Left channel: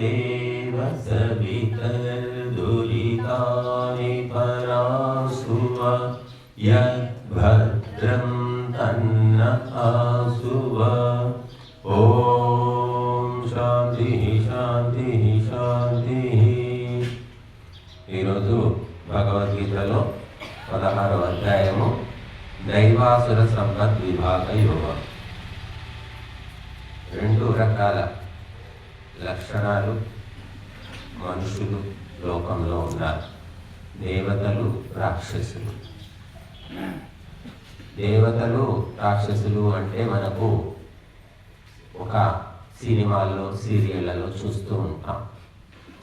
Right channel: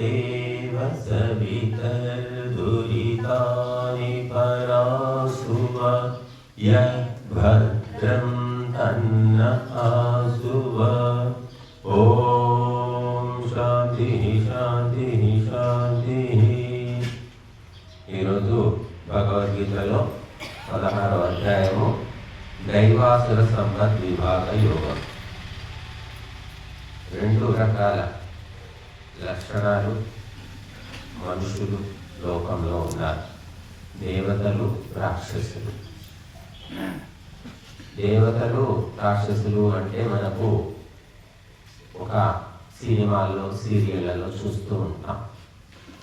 देव सवितर्दुरितानि परासुव यद्भद्रं तन्न आसुव। ఓం శాంతి శాంతి శాంతి. ఈరోజు భగవద్గీతలో 16వ అధ్యాయము దైవాసుర సంపద్ విభాగ యోగం. రెండు రకాల లక్షణాలు మనుషులు లోకంలో ఉన్నారు. దేవతలు, రాక్షసులు. దేవతలు రాక్షసులు అంటే మనకు ఒక సినిమాల్లో సీరియళ్లలో చూస్తూ ఉంటాం.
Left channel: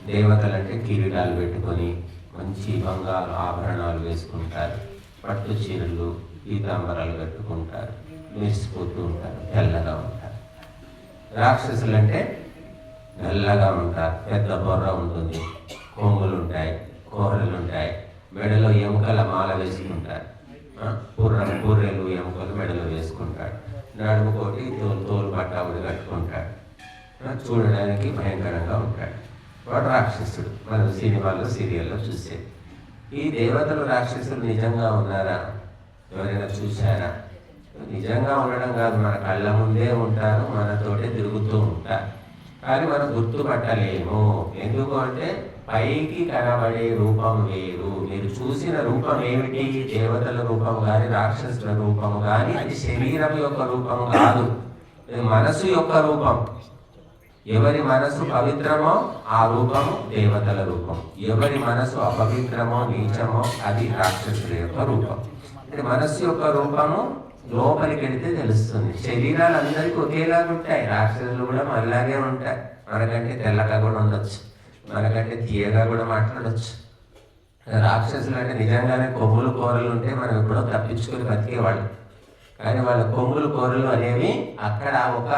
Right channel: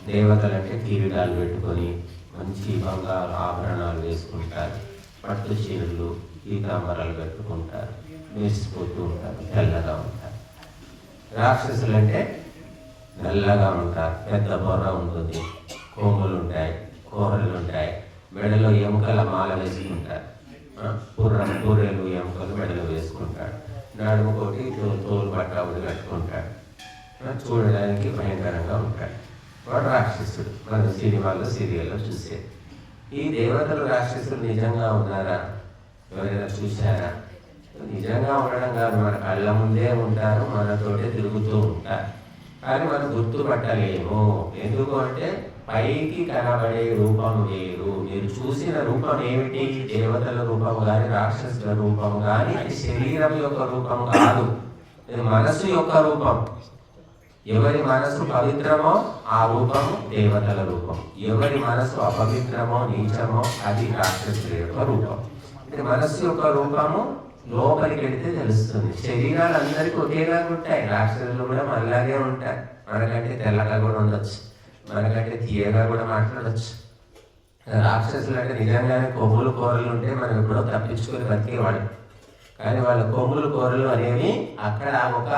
దేవతలు అంటే కిరీటాలు పెట్టుకొని మంచి బంగారు ఆభరణాలు వేసుకుంటారు, పట్టు చీరలు పీతాంబరాలు కట్టుకుంటారు, మెరిసిపోతూ ఉంటారు, తెల్లగా ఉంటారు. రాక్షసులు అంటే నల్లగా ఉంటారు, పెద్ద బొర్ర ఉంటుంది, కొమ్ములు ఉంటాయి, కూరలు ఉంటాయి, మెడలో ఎముకల మాల వేసుకుంటారు, పూర్రెలు ఎముకలు మెడలో వేసుకుంటాడు, నడుము కొట్టి తోలు పట్టాబులు కట్టుకుంటాడు, చూడడానికి భయంకరంగా ఉంటాడు. వాడు రాక్షసుడు. మనం సినిమాలో సీరియల్లో చూసేది. ఈ దేవతలు రాక్షసులు నిజంగా ఉన్నారా? ఎవరైనా చూశారా? నిజంగా ఉండడం కాదు, మన కళ్ళ ముందే ఉంటారు, మనతోటే తిరుగుతూ ఉంటారు. కానీ మనం గుర్తుపట్టలేము. ఎందుకు అంటే పైకి కనబడే రూపం వేరు. మీరు చూసిన రూపం ఏమిటి? దేవతల రూపం కానీ రాక్షసుల రూపం కానీ అది శరీరం యొక్క రూపం కాదు, అది మనసు యొక్క రూపం. ఎవరి మనసు పవిత్రమో ఆ రూపము దేవతల రూపం, ఎవరి మనసు అపవిత్రమో నీచమో అది రాక్షసుల యొక్క రూపం. అంటే మనస్సు యొక్క రూపము లోపలికి వెళితే తెలుస్తుంది. శరీరాలు అందరికీ ఒకేలా ఉంటాయి. రాక్షసులు కూడా మనలాగే ఉంటాయి. మనకంటే తెల్లగా కూడా ఉండొచ్చు, మనకంటే తీయగా కూడా మాట్లాడచ్చు. రాక్షసులు అంటే నిజంగానే కొమ్ములు కూరలు ఉంటే మనం ఎప్పుడో తప్పించుకొని బతికేవాళ్ళు. కానీ వాళ్ళ కొమ్ములు కూరలు అనేవి అక్కడ ఒక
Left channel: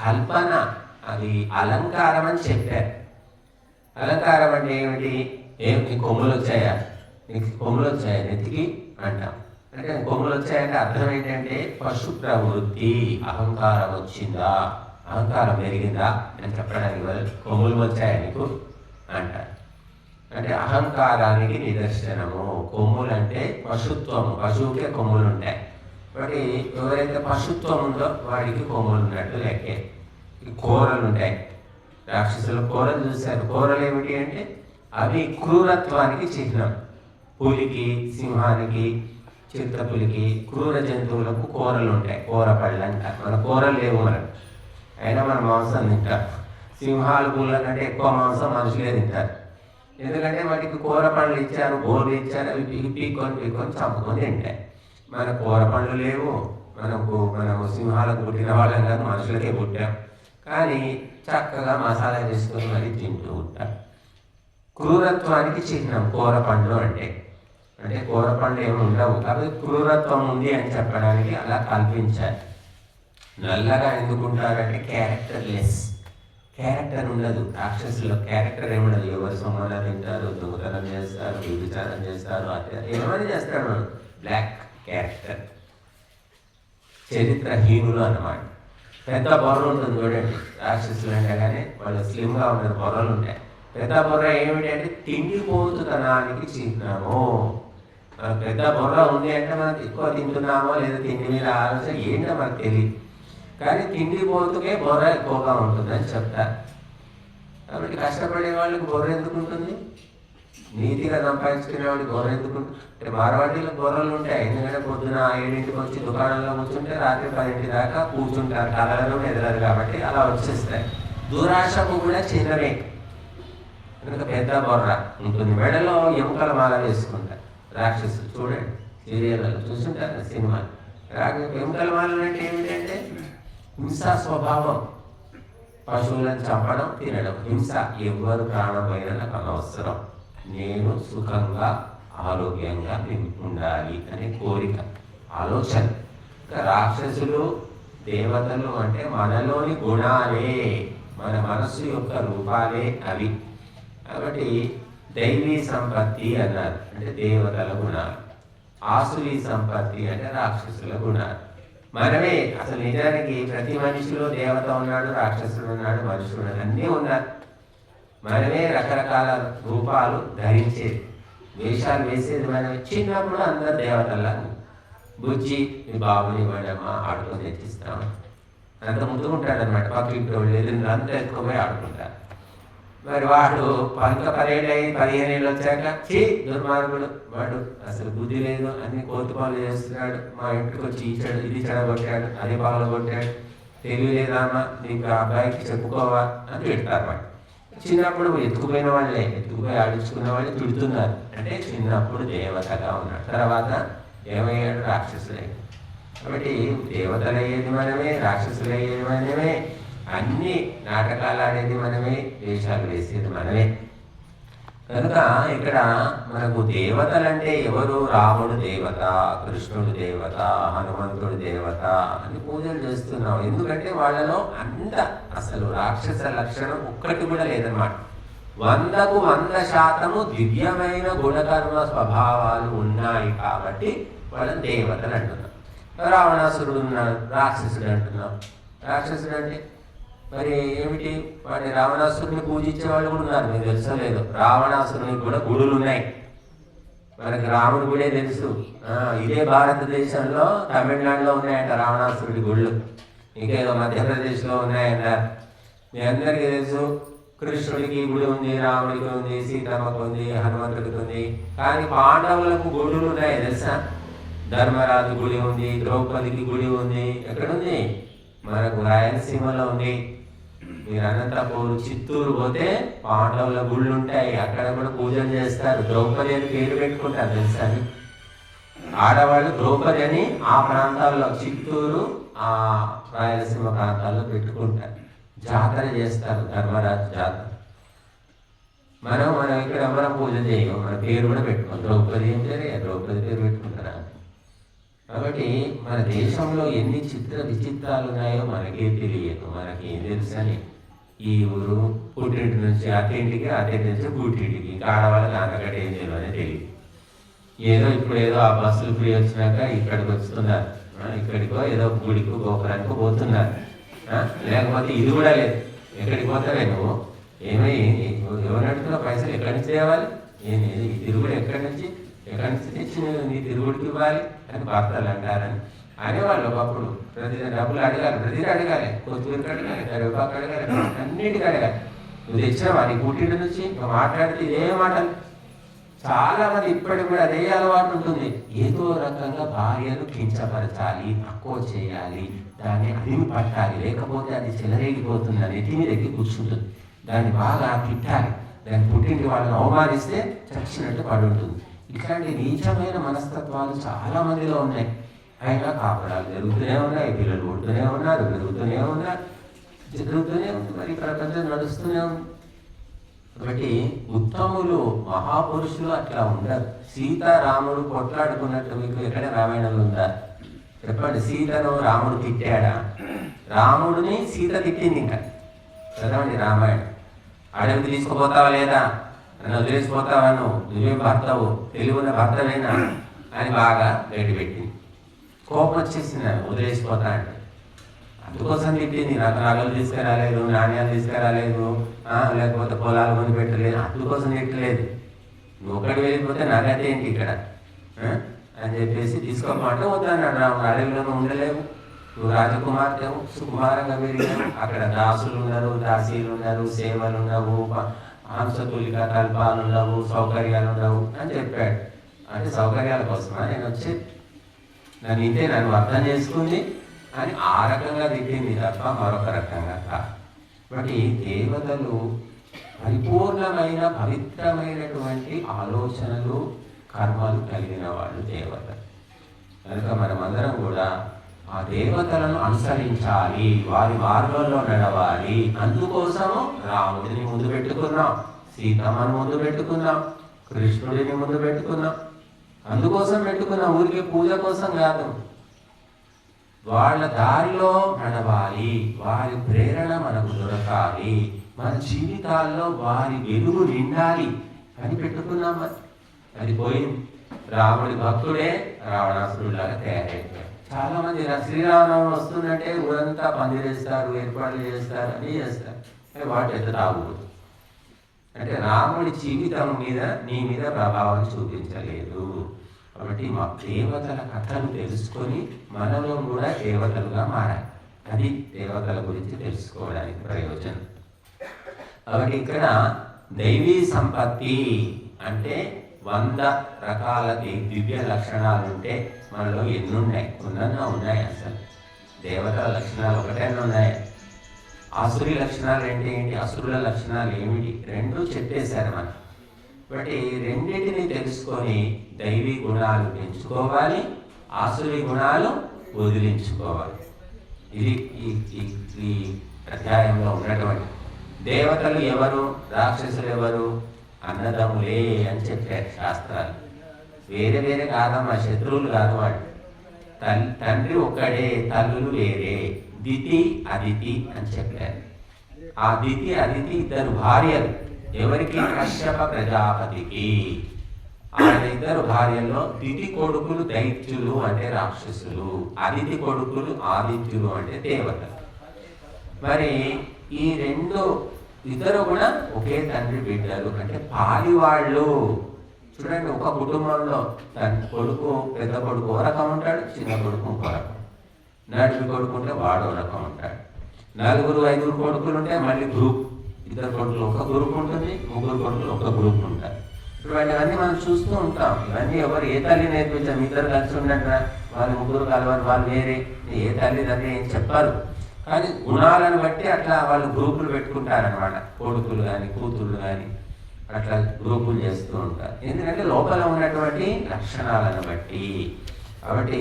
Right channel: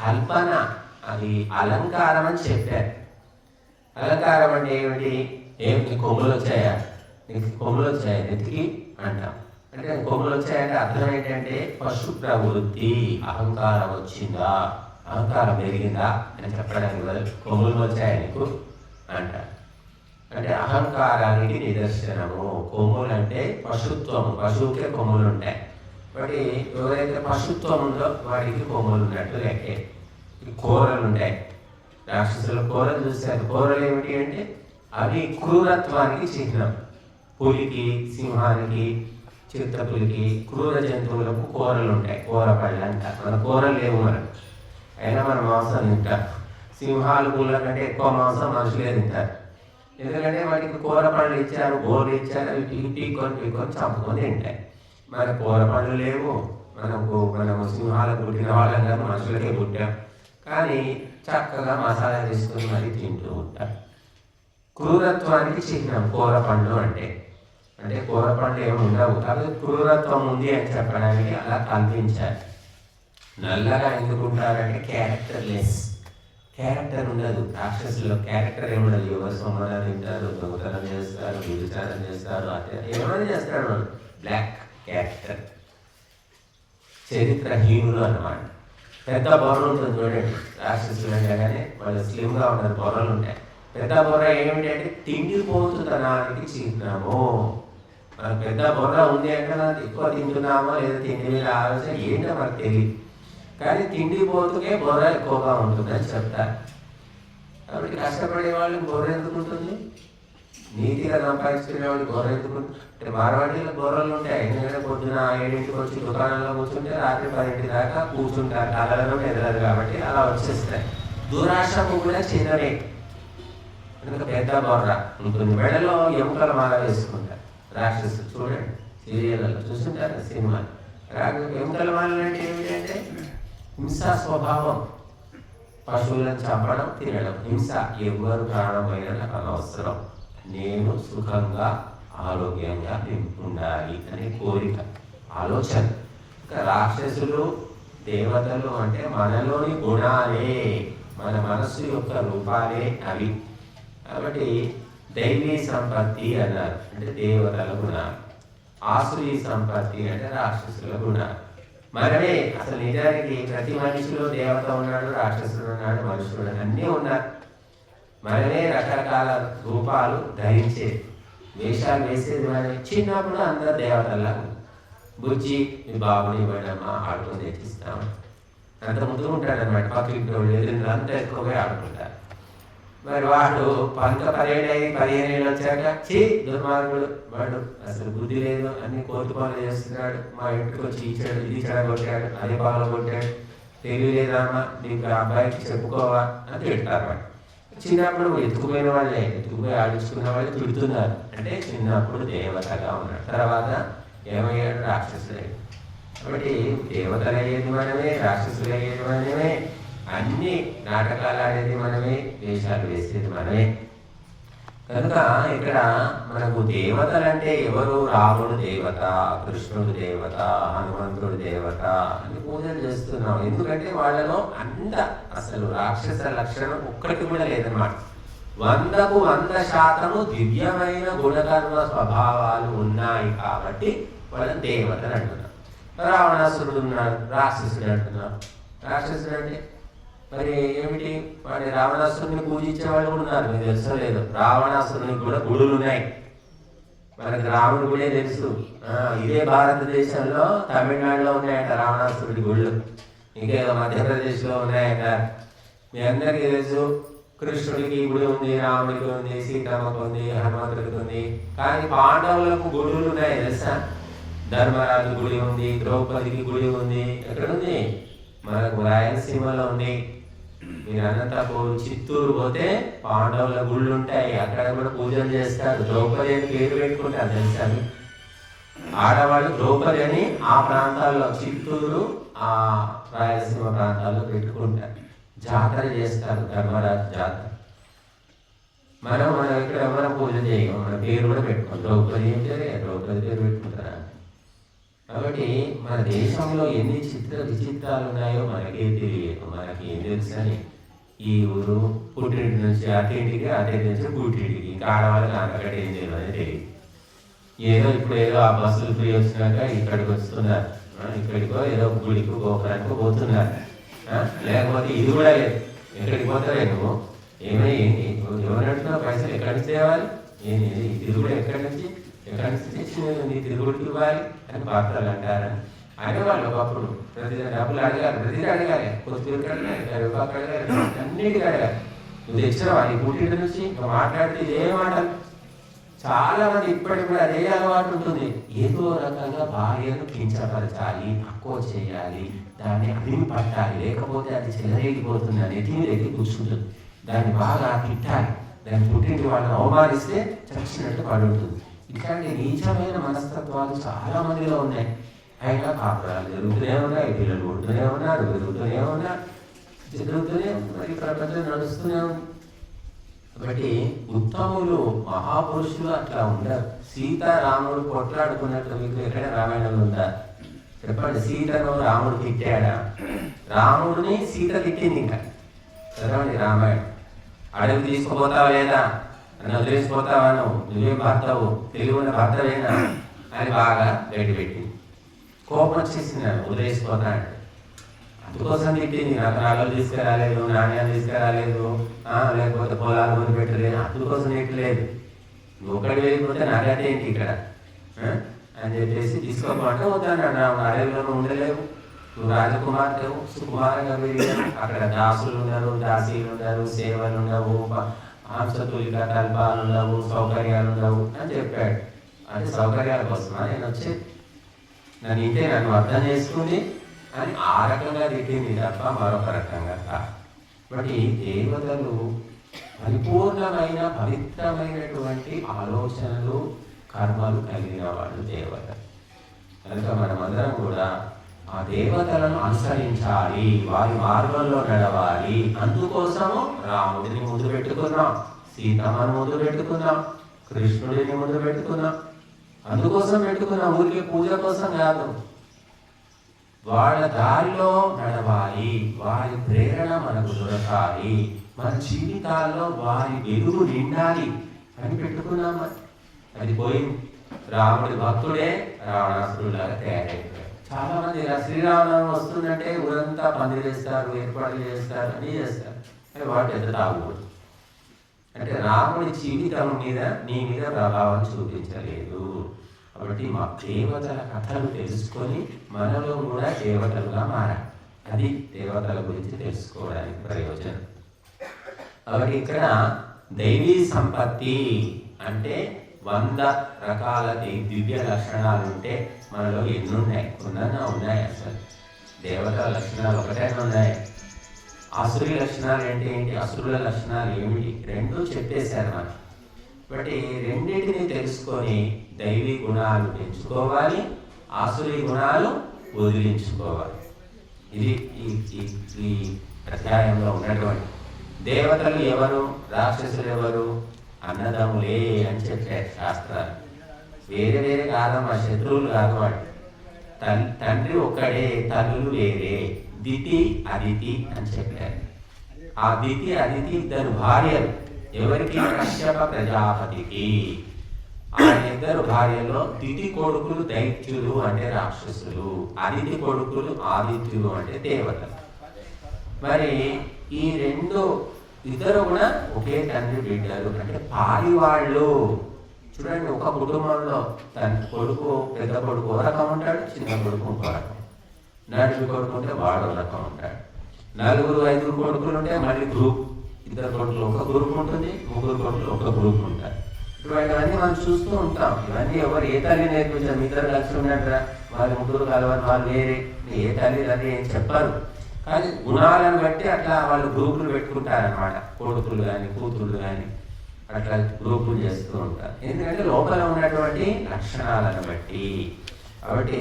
కల్పన, అది అలంకారం అని చెప్పారు. అలంకారం అంటే ఏమిటి? ఏమిటి కొమ్ములు వచ్చాయా? నీకు కొమ్ములు వచ్చాయా నెత్తికి అంటాం. అంటే కొమ్ములు వచ్చాయంటే అర్థం ఏంటంటే పశు ప్రవృత్తి, అహంకారం వచ్చిందా, అహంకారం పెరిగిందా అని చెప్పడానికి కొమ్ములు వచ్చాయా నీకు అంటారు. అంటే అహంకారానికి నిదర్శనము. కొమ్ములు అంటే పశుత్వము, పశువుకే కొమ్ములు ఉంటాయి. కాబట్టి ఎవరైతే పశుత్వం ఉందో వాడికి కొమ్ములు ఉన్నట్టు లెక్కే. కూరలు ఉంటాయి. రాక్షసుల కూరలు చూశారు. కూరలు ఏమిటి అంటే అవి క్రూరత్వానికి చిహ్నం. పులికి, సింహానికి, చిరుతపులికి, క్రూర జంతువులకు కూరలు ఉంటాయి. కూర పళ్ళు అంటారు. మన కూరలు లేవు మనకు, అయినా మన మాంసం తింటారు. సింహాలు, పుల్ల కంటే ఎక్కువ మాంసం మనుషులే తింటారు. ఎందుకంటే వాటికి కూర పళ్ళు ఇచ్చారు, బోర్లు ఇచ్చారు, అవి పీక్కొని చంపుకొని తింటాయి. మన కూర పళ్ళు లేవు. మనము సింహాలకు పుట్టిన వాళ్ళం కాదు, మనుషులకే పుట్టాం. కానీ చక్కగా మసాలా చేసుకుని మరీ తింటూ ఉంటారు. క్రూరత్వానికి చిహ్నం కూర పండ్లు అంటే. అంటే కూర పండ్లు ఏమి ఉండవు, అవి క్రూరత్వం ఉంది అని చెప్పడానికి అలా కల్పించారు. నల్లగా ఎందుకుంటారంటే క్యారెక్టర్లెస్, క్యారెక్టర్ ఉండదు. రాక్షసులో క్యారెక్టర్ ఏముండదు. ఎవరు సొమ్మన తింటారు, దొంగతనం చేస్తారు, వ్యభిచారం చేస్తారు, ఏమైనా చేస్తాడు. బ్లాక్ క్యారెక్టర్, చరిత్రహీనులు అన్నమాట. పెద్ద బొర్ర ఉంటుంది చూడండి. రాక్షసులు అంటే కానీ వాళ్ళు స్లిమ్గా ఉంటుంది, బొర్రలు ఉంటాయి. పెద్ద బొర్ర ఏమిటంటే తిండిపోతుతనానికి చిహ్నము. మనకు పెద్ద బొర్ర ఉంది అంటే మనం ఎక్కువ తింటున్నామో లేదా తిండి మీద ఆలోచన ఏంటో మనకు తెలియదు. కానీ తిండిపోతుకే బొర్ర ఎక్కువగా ఉంటుందని చెప్తారు. కాబట్టి కష్టపడే వాళ్ళకి బొర్ర ఎందుకు ఉంటుంది? నీతిగా సంపాదించుకునే వాడికి బొర్ర ఎందుకు? అంటే మార్వాడీలో బొర్రలు ఉంటాయి. ఎందుకంటే పొద్దున 7ంటికి వచ్చి దుకాణంలో కూర్చుంటే రాత్రి 10 దాకా కూర్చుంటారు, కలరు ఎదరు, కాబట్టి అలా వచ్చేస్తాయి. దురాశ కూడా చిన్ననే, అందుకే పెద్ద బొర్ర ఉంటుంది. మెడలో ఎముకల మాల వేసుకుంటారు రాక్షసులు. చూడండి సీరియల్లో చూసుంటారు, సినిమా. ఎముకల మాల అంటే ఏంటంటే హింసా స్వభావం. పశువులను చంపడం, తినడం, హింస. ఎవరు ప్రాణమైన నాకు అనవసరం, నేను సుఖంగా ఆరోగ్యంగా ఉండాలి అనే కోరిక, ఆలోచన. ఇంకా రాక్షసులు, దేవతలు అంటే మనలోని గుణాలే, మన మనస్సు యొక్క రూపాలే అవి. కాబట్టి దైవీ సంపత్తి అన్నారు, అంటే దేవతల గుణాలు. ఆసురీ సంపత్తి అంటే రాక్షసుల గుణాలు. మనమే అసలు నిజానికి ప్రతి మనిషిలో దేవత ఉన్నాడు, రాక్షసుడు ఉన్నాడు, మనుషుడు అన్నీ ఉన్నారు. మనమే రకరకాల రూపాలు ధరించేది, వేషాలు వేసేది మనమే. చిన్నప్పుడు అందరు దేవతల్లా బుజ్జి మీ బాబుని ఇవ్వడమా ఆడుకొని తెచ్చిస్తాము, అంత ముందు ఉంటాడు అన్నమాట. పక్కింటి వాళ్ళు అంతా ఎక్కువగా ఆడుకుంటారు. మరి వాడు 15 వచ్చాక దుర్మార్గుడు వాడు, అసలు బుద్ధి లేదు, అన్ని కోతి పనులు చేస్తున్నాడు, మా ఇంటికి వచ్చి ఇచ్చాడు, ఇది చెడగొట్టాడు, అది బాగా కొట్టాడు, తెలియలేదామా నీకు ఆ అబ్బాయికి చెప్పుకోవా అని తిడతారు. వాడు చిన్నప్పుడు ఎత్తుకుపోయిన వాళ్ళే, ఎత్తుకుపోయి ఆడించుకున్న వాళ్ళు తిడుతున్నారు. అంటే చిన్నప్పుడు దేవతగా ఉన్నాడు, తర్వాత ఏమయ్యాడు? రాక్షసులయ్యాడు. కాబట్టి దేవతలయ్యేది మనమే, రాక్షసులయ్యేది మనమే, అన్ని నాటకాలు ఆడేది మనమే, వేషాలు వేసేది మనమే. కనుక ఇక్కడ మనకు దేవతలంటే ఎవరు? రాముడు దేవత, కృష్ణుడు దేవత, హనుమంతుడు దేవత అని పూజలు చేస్తున్నాం. ఎందుకంటే వాళ్ళలో అంత అసలు రాక్షస లక్షణం ఒక్కటి కూడా లేదన్నమాట. 100కు 100% దివ్యమైన గుణకర్మ స్వభావాలు ఉన్నాయి కాబట్టి వాళ్ళని దేవతలు అంటున్నాం. రావణాసురుడు ఉన్నాడు, రాక్షసుడు అంటున్నాం. రాక్షసుడు అంటే మరి ఏమిటి? వాడి రావణాసురుని పూజించే వాళ్ళు ఉన్నారు, మీకు తెలుసో లేదు. రావణాసురునికి కూడా గుడులు ఉన్నాయి. మనకి రాముడి గుడే తెలుసు. ఇదే భారతదేశంలో తమిళనాడులో ఉన్నాయట రావణాసురుడి గుళ్ళు, ఇంకేదో మధ్యప్రదేశ్లో ఉన్నాయట. మీ అందరికీ తెలుసు కృష్ణుడికి గుడి ఉంది, రాముడికి ఉంది, సీతమ్మకు ఉంది, హనుమంతుడికి ఉంది. కానీ పాండవులకు గుడులు ఉన్నాయి తెలుసా? ధర్మరాజు గుడి ఉంది, ద్రౌపదికి గుడి ఉంది. ఎక్కడుంది? మనకు రాయలసీమలో ఉంది. మీరు అనంతపూర్, చిత్తూరు పోతే పాండవుల గుళ్ళు ఉంటాయి, అక్కడ కూడా పూజలు చేస్తారు. ద్రౌపది అని పేరు పెట్టుకుంటారు తెలుసా? ఆడవాళ్ళు ద్రౌపది అని ఆ ప్రాంతాల్లో, చిత్తూరు ఆ రాయలసీమ ప్రాంతాల్లో పెట్టుకుంటారు. జాతర చేస్తారు, ధర్మరాజు జాతర. మనం ఇక్కడ ఎవరైనా పూజ చేయము, మన పేరు కూడా పెట్టుకోం. ద్రౌపది అంటే ద్రౌపది పేరు పెట్టుకుంటారా? కాబట్టి మన దేశంలో ఎన్ని విచిత్రాలు ఉన్నాయో మనకే తెలియదు. మనకి ఏం తెలుసని ఈ ఊరు పుట్టింటి నుంచి అత్తింటికి, అత్తింటి నుంచి పుట్టింటికి, ఇంకా ఆడవాళ్ళకి నాన్నగడ్డ ఏం చేయమని తెలియదు. ఇప్పుడు ఏదో ఆ బస్సులు ఫ్రీ వచ్చినాక ఇక్కడికి వస్తున్నారు, ఇక్కడికో ఏదో గుడికి గోపురానికి పోతున్నారు. లేకపోతే ఇది కూడా లేదు, ఎక్కడికి పోతారేమో ఏంటి ఎవరంటున్నా పైసలు ఎక్కడి నుంచి తేవాలి, ఏంటి ఈ తిరుగుడు ఎక్కడి నుంచి తెచ్చి నీ తిరుగుడికి ఇవ్వాలి అని భర్తలు అంటారని అనేవాళ్ళు. ఒకప్పుడు ప్రతి డబ్బులు అడగాలి, ప్రతిదీ అడగాలి, కొద్దిగా అడగాలి, కరివేపాకు అడగాలి, అన్నిటికీ అడగాలి. నువ్వు తెచ్చావా నీ పుట్టింటి నుంచి? ఇంకా మాట్లాడితే ఇదే మాటలు. చాలా మంది ఇప్పటికి కూడా అదే అలవాటు ఉంటుంది. ఏదో రకంగా భార్యను కించపరచాలి, తక్కువ చేయాలి, దాన్ని అగ్ని పట్టాలి, లేకపోతే అది చెలరేగిపోతుంది, అది ఎత్తి మీద ఎక్కి కూర్చుంటుంది. దాన్ని బాగా తిట్టాలి, దాన్ని పుట్టింటి వాళ్ళని అవమానిస్తే చచ్చినట్టు పడుతుంది. ఇట్లాంటి నీచమైన మనస్తత్వాలు చాలా మందిలో ఉన్నాయి. అయినా కాపురాలు జరుగుతూనే ఉన్నాయి, పిల్లలు పుడుతూనే ఉన్నారు, పెరుగుతూనే ఉన్నారు, జరుగుతూనే మరి ప్రపంచం నడుస్తూనే ఉంది. కాబట్టి ఉత్తములు, మహాపురుషులు అట్లా ఉండరు. సీతారాముడు కొట్లాడుకున్నట్టు మీకు ఎక్కడ రామాయణం ఉందా? చెప్పండి. సీతను రాముడు తిట్టాడా? రాముడిని సీత తిట్టింది. ఇంకా చదవండి రామాయణం. అడవి తీసుకుపోతావా లేదా అని వదిలేసిపోతావా, నువ్వే భర్తవు, తెలుగున్న భర్తవేనా అని బాగా గడ్డి పెట్టింది. కోపం వచ్చేసింది, వదిలేసిపోతా అంటే. అందుకోసం తిట్టింది. నాకు నగలు తీసుకురాలేదు, నాణ్యాలు తీసుకురాలేదు, లేకపోతే పొలాలు కొని పెట్టలేదు, అందుకోసం తిట్టలేదు. నువ్వు ఒకటి వెళ్ళిపోతే నాకైతే ఏంటి ఇక్కడ అని చెప్పేసి తీసుకోమంటే వద్దన్నాడు. నాకు అడవిలో ఉండలేవు, నువ్వు రాజకుమార్తె సుకుమారంగా వెళ్ళి అక్కడ దాసులు ఉన్నారు, దాసీలు ఉన్నారు, సేవలు ఉన్నావు, హంసతులిక కల్పాలు ఉండవు, సౌకర్యాలు ఉండవు అని చెప్పాడు. అంటే సౌకర్యాల కోసమా నేను వచ్చి? నన్ను ఇంటే నన్ను అర్థం చేసుకుంది అని ఆ రకంగా తిట్టింది తప్ప మరొక రకంగా కాదు. బట్టి దేవతలు పరిపూర్ణమైన పవిత్రమైనటువంటి ఆలోచనలు, కర్మలు కలిగిన వాళ్ళు దేవత. కనుక మనమందరం కూడా ఆ దేవతలను అనుసరించాలి, వారి మార్గంలో నడవాలి. అందుకోసము రాముడిని ముందు పెట్టుకున్నాం, సీతమ్మను ముందు పెట్టుకున్నాం, కృష్ణుడిని ముందు పెట్టుకున్నాం. అందుకోసం పెట్టుకున్నాం, ఊరికి పూజ కోసం కాదు. వాళ్ళ దారిలో నడవాలి, వారి ప్రేరణ మనకు దొరకాలి, మన జీవితాల్లో వారి వెలుగు నిండాలి అని పెట్టుకున్నాం. అది పోయింది. రాముడి భక్తుడే రావణాసురులాగా తయారైపోయాడు. చాలా మంది శ్రీరామనవమి వస్తుందంటే ఊరంతా పందిరేస్తారు, ఏర్పాట్లు చేస్తారు, అన్నీ చేస్తారు. అది వాడు పెద్ద తాగుబోతు. అంటే రాముడి జీవితం మీద నీ మీద ప్రభావం చూపించలేదు. కాబట్టి మా దేవతల కథలు తెలుసుకొని మనలో కూడా దేవతలుగా మారాలి. అది దేవతల గురించి తెలుసుకోవడానికి ప్రయోజనం. కాబట్టి ఇక్కడ దైవీ సంపత్తి అంటే 100 రకాల దివ్య లక్షణాలు ఉంటే మనలో ఎన్ని ఉన్నాయి? కొన్నా ఉన్నాయి. అసలు దేవతల లక్షణాలు ఒకటైనా ఉన్నాయి. ఆసురి లక్షణాలు ఏంటి? అసురుల లక్షణాలు ఏమిటి? రెండు చెప్పేశారు మనం. కాబట్టి రెండింటిని తెలుసుకొని దైవీ గుణాలు పెంచుకోవాలి, ఆసురి గుణాలు వదిలించుకోవాలి. ఇది ఈ అధ్యాయంలో ఉన్నటువంటి దేవతలు ఎవరు, రాక్షసులు ఎవరు? అన్నదమ్ములే అని చెప్పారు శాస్త్రాలు. వేరే వేరే కాదమ్మా, శత్రువులు కాదు వాడు. తండ్రి ఒక్కడే, తల్లులు వేరే. దితి అదితి అని చెప్పారు. ఆ దితి అదితి ఇద్దరు భార్యలు. ఎవరికి? కశ్యప ప్రజాపతికి. ఆయన ఇద్దరు భార్యలో దితి కొడుకులు దైత్యులు అంటే రాక్షసులు, అదితి కొడుకులు ఆదిత్యులు అంటే దేవతలు. మరి ఈ ఇద్దరు కూడా ఒకే తండ్రి బిడ్డలు అంటే పాలివాళ్ళు. చూడండి, ఒక కుటుంబంలో తన కొడుకు, పెద్ద కొడుకు ఒక రకం ఉంటాడు, చిన్న కొడుకు వాడు, నడుపు కొడుకు ఉంటే వాడు ఒక రకం ఉంటాడు. 4-5 కొడుకులు ఉంటే మళ్ళీ గ్రూప్, ఇద్దరు కొడుకులు ఒక గ్రూప్ ఉంటుంది, 3 కొడుకులు ఒక గ్రూప్ ఉంటారు. ఇటువంటివన్నీ మనం చూస్తూ ఉంటాం. ఇవన్నీ ఎవరు ఏ తల్లి నేర్పించారు? ఇద్దరు కలిసి ఉన్నట్రా, వాళ్ళు 3 కలవాలి, వాళ్ళు వేరే, ఏ తల్లి అది ఏం చెప్పారు. కానీ గుణాలను బట్టి అట్లా వాళ్ళు గ్రూపులు పెట్టుకుంటారనమాట. కొడుకులు కానీ కూతుళ్ళు కానీ అట్లా గ్రూపులు చేస్తూ ఉంటారు. ఎందుకంటే లోపల ఉన్నటువంటి లక్షణాలను బట్టి. కాబట్టి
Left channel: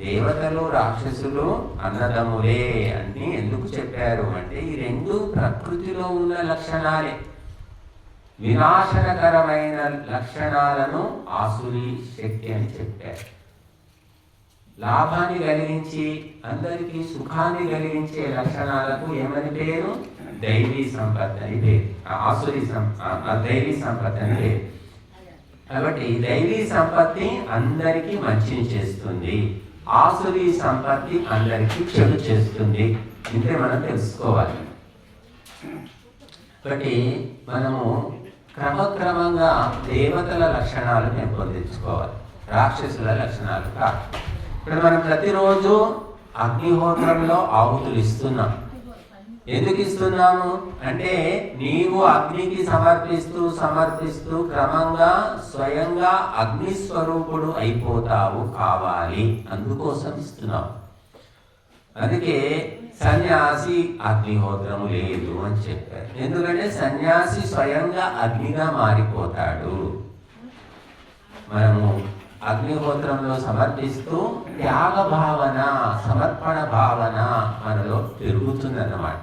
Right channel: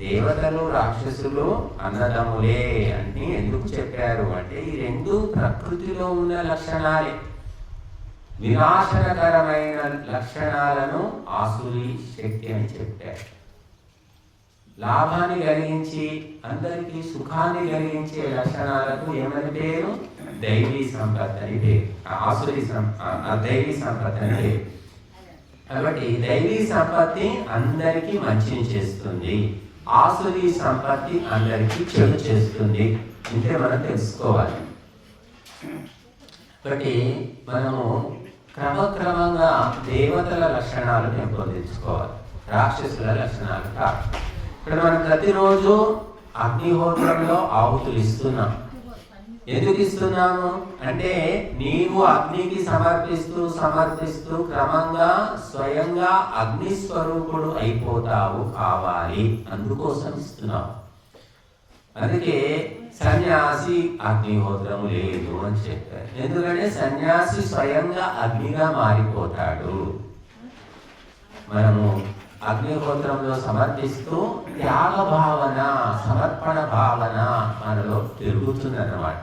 దేవతలు రాక్షసులు అన్నదమ్ములే అని ఎందుకు చెప్పారు అంటే ఈ రెండు ప్రకృతిలో ఉన్న లక్షణాలే. వినాశనకరమైన లక్షణాలను ఆసురి శక్తి అని చెప్పారు. లాభాన్ని కలిగించి అందరికీ సుఖాన్ని కలిగించే లక్షణాలకు ఏమని పేరు? దైవీ సంపత్తి అని పేరు. ఆసురి దైవీ సంపత్తి అని పేరు. కాబట్టి దైవీ సంపత్తి అందరికీ మంచిని చేస్తుంది, ఆసురి సంపత్తి అందరికీ చెడు చేస్తుంది. ఇంతే మనం తెలుసుకోవాలి. కాబట్టి మనము క్రమక్రమంగా దేవతల లక్షణాలు పెంపొందించుకోవాలి, రాక్షసుల లక్షణాలు కాదు. ఇప్పుడు మనం ప్రతిరోజు అగ్నిహోత్రంలో ఆహుతులు ఇస్తున్నాం. ఎందుకు ఇస్తున్నాము అంటే నీవు అగ్నికి సమర్పిస్తూ క్రమంగా స్వయంగా అగ్ని స్వరూపుడు అయిపోతావు కావాలి, అందుకోసం ఇస్తున్నావు. అందుకే సన్యాసి అగ్నిహోత్రము లేదు అని చెప్పారు. ఎందుకంటే సన్యాసి స్వయంగా అగ్నిగా మారిపోతాడు. మనము అగ్నిహోత్రంలో సమర్పిస్తూ త్యాగ భావన, సమర్పణ భావన మనలో పెరుగుతుందన్నమాట.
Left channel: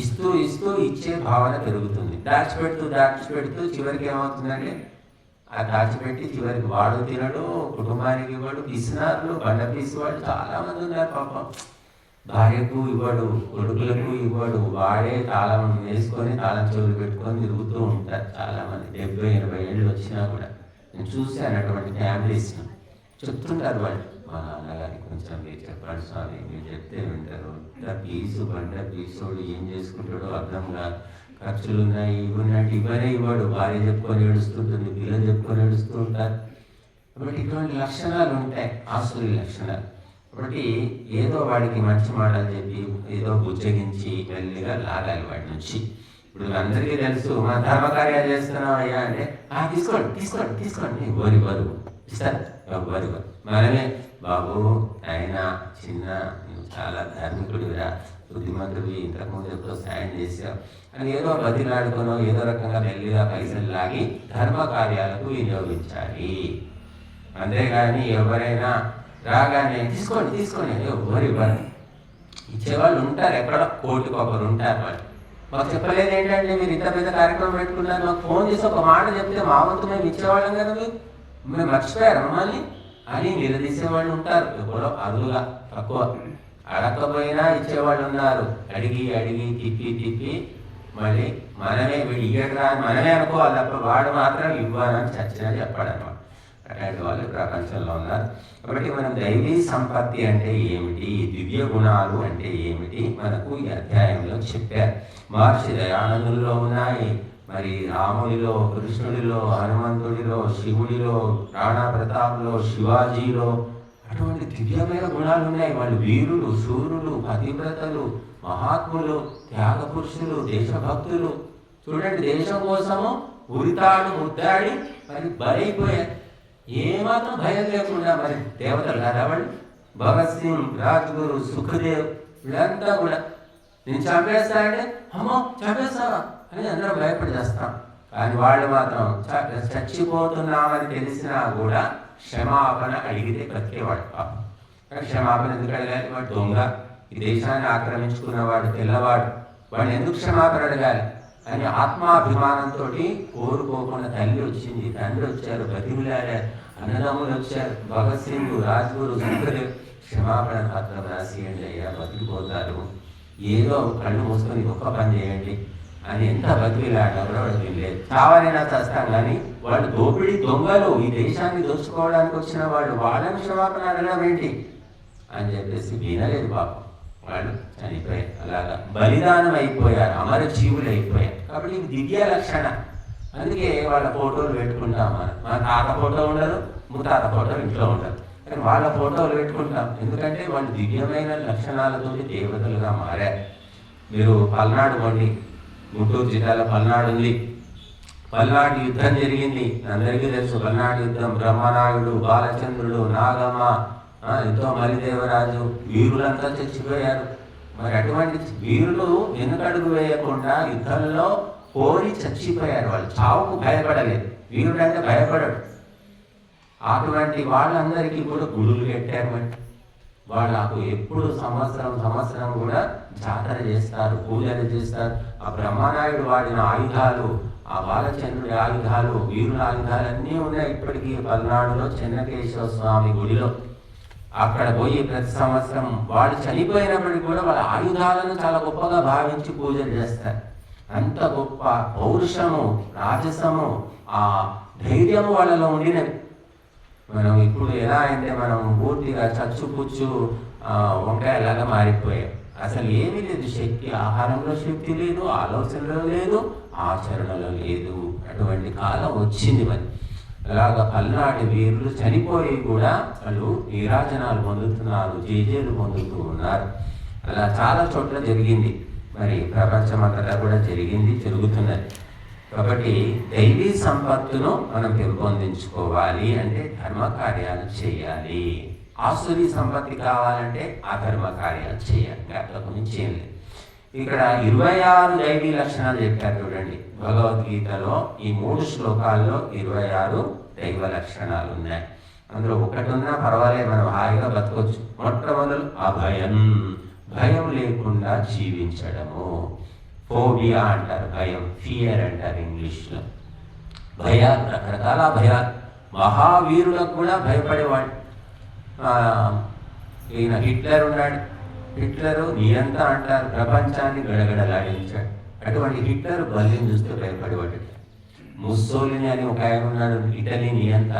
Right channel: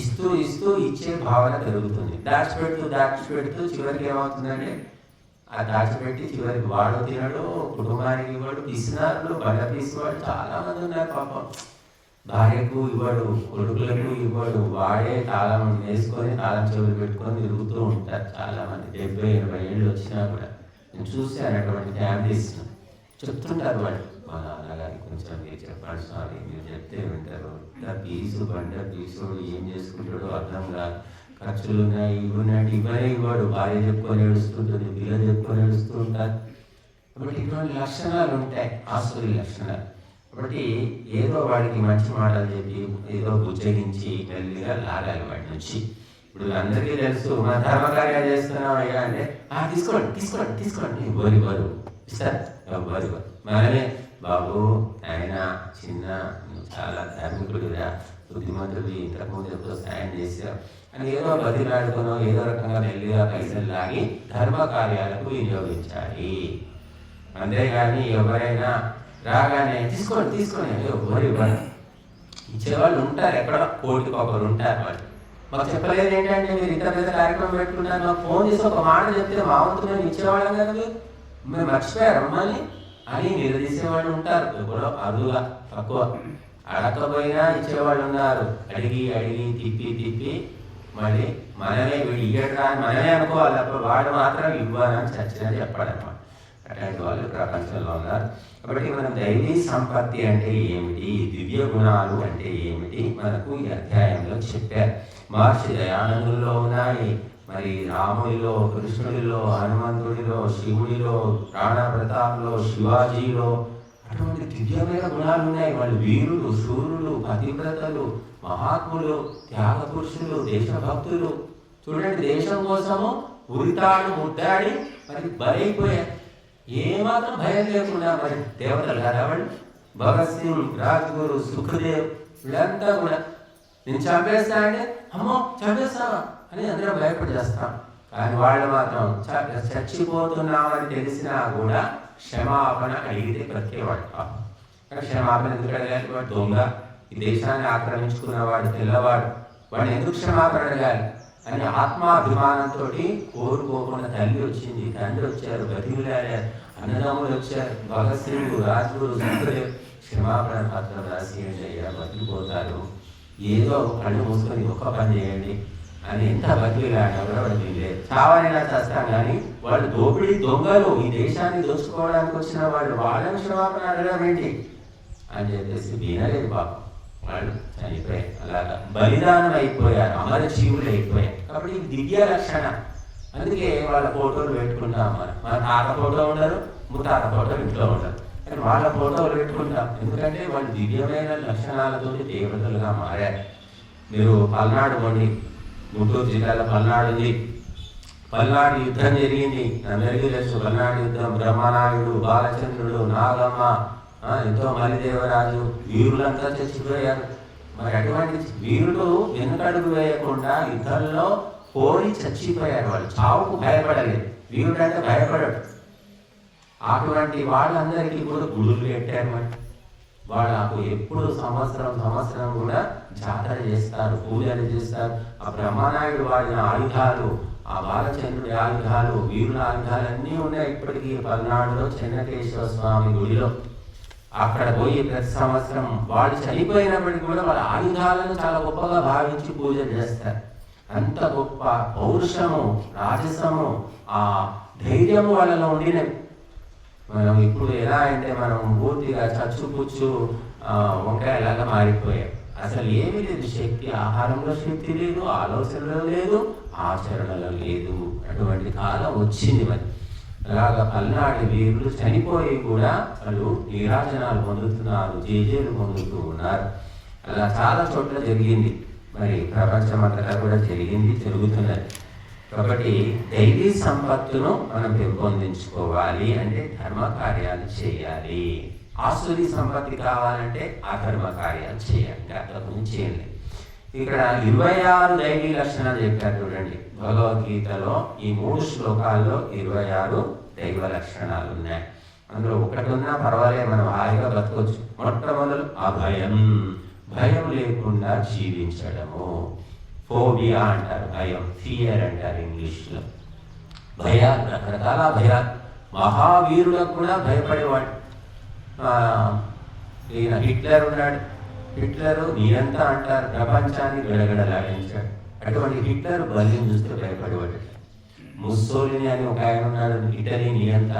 ఇస్తూ ఇచ్చే భావన పెరుగుతుంది. దాచిపెడుతూ చివరికి ఏమవుతుందంటే ఆ దాచిపెట్టి చివరికి వాడు తినడు, కుటుంబానికి ఇవ్వడు, పిసినారులు, బండ తీసివాడు చాలా మంది ఉన్నారు పాపం. భార్యకు ఇవ్వడు, కొడుకులకు ఇవ్వడు, వాడే తాళం వేసుకొని తాళం చెవులు పెట్టుకొని తిరుగుతూ ఉంటారు చాలా మంది. 70-80 ఏళ్ళు వచ్చినా కూడా నేను చూశాను అటువంటి ఫ్యామిలీస్. చెప్తుంటారు వాళ్ళు, మా నాన్నగారికి కొంచెం మీరు చెప్పండి స్వామి, మీరు చెప్తే వింటారు. బండ పీసుడు ఏం చేసుకుంటాడో అర్థం కాదు. ఖర్చులు ఉన్నాయి, ఇవి ఉన్నట్టు ఇవ్వడు. భార్య చెప్పుకొని ఏడుస్తుంటుంది, పిల్లలు చెప్పుకొని ఏడుస్తూ ఉంటారు. కాబట్టి ఇటువంటి లక్షణాలు ఉంటాయి, ఆసురి లక్షణాలు. కాబట్టి ఏదో వాడికి మంచి మాటలు చెప్పి ఏదో బుజ్జగించి మెల్లిగా లాగాలి వాడి నుంచి. ఇప్పుడు అందరికీ తెలుసు మా ధర్మకార్యాలు చేస్తున్నాం అయ్యా అంటే తీసుకోండి బరువు ఇస్తారు. బరువు మనమే బాబు ఆయన చిన్న చాలా ధార్మికుడుగా బుద్ధిమంతుడు, ఇంతకుముందు ఎంతో సాయం చేశావు అని ఏదో బతిలాడుకునో ఏదో రకంగా మెల్లిగా పైసలు లాగి ధర్మ కార్యాలకు వినియోగించాలి. అంతేగాని ఎవరైనా రాగానే తీసుకోండి ఎవరు ఇచ్చేవాళ్ళు ఉంటారు, ఎక్కడ కోటికొకరు ఉంటారు. వాళ్ళు మాకు చెప్పలేదు ఏంటంటే మీరు ఇంత పెద్ద కార్యక్రమం పెట్టుకున్నారు, మాకు ఫోన్ చేసి ఒక మాట చెప్తే మా వంతు మేము ఇచ్చేవాళ్ళం కదా, మేము మర్చిపోయారు అమ్మని అని నిలదీసేవాళ్ళు ఉంటారు. ఎప్పుడో అరువుగా తక్కువ, అడగకపోయినా ఇచ్చేవాళ్ళు ఉన్నారు. అడిగి తిప్పి మళ్ళీ మనమే వీడు ఇయ్యడు అని మనమే అనుకోవాలి తప్ప వాడు మాత్రం ఇవ్వాలని చర్చన చెప్పాడన్నమాట. అట్లాంటి వాళ్ళు ప్రపంచంలో ఉన్నారు. కాబట్టి మనం దైవీ సంపత్తి అంటే ఏమిటి, దివ్య గుణాలు అంటే ఏమిటి మనకు ఈ అధ్యాయంలో చెప్పారు. మహర్షి దయానందుల్లో ఉన్నాయి, మరి రాముడిలో, కృష్ణుడిలో, హనుమంతుడిలో, శివుడిలో, రాణా ప్రతాప్లో, శివాజీలో అటువంటి దివ్యమైన గుణాలు ఉన్నాయి. వాళ్ళు వీరులు, శూరులు, పతివ్రతలు, మహాత్ములు, త్యాగ పురుషులు, దేశభక్తులు. చూడండి, దేశం కోసము ఉరితాడు ముద్దాడి మరి బలైపోయారు. ఏమాత్రం భయం లేకుండా మరి దేవతలు రావాలి. భగత్ సింగ్, రాజ్గురు, సుఖదేవ్ వీళ్ళంతా కూడా నేను చంపేస్తా అంటే అమ్మో చంపేస్తావా అని అందరం భయపడి చేస్తాం. కానీ వాళ్ళు మాత్రం చచ్చిపోతున్నామని తెలిసినా కూడా క్షమాపణ అడిగితే బ్రతికేవాడు. కానీ క్షమాపణ ఎందుకు అడగాలి? వాడు దొంగ, ఈ దేశాన్ని ఆక్రమించుకున్నవాడు, తెల్లవాడు, వాడిని ఎందుకు క్షమాపణ అడగాలి అని ఆత్మాభిమానంతో కోరుకోకుండా తల్లి వచ్చింది, తండ్రి వచ్చారు, బతిమిలాడారు, అన్నదమ్ములు వచ్చారు. భగత్ సింగ్, రాజ్గురు, సుఖదేవ్ క్షమాపణ పత్రం రాసియండి అయ్యా, బతికిపోతారు, ఏదో కళ్ళు మూసుకొని ఒక్క పని చేయండి అని ఎంత బతిమిలాడారో వాడు తెలియదు. చావనైనా చేస్తాం కానీ వాళ్ళు దోపిడీ దొంగలు, ఈ దేశాన్ని దోచుకోవడానికి వచ్చిన వాళ్ళు, వాళ్ళని క్షమాపణ అడగడం ఏంటి అని చెప్పేసి వినలేదు బాబు. వాళ్ళు చనిపోయారు, అలాగా బలిదానం అయిపోయారు, అమరజీవులు అయిపోయారు. కాబట్టి ఇది దివ్య లక్షణం. అందుకే వాళ్ళ ఫోటోలు పెట్టుకుంటాం. మన తాత ఫోటో ఉండరు, ముత్తాత ఫోటో ఇంట్లో ఉండరు, కానీ వాళ్ళ ఫోటోలు పెట్టుకుంటాం. ఎందుకంటే వాళ్ళు దివ్యమైన లక్షణాలతో దేవతలుగా మారారు. మీరు పల్నాడు వండి, గుంటూరు జిల్లాలో పల్నాడు ఉంది. పల్నాడు యుద్ధం జరిగింది, అందరికీ తెలుసు. పల్నాడు యుద్ధం, బ్రహ్మనాయుడు, బాలచంద్రుడు, నాగమ్మ, ఎంతో మలిదేవరాజు, వీరులంతా చచ్చిపోయారు. మరి అటువంటి వీరులు వెనుకడుగు వేయకుండా యుద్ధంలో పోయి చచ్చిపోయారు. వాళ్ళు చావుకు భయపడలేదు. వీరుడు అంటే భయపడడు. అటువంటి వాళ్ళందరికీ కూడా గుడులు పెట్టారు. వాళ్ళకు ఎప్పుడు సంవత్సరం కూడా జాతర చేస్తారు, పూజలు చేస్తారు. ఆ బ్రహ్మనాయుడు వాడిన ఆయుధాలు, ఆ బాలచంద్రుడి ఆయుధాలు, వీరుల ఆయుధాలు అన్నీ ఉన్నాయి ఇప్పటికీ పల్నాడులో చెన్నకేశ్వర స్వామి గుడిలో. అక్కడ పోయి ప్రతి సంవత్సరం వాళ్ళు చనిపోయినప్పటికీ కూడా వాళ్ళ ఆయుధాలను చాలా గొప్పగా భావించి పూజలు చేస్తారు. అంత గొప్ప పౌరుషము, రాజసము, ఆ ధైర్యం వాళ్ళలో ఉండినవి. మనం ఇప్పుడు ఎలా అంటే మనం పూర్తిగా చచ్చుపుచ్చు వంకాయలాగా మారిపోయాం. అసలు ఏమీ లేదు శక్తి, ఆహారంలో శక్తి లేదు, ఆలోచనలో లేదు, ఆచరణలో లేదు. అటువంటి కాలం వచ్చింది. మరి అలాగా పల్నాటి వీరులు చనిపోయి కూడా వాళ్ళు నీరాజనాలు పొందుతున్నారు, జేజేలు పొందుతూ ఉన్నారు. అలా చాలా చోట్ల జరిగింది. మరి ప్రపంచమంతటా కూడా జరిగింది, జరుగుతున్నది. కాబట్టి దైవీ సంపత్తును మనం పెంపొందించుకోవాలి అంటే ధర్మ కార్యాలు చేయాలి. ఆసురీ సంపత్తి కావాలంటే అధర్మ కార్యాలు చేయాలి. అంతకు చేయాలి. ఇక్కడ 26 దైవీ లక్షణాలు చెప్పారు చూడండి. భగవద్గీతలో ఈ 3 శ్లోకాల్లో 26 దైవ లక్షణాలు ఉన్నాయి. అందులో ఒకటి ఉన్నా పర్వాలేదు, మనం హాయిగా బతకొచ్చు. మొట్టమొదలు అభయం, భయం లేకుండా జీవించడము. ఫోబియా అంటారు, భయం, ఫియర్ అంటారు ఇంగ్లీష్లో. భయాలు, రకరకాల భయాలు. మహావీరులకు కూడా భయపడేవాడు. ఈయన హిట్లర్ ఉన్నాడు. హిట్లరు నియంత అంటారు, ప్రపంచాన్ని గడగడలాడించాడు. అటువంటి హిట్లర్ బలిని చూస్తే భయపడేవాడు. ముస్సోలిని అని ఒక ఆయన ఉన్నాడు, ఇటలీ నియంత,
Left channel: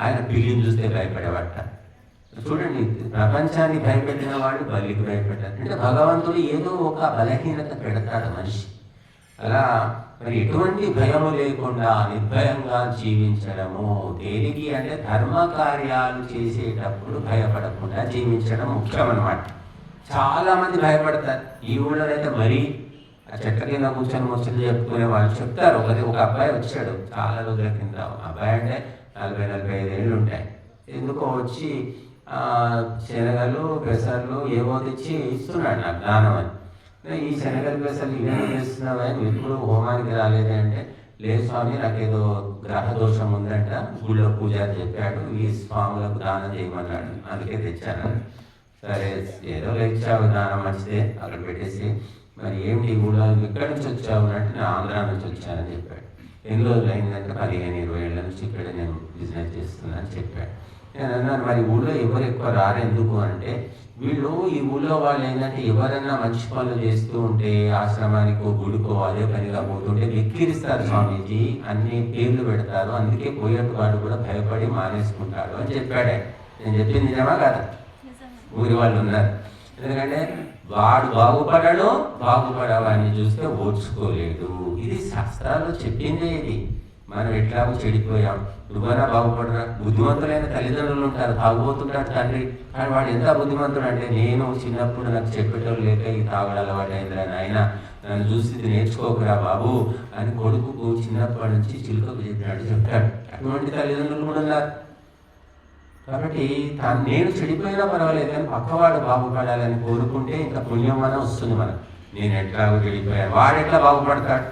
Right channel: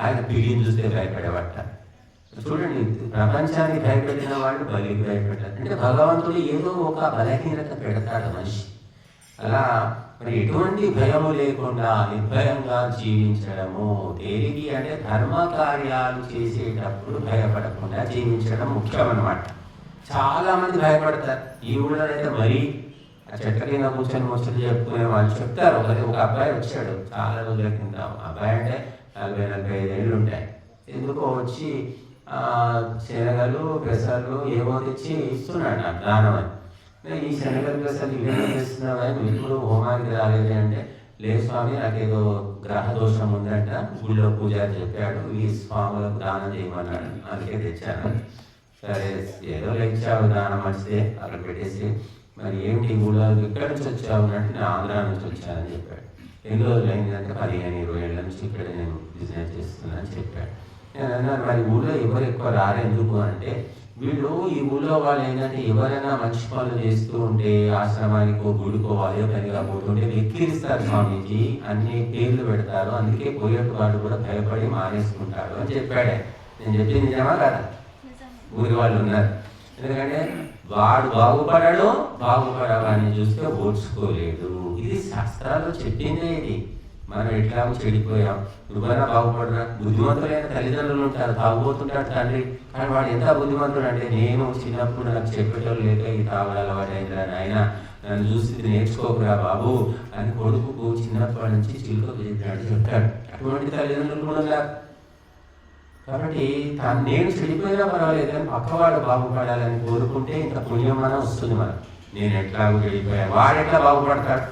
ఆయన పిల్లిని చూస్తే భయపడేవాట. చూడండి, ప్రపంచాన్ని భయపెట్టిన వాడు బలికి భయపెట్టాడు. అంటే భగవంతుడు ఏదో ఒక బలహీనత పెడతాడు మనిషి. అలా మరి ఎటువంటి భయము లేకుండా నిర్భయంగా జీవించడము. దేనికి అంటే ధర్మ కార్యాలు చేసేటప్పుడు భయపడకుండా జీవించడం ముఖ్యం అన్నమాట. చాలా మంది భయపడతారు. ఈ ఊళ్ళో అయితే మరీ ఆ చెట్ల కింద కూర్చొని ముచ్చట్లు చెప్పుకునే వాళ్ళు చెప్తారు. ఒక అబ్బాయి వచ్చాడు చాలా రోజుల కింద. అబ్బాయి అంటే 40-45 ఏళ్ళు ఉంటాయి. ఎందుకో వచ్చి శనగలు, పెసర్లు ఏవో తెచ్చి ఇస్తున్నాడు నాకు దానం అని. ఈ శనగలు, పెసర్లు ఇవేమో తెస్తున్నావు అని, ఎప్పుడు హోమానికి రాలేదు అంటే, లేదు స్వామి నాకేదో గ్రహ దోషం ఉందంట, గుళ్ళో పూజారి చెప్పాడు, ఈ స్వాములకు దానం చేయమన్నాడు, అందుకే తెచ్చాను. సరే ఏదో ఇచ్చావు, దానం మంచిదే, అక్కడ పెట్టేసి మరి ఏంటి ఊళ్ళో ఇక్కడి నుంచి వచ్చావు అంటే, నేను ఆంధ్రా నుంచి వచ్చానని చెప్పాడు. ఎన్ని రోజులు అయిందంటే 15-20 ఏళ్ళ నుంచి ఇక్కడ నేను బిజినెస్ చేస్తున్నానని చెప్పాడు. నేను అన్నాను, మరి ఊళ్ళో ఎవరు ఎక్కువ రారెందుకు అంటే, వీళ్ళు ఈ ఊళ్ళో వాళ్ళు ఏంటంటే ఎవరైనా మంచి పనులు చేస్తూ ఉంటే ఆశ్రమానికో గుడికో అదే పనిగా పోతుంటే వెక్కిరిస్తారు స్వామీజీ, అన్ని పేర్లు పెడతారు, అందుకే పోయేటి వాడు కూడా భయపడి మానేసుకుంటారు అని చెప్పాడే. నేను చెప్పింది నిజమా కదా? ఊరి వాళ్ళు ఉన్నారు. ఎందుకంటే వాడు బాగుపడవాడిని చూస్తే ఓర్చుకోలేడు. ఇది శాస్త్రాలు చెప్పిందే. ఇది మనం ఎట్లాగో చెడిపోయాం, నువ్వైనా బాగుపడరా. బుద్ధిమంతులైన తల్లిదండ్రులు ఉంటారు, తాగుపోతుంటాడు తండ్రి, కానీ వాడు ఎంత బుద్ధిమంతుడు అంటే, నేను చిన్నప్పుడు నాకు చెప్పేటోళ్ళు లేక ఈ తాగడాల వాడు అయినా ఆయన నన్ను చూసి నేర్చుకోకరా బాబు అని కొడుకు చిన్నప్పటి నుంచి చిలుకకు చెప్పినాడు చెప్తాడు. అటువంటి తల్లిదండ్రులు కూడా ఉన్నారు. కాబట్టి నేను చెడిపోయినా పర్వాలేదు కానీ పక్కవాడు బాగుపడాలని కోరుకుంటే ఇంత పుణ్యం మనం వస్తుంది. మనం నేను ఎట్లాగో చెడిపోయా, వాడు ఎట్లా బాగుపడతాడు,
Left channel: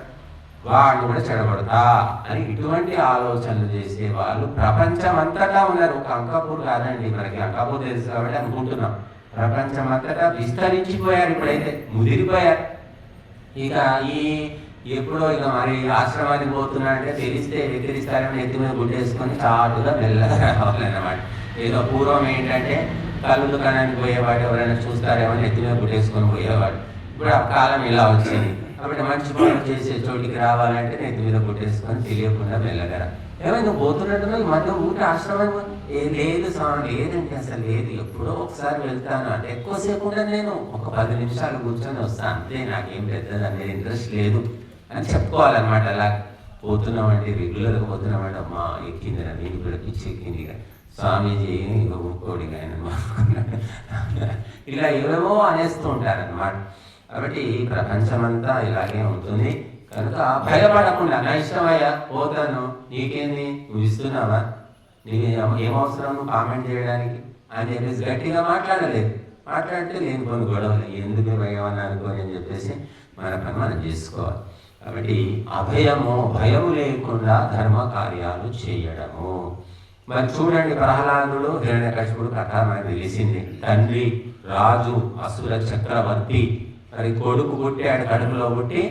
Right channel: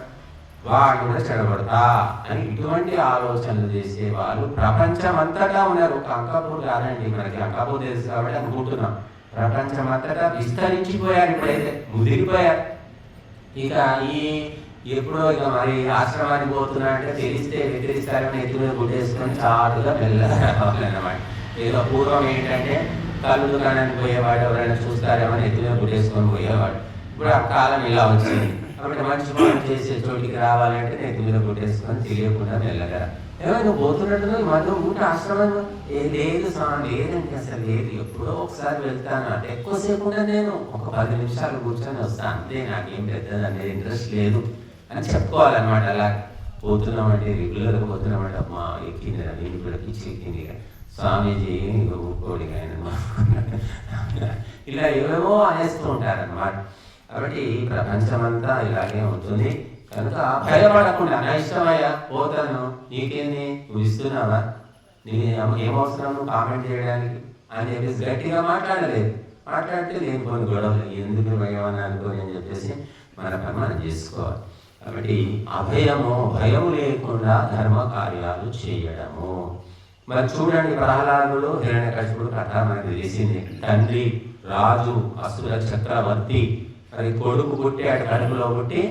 వాడు కూడా చెడబడతా అని ఇటువంటి ఆలోచనలు చేసే వాళ్ళు ప్రపంచం అంతటా ఉన్నారు. ఒక అంకాపూర్ కాదండి, మనకి అంకాపూర్ తెలుసు కాబట్టి అనుకుంటున్నాం. ప్రపంచం అంతటా విస్తరించిపోయారు, ఇప్పుడైతే ముదిరిపోయారు. ఇక ఎప్పుడో ఇక మరి ఆశ్రమానికి పోతున్నా అంటే తెలిస్తే వ్యతిరిస్తారని ఎత్తి మీద గుట్టేసుకొని చాటుగా మెల్లగా రావాలన్నమాట. ఇక పూర్వం ఏంటంటే కళ్ళు దుకాణానికి పోయేవాడు ఎవరైనా చూస్తారేమో ఎత్తి మీద గుట్టేసుకొని పోయేవాడు. ఇప్పుడు ఆ కాలం ఇలా వచ్చింది. అప్పుడు మంచి పనులు చేసే చోటికి రావాలంటే ఎత్తి మీద గుట్టేసుకొని తెలియకుండా మెల్లగా ఏమైనా పోతున్నట్టు మన ఊట ఆశ్రమం లేదు స్వామి, లేదండి అసలు లేదు. ఎప్పుడో ఒకసారి వెళ్తాను అంటే ఎక్కువసేపు ఉండదు, నేను ఒక 10 నిమిషాలు కూర్చొని వస్తాను అంతే, నాకేం పెద్దదండి ఇంట్రెస్ట్ లేదు అని చెప్పుకోవాలన్నమాట. అలా పోతున్నామంటే రెగ్యులర్గా పోతున్నామంటే అమ్మా ఎక్కింది నీళ్ళు కూడా పిచ్చి ఎక్కింది, స్వామీజీ ఊరుకోడి ఆయన ఇలా ఏవేవో అనేస్తూ ఉంటారన్నమాట. కాబట్టి ప్రపంచమంతా ఇలాగే ఉంటుంది. కనుక భయపడకుండా నా ఇష్టమయ్యా పోతాను, నీకేంది నువ్వు ఇస్తున్నావా, నీకు ఏమవసరం కామెంట్ చేయడానికి అని చెప్పేసి గట్టిగా మాట్లాడలేదు. మాట్లాడితే లేని కొన్ని గొడవలు ఎందుకు భయం అనుకోని అని చెప్పేసి మనం చేసుకోవాలి. కాబట్టి భయం లేకుండా ధర్మ కార్యాలు చేయడము. మరి చూడండి, ప్రహ్లాదుడు హిరణ్యకశిపుడు కథ మనకు తెలిసింది. తండ్రి రాజు అసుర చక్రవర్తి, మరి కొడుకు పుట్టాడు, కడుపులో పుట్టి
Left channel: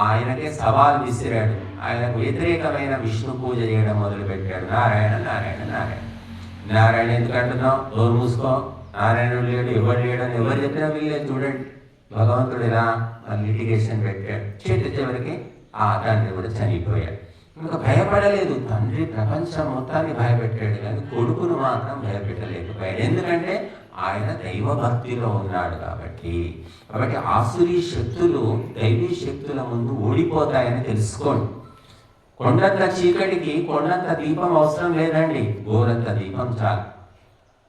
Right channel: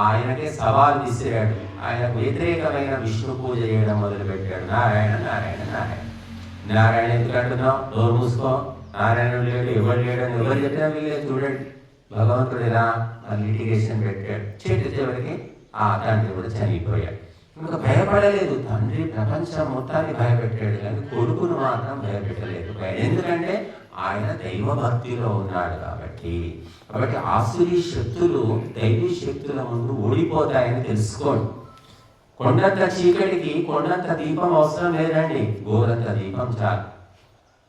ఆయనకే సవాల్ విసిరాడు. ఆయనకు వ్యతిరేకమైన విష్ణు పూజ చేయడం మొదలుపెట్టాడు. నారాయణ నారాయణ నారాయణ నారాయణ ఎందుకు అంటున్నావు, నోరు మూసుకో, నారాయణుడు లేడు, ఎవరు లేడు అని ఎవరు చెప్పినా వీళ్ళే. చూడండి భగవంతుడు ఇలా లిటిగేషన్ పెట్టాడు. చివరికి ఆ తండ్రి కూడా చనిపోయాడు. ఇంకా భయపడలేదు తండ్రి, ప్రపంచం మొత్తాన్ని భయపెట్టాడు కానీ కొడుకును మాత్రం భయపెట్టలేదు. ఎందుకంటే ఆయన దైవ భక్తిలో ఉన్నాడు కాబట్టి. ఆసురీ శక్తులు దైవీ శక్తుల ముందు ఓడిపోతాయని తెలుసుకోండి. కొండంత చీకటికి కొండంత దీపం అవసరం లేదండి, గోరంత దీపం చాలు.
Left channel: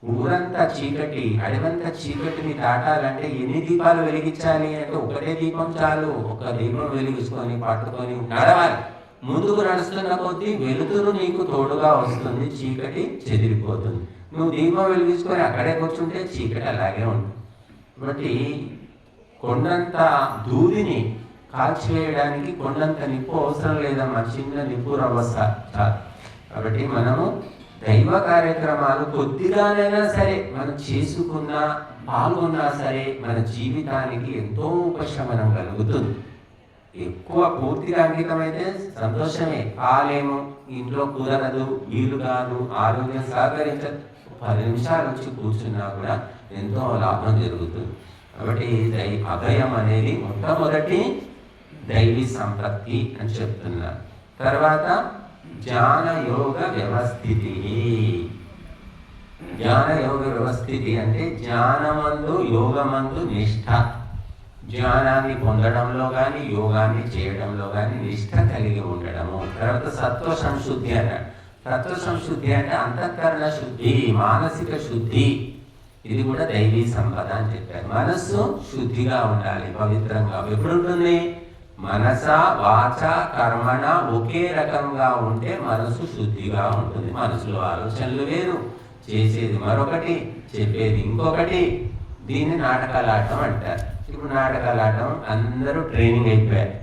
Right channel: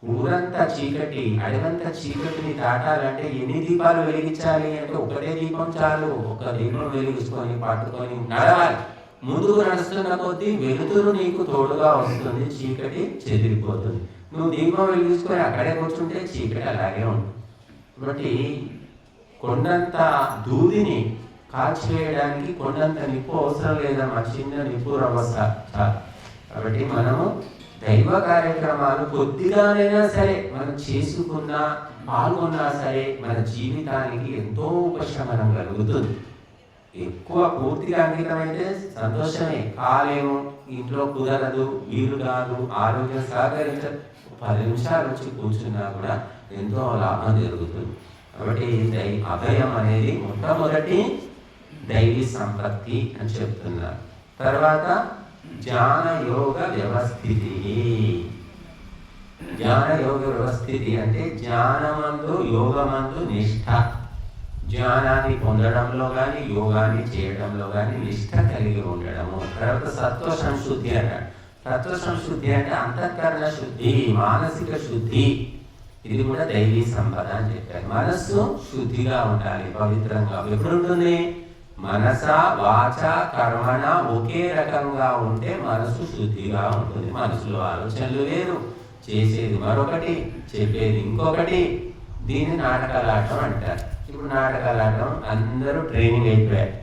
ఊరంతా చీకటి, అడవంత చీకటిని దాటాలంటే ఎన్ని దీపాలు వెలిగించాలి అంటే ఒకటే దీపం చాలు. ఒక దీపం వెలిగించుకొని పట్టుకొని నడవాలి. ముందుకు నడుస్తున్న కొద్దీ వెలుతురు నీకు తోడుగా వస్తుంది, చీకటి చెదిరిపోతుంది. నువ్వు దీపం వెలిగించుకొని అక్కడే కూర్చుంటే చీకటి అలాగే ఉంటుంది. కాబట్టి కొండంత దూదిని కాల్చివేయడానికి కొండంత నిప్పు అవసరం లేదమ్మా, చిన్న నిప్పు రవ్వస చాలు. కాబట్టి మనము దైవ కార్యక్రమాలు కొద్దిగానైనా సరే మనం చేసుకున్నా పాల్గొన్నా సరే మన జీవితానికి ఎంతో ఉపశమనం కలుగుతుంది. ఎక్కువ పూర్తిగా అంకితం అయితే సంతోషమే, కాలేము, ఇంట్లో కుదరదు, వీలు కాదు, ఆరోగ్యం సహకరించదు, 10 నిమిషాల నుంచి కూర్చున్నా కూడా ఎంతో లాభం జరుగుతుంది. కాబట్టి అభయం అనేది మొట్టమొదటి దైవీ సంపత్తి అని చెప్తున్నారు. తర్వాత జ్ఞాన యోగ వ్యవస్థితి. జ్ఞాన యోగ వ్యవస్థితి అంటే జ్ఞానమందు యోగమందు నిష్ఠ. జ్ఞానాన్ని పొందడంలో కానీ యోగాన్ని చేయడంలో కానీ నిష్ఠ కలిగి ఉండడము. తర్వాత సత్వ సంశుద్ధి అన్నాడు. సత్వ సంశుద్ధి అంటే అంతఃకరణ శుద్ధి, మానసిక శుద్ధి. ఇది కూడా దైవీ సంపద అని చెప్పారు. మనస్సు శుద్ధిగా ఉండాలి, పవిత్రంగా. ఎప్పుడు ఉంటుంది? మనస వాచ కర్మణ ఒకే రకంగా ఉంటే మనసు శుద్ధిగా ఉంటుంది. మనసులో ఆలోచనలు వేరు, చేసేది మరొకటి, చెప్పేది ఇంకొకటి. దీన్ని నాటకాలాటం అంటారు. ఇప్పుడు నాటకాలాటం అందరూ ట్రైనింగ్ అయిపోయారు.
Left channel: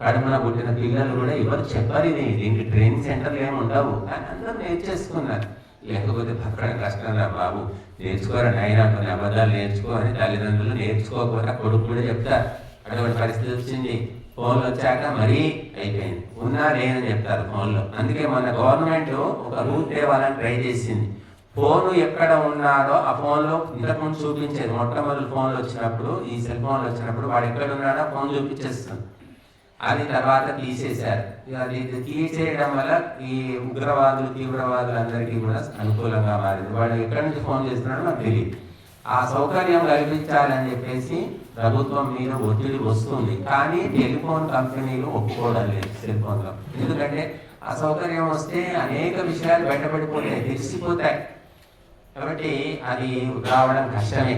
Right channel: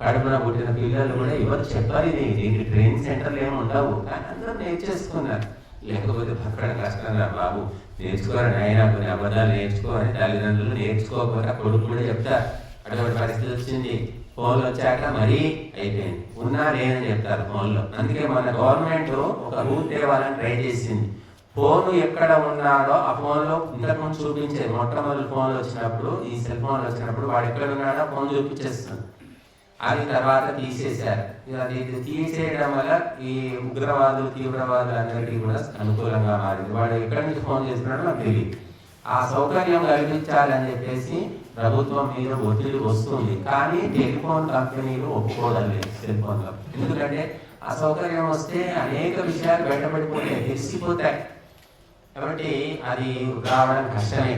కడుపున పుట్టిన పిల్లలు కూడా ఎవరు చెప్పాలి, దీనికి ట్రైనింగ్ సెంటర్లు ఏమి ఉండవు, కానీ అందరూ నేర్చేసుకున్నారు. లేకపోతే పక్కన కష్టం రా బాబు, నేర్చుకోరని అయినా కొన్ని అబద్ధాలు నేర్చుకోరని తల్లిదండ్రులు నేర్చుకోకపోతే కొడుకు కూడా చెప్తారు. అటువంటి పరిస్థితి వచ్చింది. ఫోన్లు వచ్చాక మరీ అయిపోయింది, ఉన్నా లేదని చెప్తారు ఫోన్లో. అందుకే మన గవర్నమెంట్ ఒక రూల్ తేవాలని ట్రై చేసింది. ఫోన్ ఎక్కడ ఉన్నాడో ఆ ఫోన్లో ఇంతకుముందు చూపించేది. మొట్టమొదటి ఫోన్లు వచ్చినప్పుడు, ఈ సెల్ ఫోన్లు వచ్చినప్పుడు వాడు ఎక్కడ ఉన్నాడో ఫోన్ చూపించేస్తుంది. అది తర్వాత తీసేశారు. అది తీసేయడం వల్ల ఈ ఉగ్రవాదులు తీవ్రవాదులు అందరికీ కూడా అనుకూలంగా మారింది. వాడు ఎక్కడి నుంచి ఫోన్ చేస్తున్నాడో నాకు తెలియదు. ఆ సౌకర్యం కల్పించాలని చెప్పేసి ప్రభుత్వం మీద ఒత్తిడి వస్తుంది. కానీ టెలిఫోన్ కంపెనీలు ఒప్పుకోవడం లేదు. టెలిఫోన్ కంపెనీ ఎందుకంటే అసౌకర్యం వస్తే అనేక విషయాలు బయటపడిపోతాయి, తెలిసిపోతాయి. కాబట్టి అది రావడం కష్టమే.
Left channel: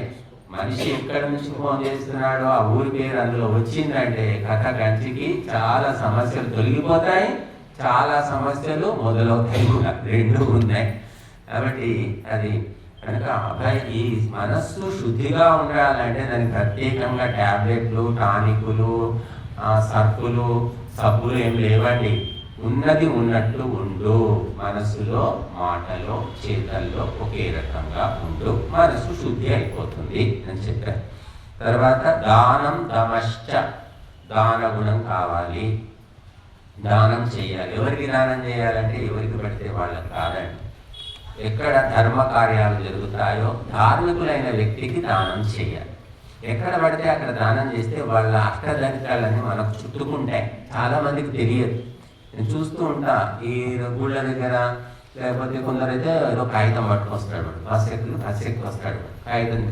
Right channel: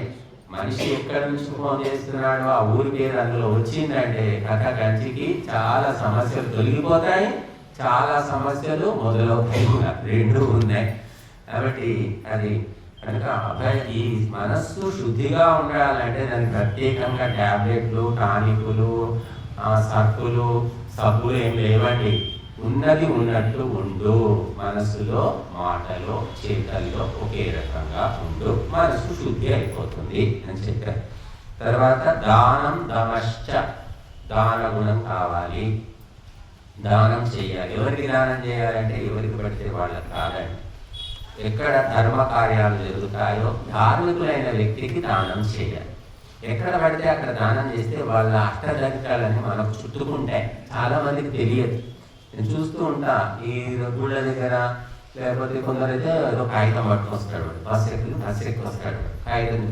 మనిషి ఎక్కడి నుంచి ఫోన్ చేస్తున్నాడో ఆ ఊరి పేరు అందులో వచ్చిందంటే కథ కంచికి చాలా సమస్యలు తొలగిపోతాయి, చాలా సమస్యలు మొదలవుతాయి. రెండు ఉన్నాయి. కాబట్టి అది కనుక ఈ మనస్సు శుద్ధిగా ఉండాలంటే దానికి ప్రత్యేకంగా ట్యాబ్లెట్లు, టానికులు, సర్పులు, సబ్బులు ఏం లేవండి. ఉన్నది ఉన్నట్టు ఉండు, మనసులో, మాటలో, చేతల్లో ఒకే రకంగా ఉండు, మనసు శుద్ధి అయిపోతుంది అని చెప్పారు. తర్వాత దానం దమశ్చ, దాన గుణం కావాలి, దానం చేయాలి. ఎవరికి దానం చేయాలంటే ఎవరికి పడితే వాళ్ళకి కాదండి. ఎక్కడ ధర్మ కార్యాలు జరుగుతాయో ధార్మికులైన వ్యక్తికి దానం చేయాలి. ఎక్కడ పడితే అక్కడ దానం చేస్తే వాళ్ళ అష్టదరిద్రాలని మనకు చుట్టుకుంటాయి. చాలా మందికి తెలియదు. నేను చూస్తూ ఉంటా ఈ గుళ్ళ దగ్గర, లేకపోతే కొందరైతే ఏదో కాగితం పట్టుకొస్తాడు, బస్సు ఎక్కి వస్తాడు, కాగితం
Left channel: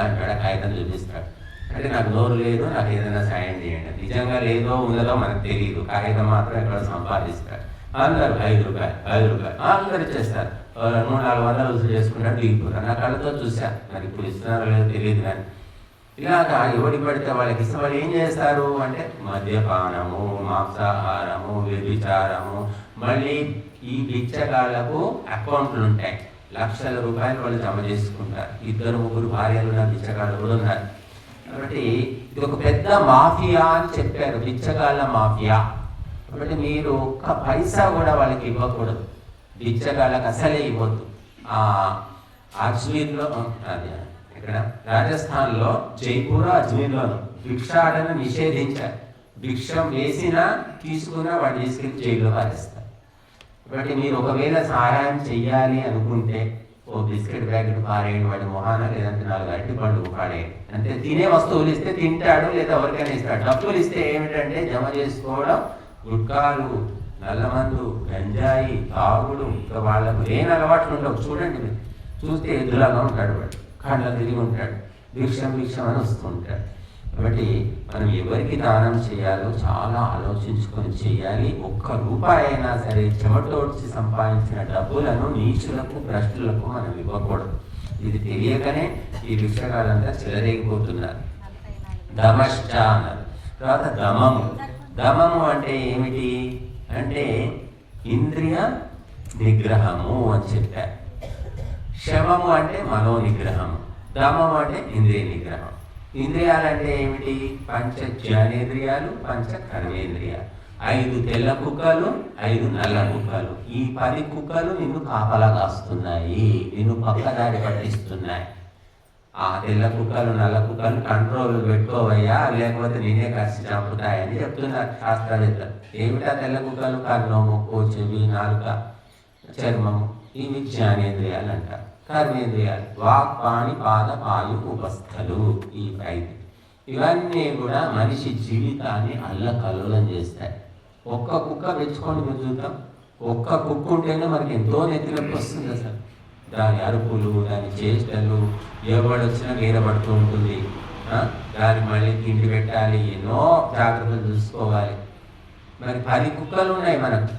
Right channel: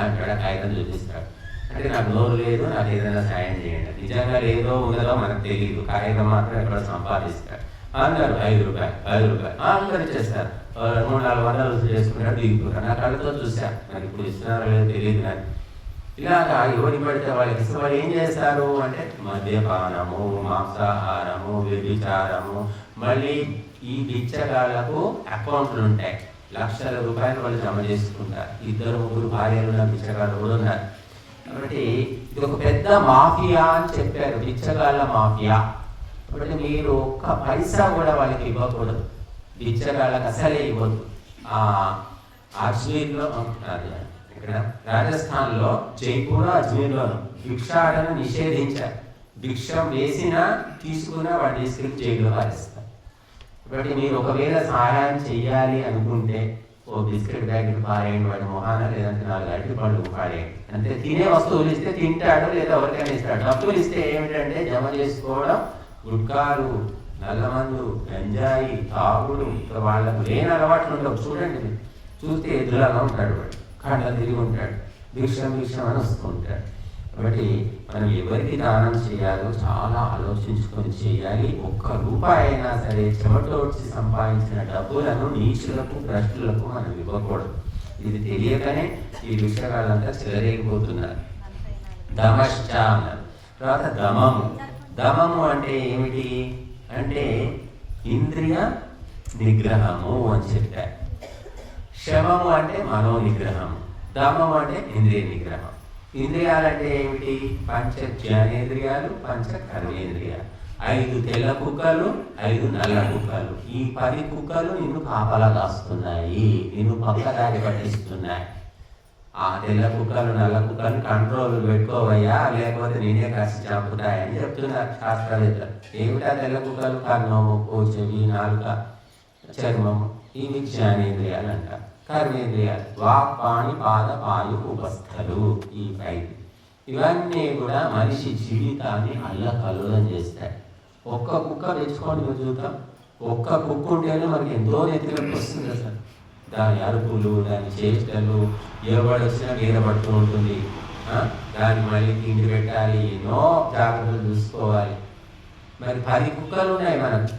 అంటాడు, కాగితం చూపిస్తాడు. అంటే నాకు నోరు లేదు, నాకు ఏదైనా సాయం చేయండి. నిజంగా లేదో ఉన్నదో మనకు తెలియదు. కాగితం మాత్రం ఎక్కడ సంపాదిస్తాడు. అందరు 5 రూపాయలు అందరు చేస్తారు. 300-400 వసూలు చేసుకున్నాడు, దిగుతున్నారు. నాకు అడుగుతూ చూశాను, మరి ఇప్పుడు ఇస్తున్నారో లేదో తెలియదు. కానీ ఇలాగా ఎవరి పడితే వాళ్ళకి వాళ్ళు ఏం చేస్తారు అంటే మద్యపానము, మాంసాహారము, వ్యభిచారము. మళ్ళీ ఈ బిచ్చగాళ్లకు అకౌంట్లు ఉంటాయి, లక్షల రూపాయలు వాళ్ళు జమ చేసుకుంటారు. 2-3 భార్యలు ఉన్న బిచ్చగాళ్ళు కూడా ఉన్నారు. కాబట్టి ఇది ఒక పెద్ద మాఫియా అని చెప్పారు, బిచ్చగాళ్ళ మాఫియా. కాబట్టి మీరు ఒక్క పైసా కూడా వాళ్ళకి ఇవ్వకూడదు, బిచ్చగాళ్ళకి అసలే ఇవ్వద్దు. అజ్మీర్లో ఇక్కడ రాజస్థాన్లో జైపూర్, అజ్మీర్లో భిక్షాటన నిషేధించారు. భిక్షం వేసినా తీసుకున్నా వాడు తీసుకెళ్ళి జైల్లో పారేస్తారు. కాబట్టి మీరు ఒకవేళ సహాయం చెయ్యాలి అనుకుంటే ఓ బిస్కెట్ ప్యాకెట్ పారేయండి వాడి మొహాన, లేదంటే 4 అరటి పండ్లు పాడేయండి. అంటే తినే వస్తువులు ఇస్తే తింటాడు, లేదా ఎవరికైనా ఇస్తాడు. డబ్బులు ఇస్తే ఏమిటంటే జమ చేసుకోవడం, గుట్కాలు, నల్లమందు, గంజాయి, తాగుడు, ఇంకా వాళ్ళకు లేని అలవాట్లు ఉండవు. చూడండి, చూస్తే ఎదురుగా ఉంటాడు, కళ్ళ తిరిగి ఉంటాడు, భిక్షం అని వస్తుంటాడు. కాబట్టి మనం ఎవరికి దానం చేయాలో చాలా ఆలోచించుకొని చేయాలి. 1 రూపాయి అయినా సరే చెమటోడ్చి సంపాదించిన డబ్బులను నీచులకు, భ్రష్టులకు మనం ఇవ్వకూడదు. ఇది తెలియకనే ఈ విషయాలంతా చెలరేగిపోతున్నారు. దమశ్చ అన్నారు. తర్వాత దమము. దమము అంటే ఏమిటి అంటే ఇంద్రియ నిగ్రహము అని చెప్పారు. శమము అంటే మనో నిగ్రహము, దమము అంటే ఇంద్రియ నిగ్రహం. ఇంద్రియాలంటే ఏమిటి? 5 జ్ఞానేంద్రియాలు, 5 కర్మేంద్రియాలు. 5 తెల్ల కుక్కలు, 5 నల్ల కుక్కలు. ఈ 10 కుక్కలు నిన్ను కాపలా కాస్తున్నాయి, నిన్ను పక్కదారి పట్టిస్తున్నాయి. ఆ తెల్ల కుక్కలు, నల్ల కుక్కలు కంట్రోల్ పెట్టుకోవయ్యా, లేకపోతే నేనే కాసి చంపుతాయని చెప్తున్నారు శాస్త్రవేత్తలు. ఏమిటా తెల్ల కుక్కలు? కర్ణం, ముక్కు, చెవి, నాలుక, చర్మం. ఇవి జ్ఞానేంద్రియాలు అంటారు. కర్మేంద్రియాలు వాక్, పాణి, పాద, పాయు, ఉపస్థలు. ఈ 5 ఇవన్నీ కూడా మనిషి జీవితాన్ని అల్లకల్లోలం చేస్తాయి. 1 కుక్క తెచ్చుకొని మీరు చూద్దాం. 1 కుక్క ఉంటేనే మనకి ఎంతో నెత్తిలోకి వస్తుంది అసలు. దాని అరుపులు, దాని చేష్టలు, ఎవడు వచ్చినా గీర పడుతూ ఉంటుంది. దాన్ని మళ్ళీ తిండి పెట్టాలి, ఎన్నో జాగ్రత్తలు చూసుకోవాలి. మరి 10 కుక్కలు ఉన్నాయి మనకు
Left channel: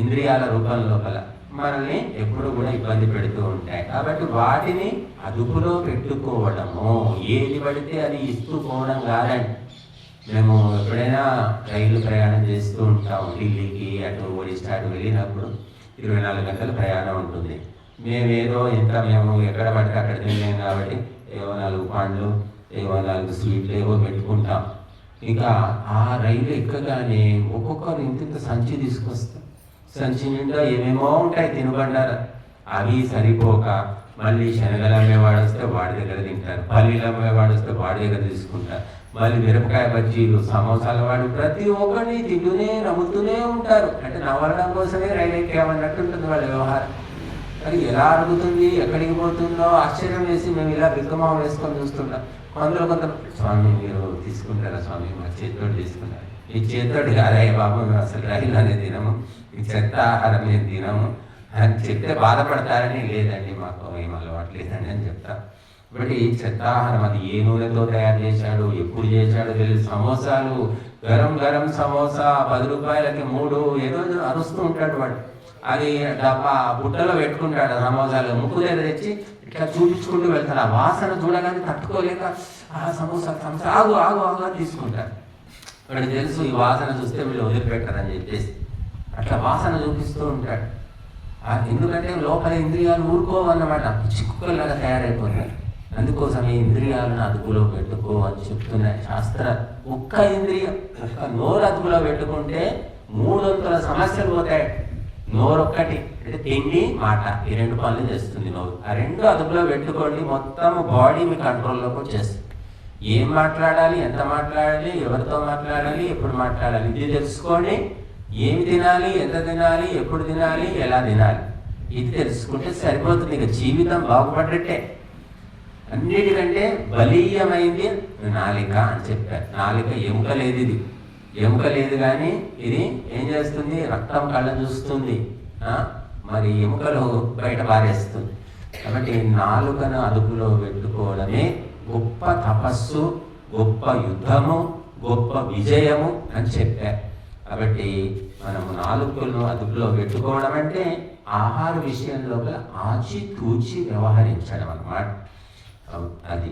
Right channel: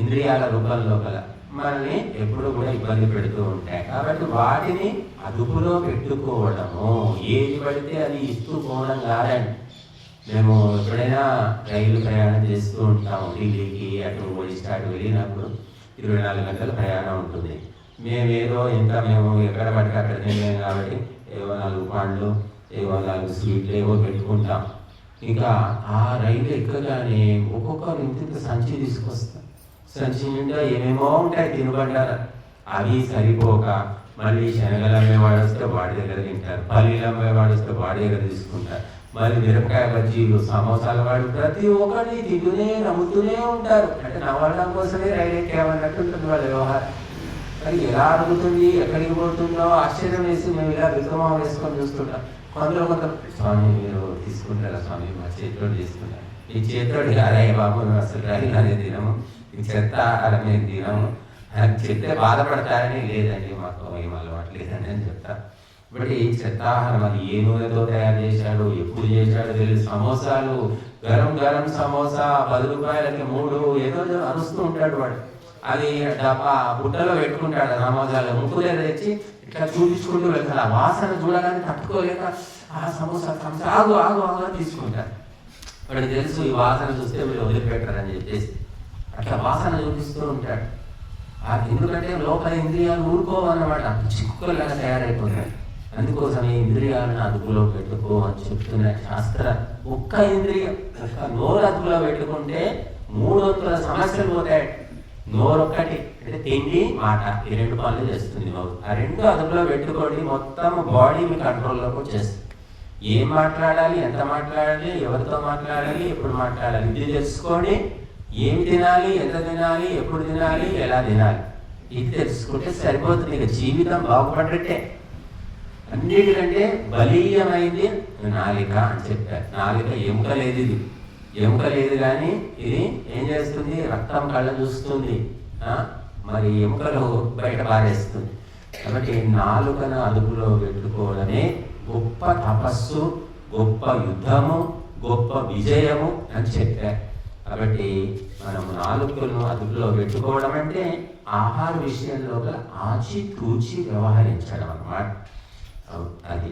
ఇంద్రియాల రూపంలో గల, మనల్ని ఎప్పుడు కూడా ఇబ్బంది పెడుతూ ఉంటాయి. కాబట్టి వాటిని అదుపులో పెట్టుకోవడము. ఏది పడితే అది ఇస్తూ పోవడం కాదండి. మేము ఎప్పుడైనా రైలు ప్రయాణం చేస్తూ ఉంటాము. ఢిల్లీకి అటు ఒడిశా అటు వెళ్ళినప్పుడు 24 గంటల ప్రయాణం ఉంటుంది. మేము ఎక్కడ పడితే అక్కడ తినేం కాబట్టి ఏవో 4 పండ్లు, ఏవో 4 స్వీట్లు ఏవో పెట్టుకుంటాం. ఇంకా ఆ రైలు ఎక్కగానే ఒక్కొక్కరు ఇంత సంచి తీసుకొస్తాం. సంచి నిండా ఏమేమో ఉంటాయి తినబండారు. అవి సరిపోక మళ్ళీ శనగలు అమ్మేవాడు వస్తే వాడి దగ్గర తింటారు, పల్లీలు అమ్మేవాడు వస్తే వాడి దగ్గర తీసుకుంటారు, మళ్ళీ మిరపకాయ బజ్జీలు, సమోసాలు వాడు ప్రతి ఒక్కరిని తింటూనే నవ్వుతూనే ఉంటారు. అంటే నవ్వడం కోసమే రైలు ఎక్కామన్నట్టు ఉంటుంది వాళ్ళ వ్యవహారం. మరి ఎలా అడుగుతుంది, ఎక్కడికి పోతుందో ఆశ్చర్యం వేసి మేము ఇలా విక్రమం వేసుకొని చూస్తుంటాం. కొంత స్వామి మీరు తీసుకుంటారా స్వామి, మా చేతితో తీసుకుంటారు. ఈ చేతితోటి అరే బాబు అసలు రైలు అనేది తినము, ఈ చెత్త ఆహారమే తినము అని చెప్తే బాధపడతారని లేదండి, మాకు ఏం అలవాటు లేదండి అని చెప్తారు. ఇప్పుడు ఈ చెత్తాహారం అది ఏ నూనెతో తయారు చేశాడు, ఎప్పుడు చేశాడు తెలియదు. సమోసాలు గరం గరం సమోసా 10 రూపాయలకి 3 ఏదో అరుస్తూ ఉంటాడు వాడు. అది డబ్బా బుట్టలో పెట్టుకుంటాడు. సమోసాలు ముక్కు దగ్గర తెచ్చి ఇట్లా చూపించుకుంటూ వెళ్తాడు. ఆ వాసన చూడగానే తట్టుకోలేక ఆ సమోసా ఆగు ఆగు ఆగు తీసుకుంటాడు. వాడికి తెలుసు ఈ వాసన చూస్తే వీళ్ళు వదిలిపెట్టారని చెప్పేసి అట్లా వాసన చూపిస్తూ ఉంటాడు. ఎందుకంటే లోపల ఇంద్రియాలు ఊరుకోవన్నమాట, చిక్కుకలుగా తయారైపోతాయి. అందుకోసమే ఇంద్రియాలను అదుపులో పెట్టుకో అని చెప్తున్న శాస్త్ర. ఒక్క ఇంద్రియం, ఒక్క నోరు అదుపులో పెట్టుకుంటే 3 వంతుల సమస్యలు పోతాయి. నోరు ఒక్కటి అంటే తిండి మాట, ఈ 2 పనులు చేస్తుంది నోరు. ఆ 2 అదుపులో పెట్టుకోండి, మొత్తం బాడీని కంట్రోల్లోకి వచ్చేస్తుంది. ఏం మాట్లాడాలి, ఎంత మాట్లాడాలి, ఎవరితో మాట్లాడాలి, ఎప్పుడు మాట్లాడాలి ఇది తెలుసుకోండి. ఏమి తినాలి, ఎంత తినాలి, ఎప్పుడు తినాలి, ఎలా తినాలి ఇది తెలుసుకుంటే సరిపోతుంది. ఇక జీవితం బాగుపడ్డట్టే. అన్నిటికంటే బలీయమైంది నాలిక అని చెప్పారు. నాలిక ఎముక లేదు, ఇది ఎముక లేదు కానీ ఇది ఏం చేస్తుంది, రక్తం కళ్ళ చూస్తుంది, మరి ఎముకలు బయట పారేస్తుంది. కాబట్టి నాలుకను అదుపులో పెట్టుకోవడమే గొప్ప తపస్సు, గొప్ప యుద్ధము, గొప్ప విజయము అని చెప్పారు. కాబట్టి మనం నాలుకలను అదుపులో పెట్టుకోవడం అంటే ఆహార విషయంలో ఆచితూచి వ్యవహరించడం అన్నమాట. అది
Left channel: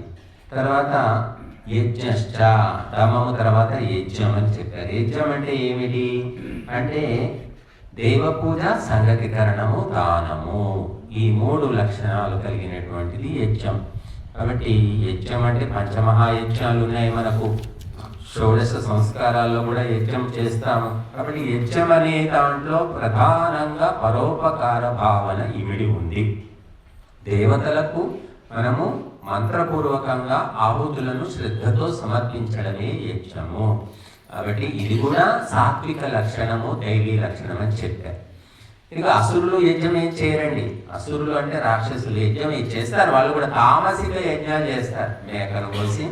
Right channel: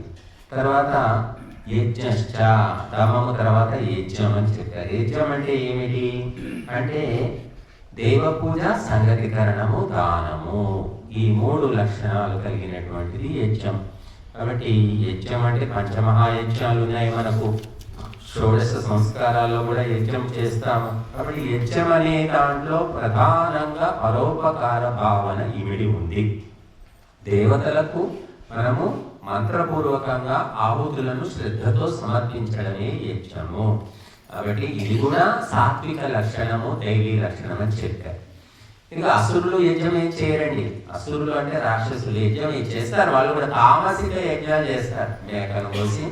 తర్వాత యజ్ఞశ్చ, తమము తర్వాత యజ్ఞం అని చెప్పారు. యజ్ఞం అంటే ఏమిటి అంటే దేవపూజ, సంగతికరణము, దానము, ఈ 3 లక్షణాలు కలిగినటువంటిది యజ్ఞం. కాబట్టి యజ్ఞం అంటే పంచమహాయజ్ఞాలు ఉన్నాయి మనకు. షోడశ సంస్కారాల్లో కూడా యజ్ఞం చేస్తాము. కాబట్టి యజ్ఞం అనే దాంట్లో ప్రధానంగా పరోపకార భావన ఇమిడి ఉంది. దేవతలకు మనము మంత్రపూర్వకంగా ఆహుతులను శ్రద్ధతో సమర్పించడమే యజ్ఞము. కాబట్టి ఇది కూడా సాత్విక లక్షణము, దైవీ లక్షణం అని చెప్పారు. ఇక అసురులు యజ్ఞం ఏం చేయరండి. అసురులు అంటే రాక్షసులు యజ్ఞం ఏం చేస్తారు, వాళ్ళు కూడా తామసిక యజ్ఞాలు చేస్తారు. మేకను కోసి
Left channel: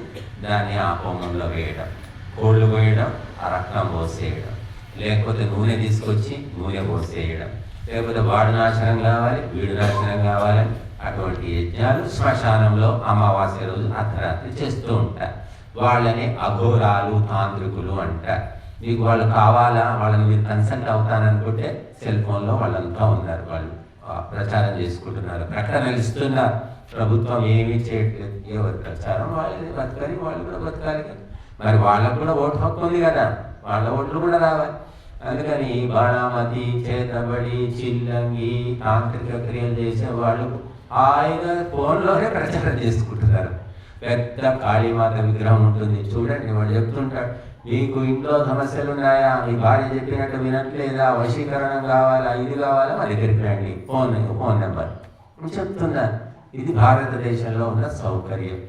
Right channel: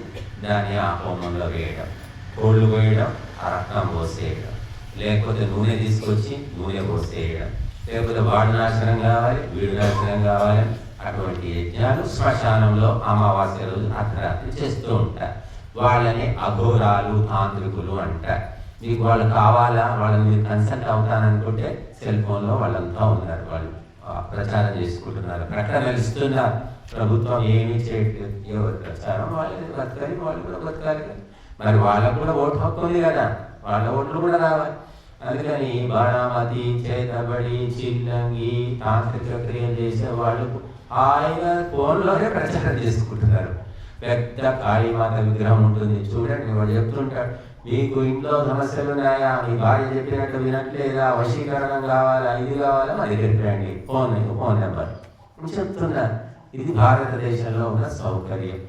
దాన్ని ఆ హోమంలో వేయడం, కోళ్ళు వేయడం, ఆ రక్తం పోసేయడం, లేకపోతే నూనె తీసుకొచ్చి నూనె పోసేయడం, లేకపోతే వాడు నాశనం కావాలి, వీడు నాశనం కావాలి. అటువంటి యజ్ఞాలు శ్మశానంలో అమావాస్య రోజు అర్ధరాత్రి చేస్తూ ఉంటారు. వాళ్ళని అఘోరాలు, తాంత్రికులు అంటారు. మీకు వాళ్ళు కావాలా, వాళ్ళని మీరు కన్సల్ట్ అవుతాననుకుంటే సెల్ ఫోన్లో వాళ్ళంతా ఉన్నారు, వాళ్ళు ప్రచారం చేసుకుంటున్నారు, ప్రకటనలు ఇస్తున్నారు. ప్రభుత్వం ఏమీ చేయట్లేదు. ఎవరి ప్రచారం వాళ్ళని బతకాలి, వాళ్ళు కూడా బతకాలి. మరి వాళ్ళకు కూడా ఓటు హక్కు ఉంది కదా, వాళ్ళ ఓట్లు కూడా రావాలి. అందుకని బాణామతి, చేతబడి, చిల్లంగి, తాంత్రిక క్రియలు చేసే వాళ్ళు హాయిగా ఫోన్లోనే ప్రచారం చేసుకుంటున్నారు. పెద్ద కాళీమాత విగ్రహం ఉంటుంది చూడండి, వాడు చెప్తుంటాడు, మీకు ఇంట్లో సమస్యలు ఉన్నాయా, మీ భార్య చెప్పినట్టు వినట్లేదా, వశీకరణం కావాలా, ఇది కావాలా, మా దగ్గరికి రండి, ఫోన్ నెంబర్ చెప్తున్నారు. ఇది భారతదేశంలో ఉన్న సౌకర్యం.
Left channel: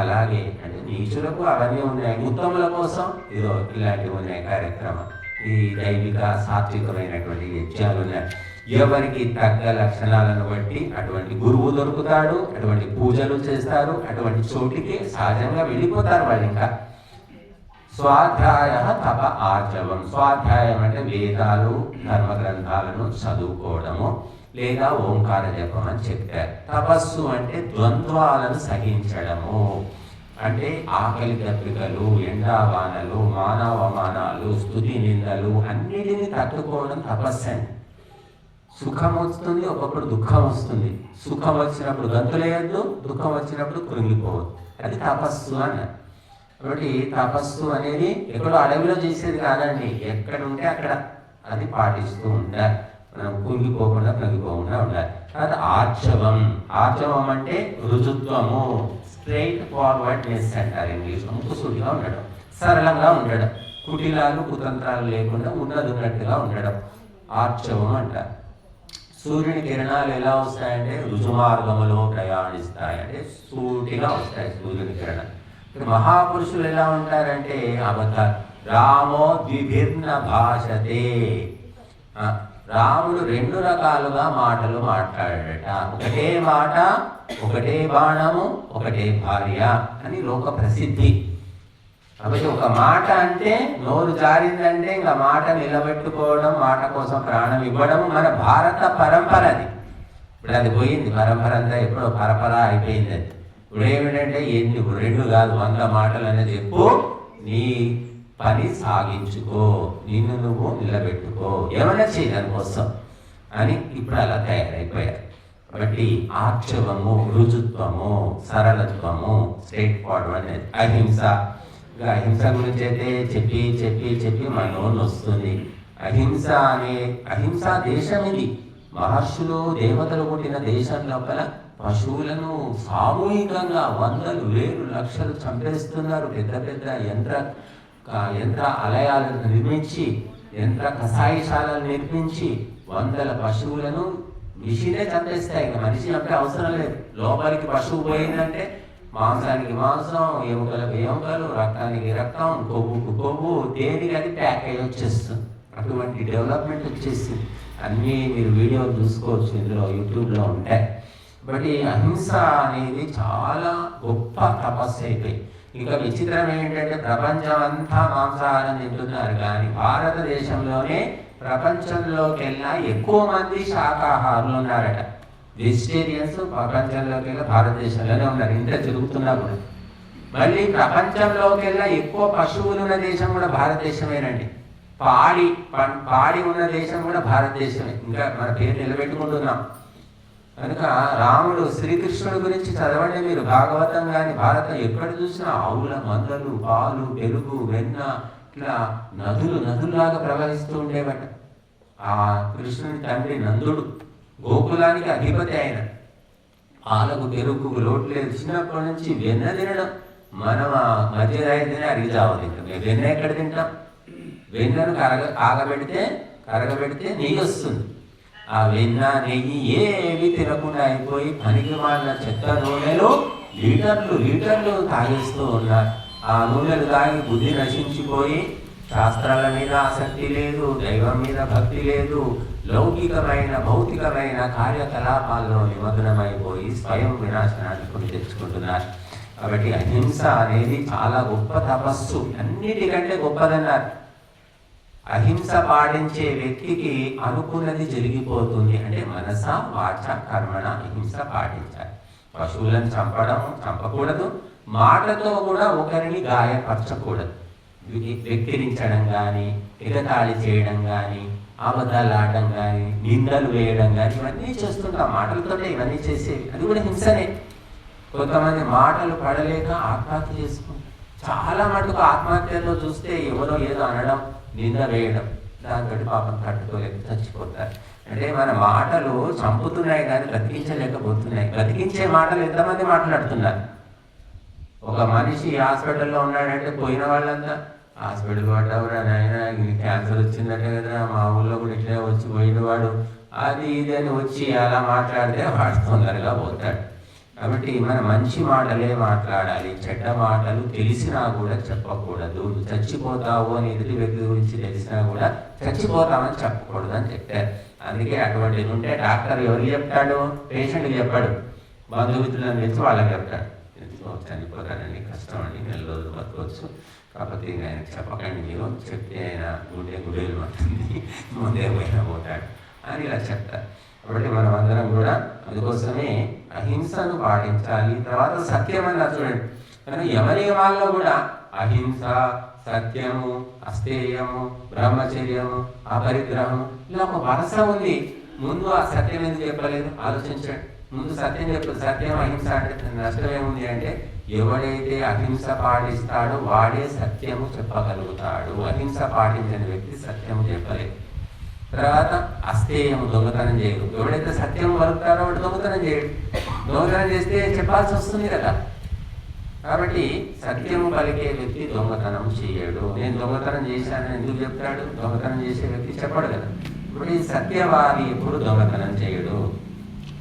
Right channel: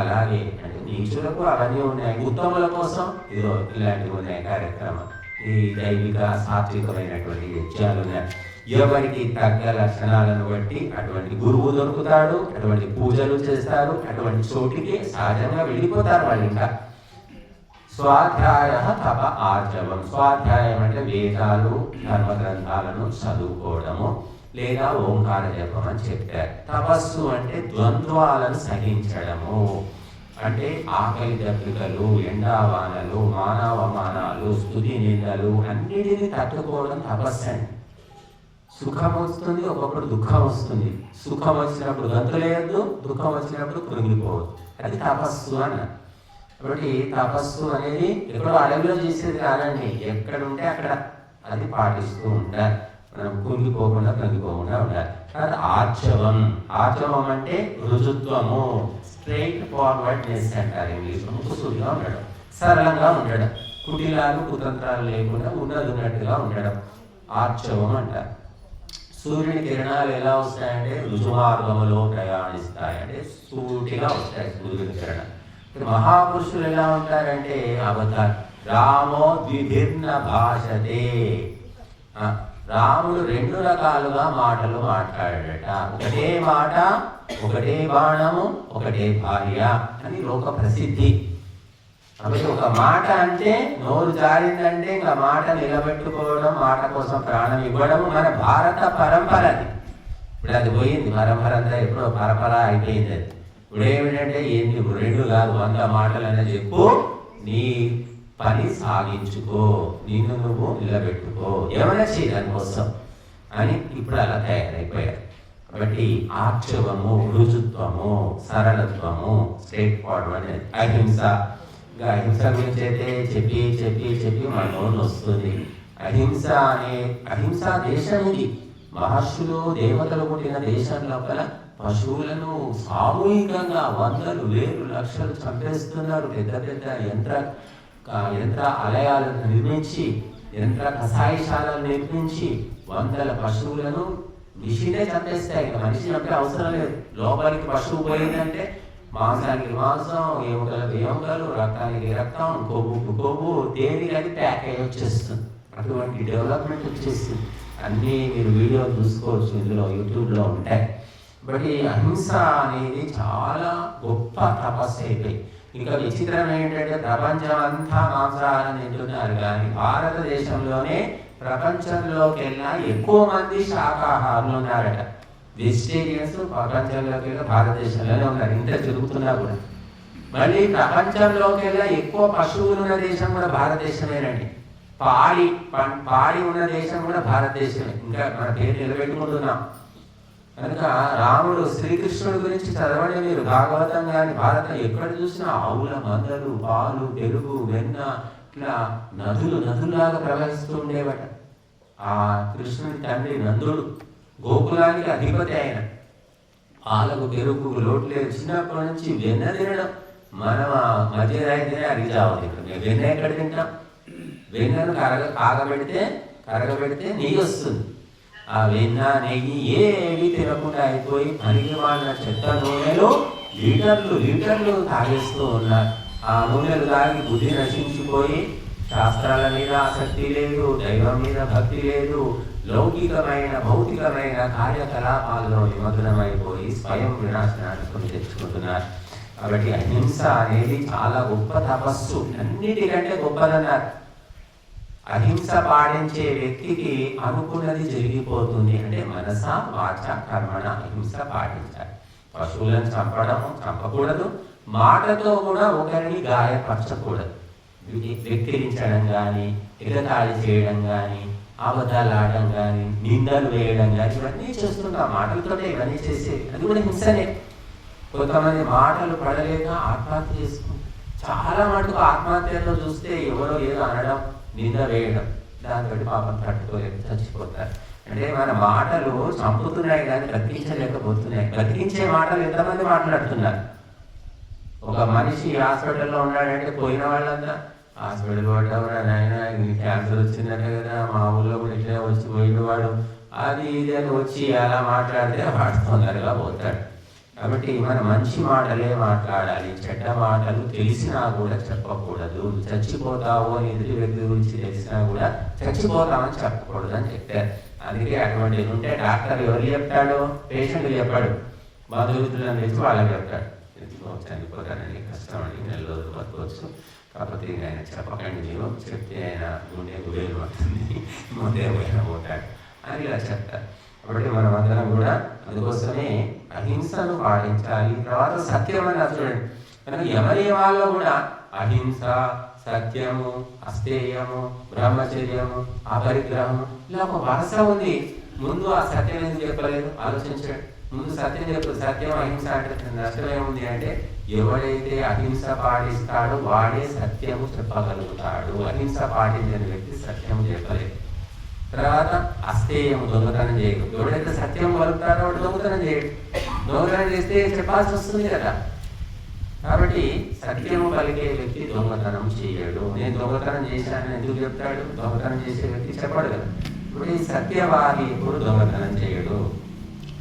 అలాగే అంటే నీచులకు అవన్నీ ఉన్నాయి, ఉత్తముల కోసం ఇదో ఇలాంటివి ఉన్నాయి కార్యక్రమం. ఈ దైవిక సాత్వికమైనటువంటి యజ్ఞాలు ఉన్నాయి. ఎవరికి తగ్గ లక్షణాలను బట్టి అటువంటి గురువు దొరుకుతాడు, అటువంటి పూజలు చేస్తారు, అటువంటి చోటికి సహజంగా వెళ్ళిపోతారు వాళ్ళు. ఇంకా స్వాధ్యాయ తప ఆర్జవం. స్వాధ్యాయం అంటే వేదాలు, ధర్మ గ్రంథాలను చదువుకోవడము లేదా ఓంకార జపం అని చెప్పారు. తపస్సు అంటే ద్వంద్వాలను సహించడము, అంటే ఆకలి దప్పికలు, ఎండావానలు, మానవమానాలు, స్తుతి నిందలు అన్నిటినీ తట్టుకోవడం తపస్సు అండి. సుఖం వస్తుంది, ఒకప్పుడు దుఃఖం వస్తుంది. సుఖం వచ్చినప్పుడు గంతులేయద్దు, దుఃఖం వచ్చినప్పుడు కృంగిపోవద్దు. అది తపస్సు అని. కాబట్టి తపస్సు అనేది ఎక్కడో అడవిలో చేసేది కాదండి, ఎక్కడ ఉంటే అక్కడ అది పాటిస్తూ ఉంటారు. మనం కుంగిపోకుండా కృంగిపోకుండా ఉండాలి. తర్వాత ఆర్జవం. ఆర్జవం అంటే రుజుత్వము, స్ట్రైట్ ఫార్వర్డ్నెస్ అంటారు ఇంగ్లీష్. ముక్కుసూటిగా ఉండడం, సరళంగా ఉండడం, కుటిలాలు కుతంత్రాలు లేకుండా ఉన్నట్టుగా ఉండడం ఆర్జవం అంటారు. సూర్యుని కిరణాలు ఎలా వస్తాయంటే రుజుమార్గంలో ప్రయాణిస్తాయంటే సూటిగా వస్తాయి సూర్యుని కిరణాలు. మహాపురుషులు ఎలా ఉంటారంటే అవతార్ రామో ద్విభిన్న భాషతే. రాముడు 2 రకాలుగా మాటలు మాట్లాడాడట. ఒకటే మాట, ఒకటే బాణము, ఒకటే భార్య అని లోక ప్రసిద్ధి. కాబట్టి ఒక మాట అంటే నోరు జారిందంటే ఇంకా మాట నిలబెట్టుకోవడం, మాట కోసం ప్రాణం ఇవ్వడం మన భారత పరంపర. అది ఇప్పుడు అది పోయింది, పరంపర అంతా ఎప్పుడో పరపర అయిపోయింది. అది ఇప్పుడు ఏమిటంటే ఎన్ని 2 కాదు 100 మాటలనే చెప్పు, నీ పని సాగించుకో, నిన్ను నువ్వు నిలబెట్టుకో, ఏమైనా చేయి దానికోసం అని ఇప్పుడు అలా తయారైపోయారు. కాబట్టి ఆర్చవము, రుజుత్వము, సరళత్వము, స్ట్రైట్ ఫార్వర్డ్ అనేది అహింస. ఇంకా అహింస గురించి అయితే చెప్పి చెప్పి చెప్పి మన నోరు వస్తుంది. అహింసా దేశం ఇది. మహర్షులు దేవతలు పుట్టిన దేశం లోపల పశువులను సామూహికంగా 100,000, 1,000, లక్షలు చంపేస్తున్నారు. పెద్ద పెద్ద యంత్ర ఆలయాలను నిర్మించి, యంత్ర కషాయశాలను నిర్మించి 100 పశువులను మిషనే చంపేస్తాయి. మనిషి చంపే అవసరం లేదు. లోపలికి పశువు పోయిందంటే మాంసానికి మాంసం, ఎముకలకు ఎముకలు, రక్తానికి రక్తం, కొవ్వుకు కొవ్వు, దేనికి అది ప్యాక్ అయ్యి వచ్చేస్తుంది. అటువంటి డెవలప్మెంట్ వచ్చేసి అన్నీ మీరు వీడియోలు చూసుకోవచ్చు, ఇందులో యూట్యూబ్లో ఉంటాయి. బట్ అహింస అనేది చాలా గొప్ప తపస్సు అయిపోయి. ఇంకా విచిత్రం ఏంటంటే ప్రపంచం అంతా మాంసాహారం తింటున్నారు, కానీ భారతదేశంలోనే ప్రపంచంలోకెల్లా ఎక్కువ మంది శాకాహారులు ఉన్నారట. వెజిటేరియన్స్ ప్రపంచంలోకెల్లా భారతదేశంలోనే ఉన్నారు, ఇంత తిరుగుతున్నారు కూడా. మళ్ళీ ప్రపంచంలోకెల్లా ఎక్కువ పశువులు ఉన్న దేశం కూడా భారతదేశమేనండి. పాడి ఉన్న దేశం కూడా భారతదేశమే. ఇంకా మన పేరు నిలబెట్టుకుంటున్నాం. కనుక రాముడు, శ్రీకృష్ణుడి గురించి చదవండి మీరు, భాగవతం కానీ భారతం ఎక్కడ చూసినా ఆవుల మందలు, పాలు, పెరుగు, వెన్న, ఇట్లా నదులాగా ప్రవహిస్తూ ఉండేవట. ఆ కృష్ణుడి తండ్రి నందుడు గోకులానికి అధిపతి ఆయన. పాలకు పెరుగు లోటు లేదు. చిన్నప్పటి నుంచి వెన్న తినడం. మనం మధ్య రైతునే అరిజావు తింటాం. వెన్న ఎక్కడ తింటాం? వెన్నను కరగబెడితే నెయ్యి వస్తుంది. ఆ వెన్న నెయ్యి ఏవి తినకుండా అయిపోయి పనికి వాళ్ళ చెత్త నూనెలు లీటర్లు తాగేస్తూ ఉన్నారు. ఆ నూనెలు తాగి బుద్ధి నశించిపోయి శాస్త్రాల మీద ఆసక్తి లేదు, దైవం మీద భక్తి లేదు, లౌకికమైన భౌతికమైన కార్యకలాపాల్లో నిమగ్నమైపోయి స్వయం వినాశనాన్ని తెచ్చుకుంటున్నారు. కాబట్టి అహింస అనేది చాలా గొప్ప తపస్సు, అన్నిటికంటే గొప్పదన్నారు. అహింస పాటించే వ్యక్తికి అనుకున్నది జరిగిపోతుంది. అంటే మనస వాచ కర్మణ అహింస పాటించాలి. పశువులను చంపకూడదు, మాటతో కూడా ఒకరిని గాయపరచకూడదు. వెక్కిరించడం కానీ, ఎగతాళి చేయడం కానీ, అబద్ధాలు ఆడడం కానీ, నిందలు వేయడం కానీ, ఇవన్నీ చేస్తుంటాం. మాటలతోనే ఇవన్నీ చేసేవి, అది కూడా హింసనే. కొంతమంది మాటలు పడలేక ఆత్మహత్య చేసుకుంటారు. చాలా మటుకు ఆత్మహత్యలో చూస్తే ఎవరో ఏదో అనడం, నింద వేయడం, దాంతో పాపం తట్టుకోలేక చచ్చిపోతారు. అంటే మన మాటలు చంపుతున్నాయి కానీ బ్రతికించలేకపోతున్నాయి. బ్రతికించే మాటలు ఎంతమంది మాట్లాడుతున్నారు? ఒక మనిషి హాస్పిటల్లో ఉన్నాడంటే పోయిన వాళ్ళంతా హాస్పిటల్ పడ్డా నాయన క్యాన్సర్ వచ్చిందంటే కదా, మా ఊళ్ళో కూడా ఇట్లా వచ్చి పోయినవాడు, అది ఇదని వచ్చి అలా మాట్లాడితే వాడు తొందరగా పోతాడు. కాబట్టి మనం మంచి మాటలే మాట్లాడాలి. చెడ్డ మాటలు తెలిసినా కూడా చెప్పకూడదు. చచ్చిపోతావు అని ఎదుటి వ్యక్తి గురించి తెలిసినా కూడా చచ్చిపోతామని చెప్పకూడదు అని చెప్పారు. అందుకే అటువంటి ఉంటే డాక్టర్ ఎవరు చెప్తాడు? పేషెంట్ చెప్పాడు, బంధుమిత్రులను తెచ్చి వాళ్ళకి చెప్తాడు, చనిపోతాడని, కష్టం అని, 4 రోజులు బతకొచ్చు, కాకపోతే ఆయన చెప్పకండి, మీరు చెప్తే ఆయన గుండె గుబేలు పడుతుంది, ముందే పోతాడు అని ఇలా చెప్తారు. కాబట్టి మనం అందరం కూడా అందుకోసమే అహింసను పాటించాలి. తర్వాత సత్యం అని చూడండి, కనుక యమనియమాల్లో కూడా అహింస, సత్యము, అస్థేయము, బ్రహ్మచర్యము, అపరిగ్రహం, ఇలా ఒక వరుస ఉంది. ముందు ఆ సత్యం ఎందుకు చెప్పలేదు ఆలోచించండి. ముందు సత్యం చెప్పు. సత్యం అహింస అంటే నష్టం ఏముంది అంటే, ఎవడైతే అహింస పాటిస్తాడో వాడే సత్యము చెప్పగలుగుతాడు. అహింస పాటించిన వ్యక్తి సత్యం చెప్పలేదు. తర్వాత అస్థేయం, దొంగతనం చేయడు. ఎవడైతే సత్యం పలుకుతారో వాడు దొంగతనం చేయడు. దొంగతనం చేస్తే చెప్పాల్సి వస్తుంది కదా. కాబట్టి సత్యం పలికే వ్యక్తి దొంగతనం చేయడు. నేను దొంగతనం చేశానని ఎందుకు చెప్తాడు? దొంగతనం చేసే వ్యక్తి చెప్పడు కదా. ఇప్పుడు ఈ సత్యవాది ఎప్పుడు దొంగతనం చేయడు.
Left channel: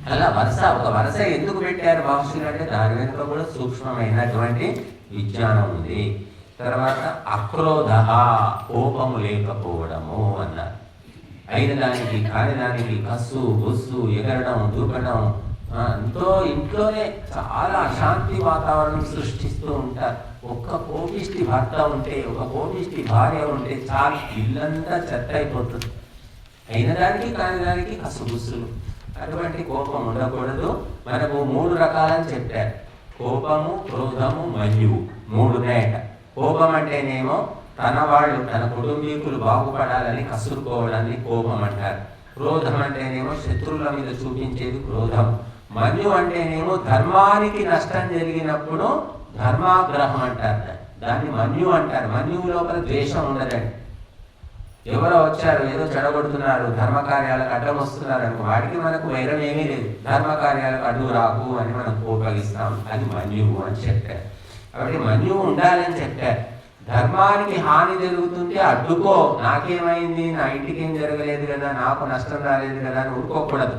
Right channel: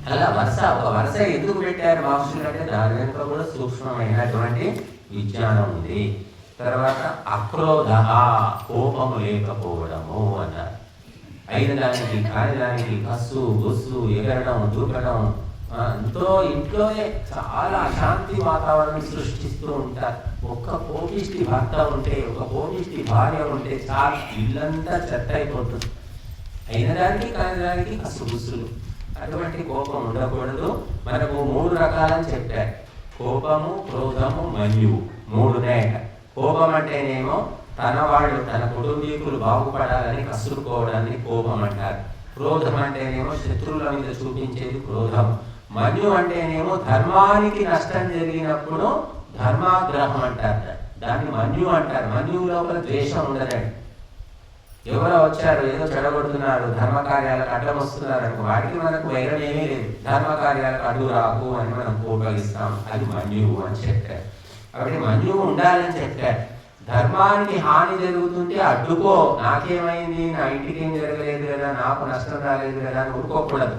అలా ఒక వరుస ఎందుకు పెట్టారు మహర్షులు అంటే దాని వెనుక కూడా సూక్ష్మమైనటువంటి విజ్ఞానం ఉంది. తర్వాత అక్రోధ, కోపం లేకపోవడము అన్నారు. అయిన దానికి కాని దానికి కస్సు బొస్సు, ఎగరడం, దూకడం, ఎంతో ఇంట్లోనే చాలా అశాంతి వాతావరణం సృష్టిస్తూ ఉంటారు. ఒక్క కోపిష్టి భర్త ఉంటే, ఒక కోపిష్టి భార్య ఉంటే చాలా ఇల్లంతా చెత్త అయిపోతుంది. అయిన దానికి కాని దానికి కస్సు బుస్సులు. అటువంటి కోపం ఉండకూడదు. మనకు 3 రకాలని చెప్పారు. కోపము, క్రోధము, మన్యువు 3 ఉన్నాయట. కోపం అంటేనేమో తన కుటుంబీకులు బాగుపడాలని కసురుకోవడాన్ని కోపం అంటారు. క్రోధం అంటేనేమో శత్రువుల మీద చూపించేది క్రోధం. మన్యు అంటేనేమో ధర్మానికి నష్టం జరిగినప్పుడు ధర్మాగ్రహం అంటారు, దాన్ని మన్యు అంటారు. మన్యు లోపల ద్వేషం ఉండదండి. ఎవరో వచ్చారు, ఏదో చెడగొడుతున్నారు, ధర్మకార్యాలకు అడ్డం వస్తున్నారు, వాటికి మనకు వైరం ఏమీ లేదు. ధర్మకార్యాలకు అడ్డు రాకు అని మనం కోపగిస్తాం, అది మన్యువు అని చెప్పారు. కాబట్టి మన్యువు ఉండాలని చెప్పారు. ధర్మానికి హాని జరుగుతుంటే అడ్డుకో, నాకేమైంది, నా ఇంటికి ఏం జరగలేదు కదా, నాకు నష్టం రాలేదు కదా అని ఊరుకోకూడదు.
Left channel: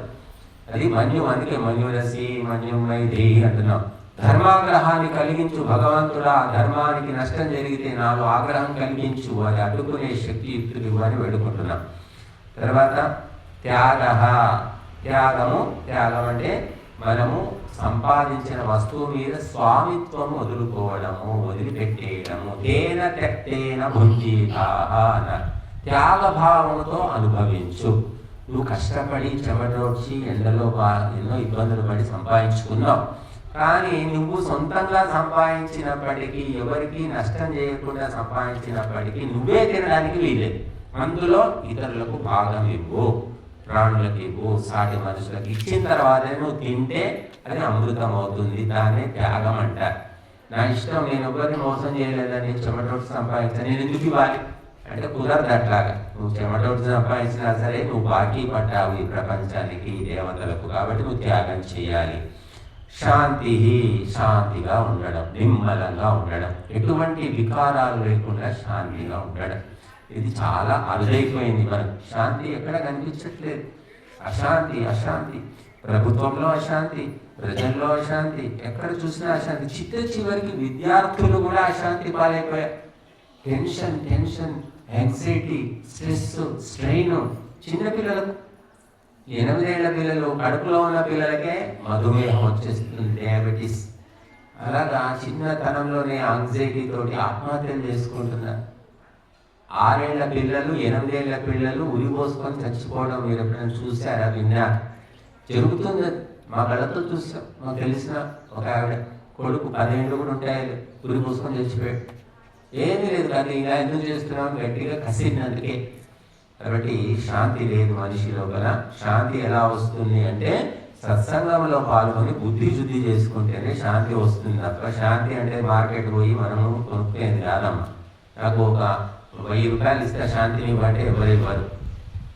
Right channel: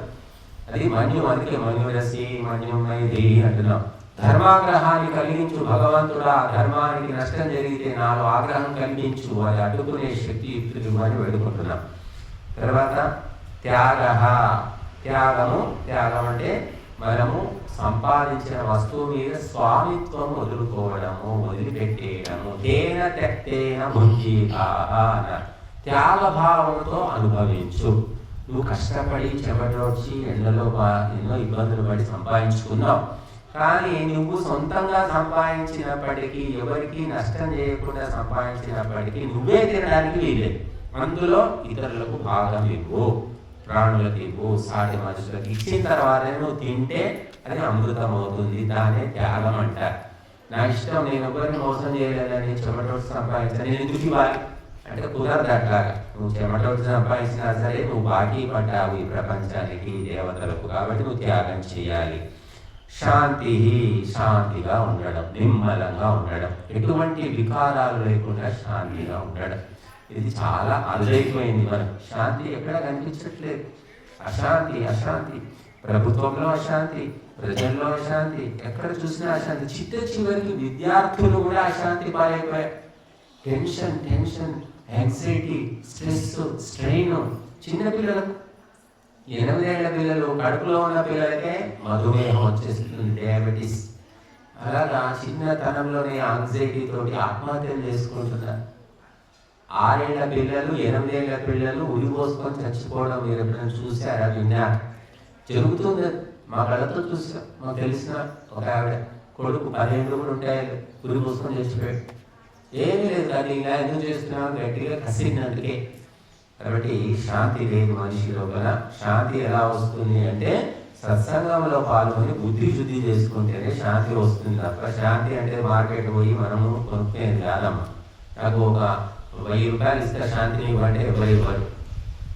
అది మన్యు. అందుకే మన్యురసి మన్యుమై దేహి అంటున్నాం. ధర్మాగ్రహాన్ని కలిగించు భగవంతుడా, ధర్మానికి నష్టం జరిగితే నాకు ఆగ్రహం కలిగించు, అది అడ్డుకునే శక్తి యుక్తులు అని వేడుకుంటున్నాం. తర్వాత త్యాగము. త్యాగం అంటే మనము సంపాదించిన వస్తువు మీద స్వామిత్వం వదులుకోవడము, వదిలిపెట్టేయడము. తేన తెక్తేన భుంజీతాః అన్నారు. త్యాగభావంతో అనుభవించు. నువ్వు కష్టపడి చెమటొచ్చి ఎండలో ఎన్నో ఇబ్బందులు పడి సంపాదించుకున్నావు, కానీ నువ్వు సొంతంగా సంపాదించినప్పటికీ, ఎవరికి నష్టం చేయకుండా సంపాదించినప్పటికీ నువ్వే తినడానికి వీలేదు. అందులో ఇతరులకు భాగం ఇవ్వు, ప్రాణులకు ఇవ్వు, సాటి మనుషులకు ఇచ్చిన తర్వాత నువ్వు తింటే అది అమృతం అవుతుంది. దాన్నే త్యాగం అంటారు. నా ఇష్టం, నేను ఎవరిని మోసం చేయలేదని చెమటోటి సంపాదించాను, నేను ఎందుకు ఇవ్వాలి అంటే కుదరదు. అట్లాగా నువ్వు చెమటోటి సంపాదించినా సరే నువ్వు బాకీ పడ్డావు ఈ ప్రపంచానికి, దేవతలకు, కాబట్టి నువ్వు త్యాగం చేయాలి. శాంతిగా ఉండడం, నిమ్మలంగా ఉండడం, ఎటువంటి వికారాలు లేకుండా శాంతిగా ఉండడం. ఇది చాలా అరుదైపోయింది. మనం శాంతి ఎక్కడ కనిపించట్లేదు. అశాంతి, ప్రభుత్వంలో అశాంతి, ప్రజల్లో అశాంతి, ఎక్కడ చూసినా అశాంతి. చివరికి విద్యార్థులు కూడా అశాంతి పాలైపోయారు. Tension, anxiety, stress, strain. చిన్నపిల్లలకు 8 ఏళ్ల పిల్లలు, కడుపులో ఉన్న పిల్లలకే మధుమేహం వచ్చేస్తుంది, డయాబెటీస్. అలాగా చిన్నతనంలోనే యాంగ్జైటీ తోటి ఆత్మహత్యలు చేసుకుంటున్నారు. 6 ఏళ్ల పిల్లలు, 8 ఏళ్ల పిల్లలు ఉరిపోసుకొని చచ్చిపోవడం మీరు ఎప్పుడైనా చూసారా, విన్నారా? జరుగుతుంది. మా కళ్ళతో చూసాం. మాకు తెలిసిన ఒక ఆవిడ కొడుకు 10 ఏళ్ళు ఉంటాయి, ఉరిపోసుకొని చచ్చిపోయాడు. ఏమీ లేదు, కానీ ఇలా ఎందుకు చేస్తున్నాను, గట్టిగా కసినందుకే. కాబట్టి శాంతి లేదు మనిషి లోపల. శాంతి ఎలా వస్తుంది అంటే సత్సంగంలో పాల్గొని బుద్ధి శుద్ధి చేసుకుంటేనే శాంతి వస్తుంది తప్ప శాంతి అంటే మార్కెట్ పోయి మనము కొనుక్కునేది కాదమ్మా. నాకు ఒక 1000 రూపాయలు ఇస్తే శాంతిని ఇవ్వంటే ఎవరు ఇవ్వరు.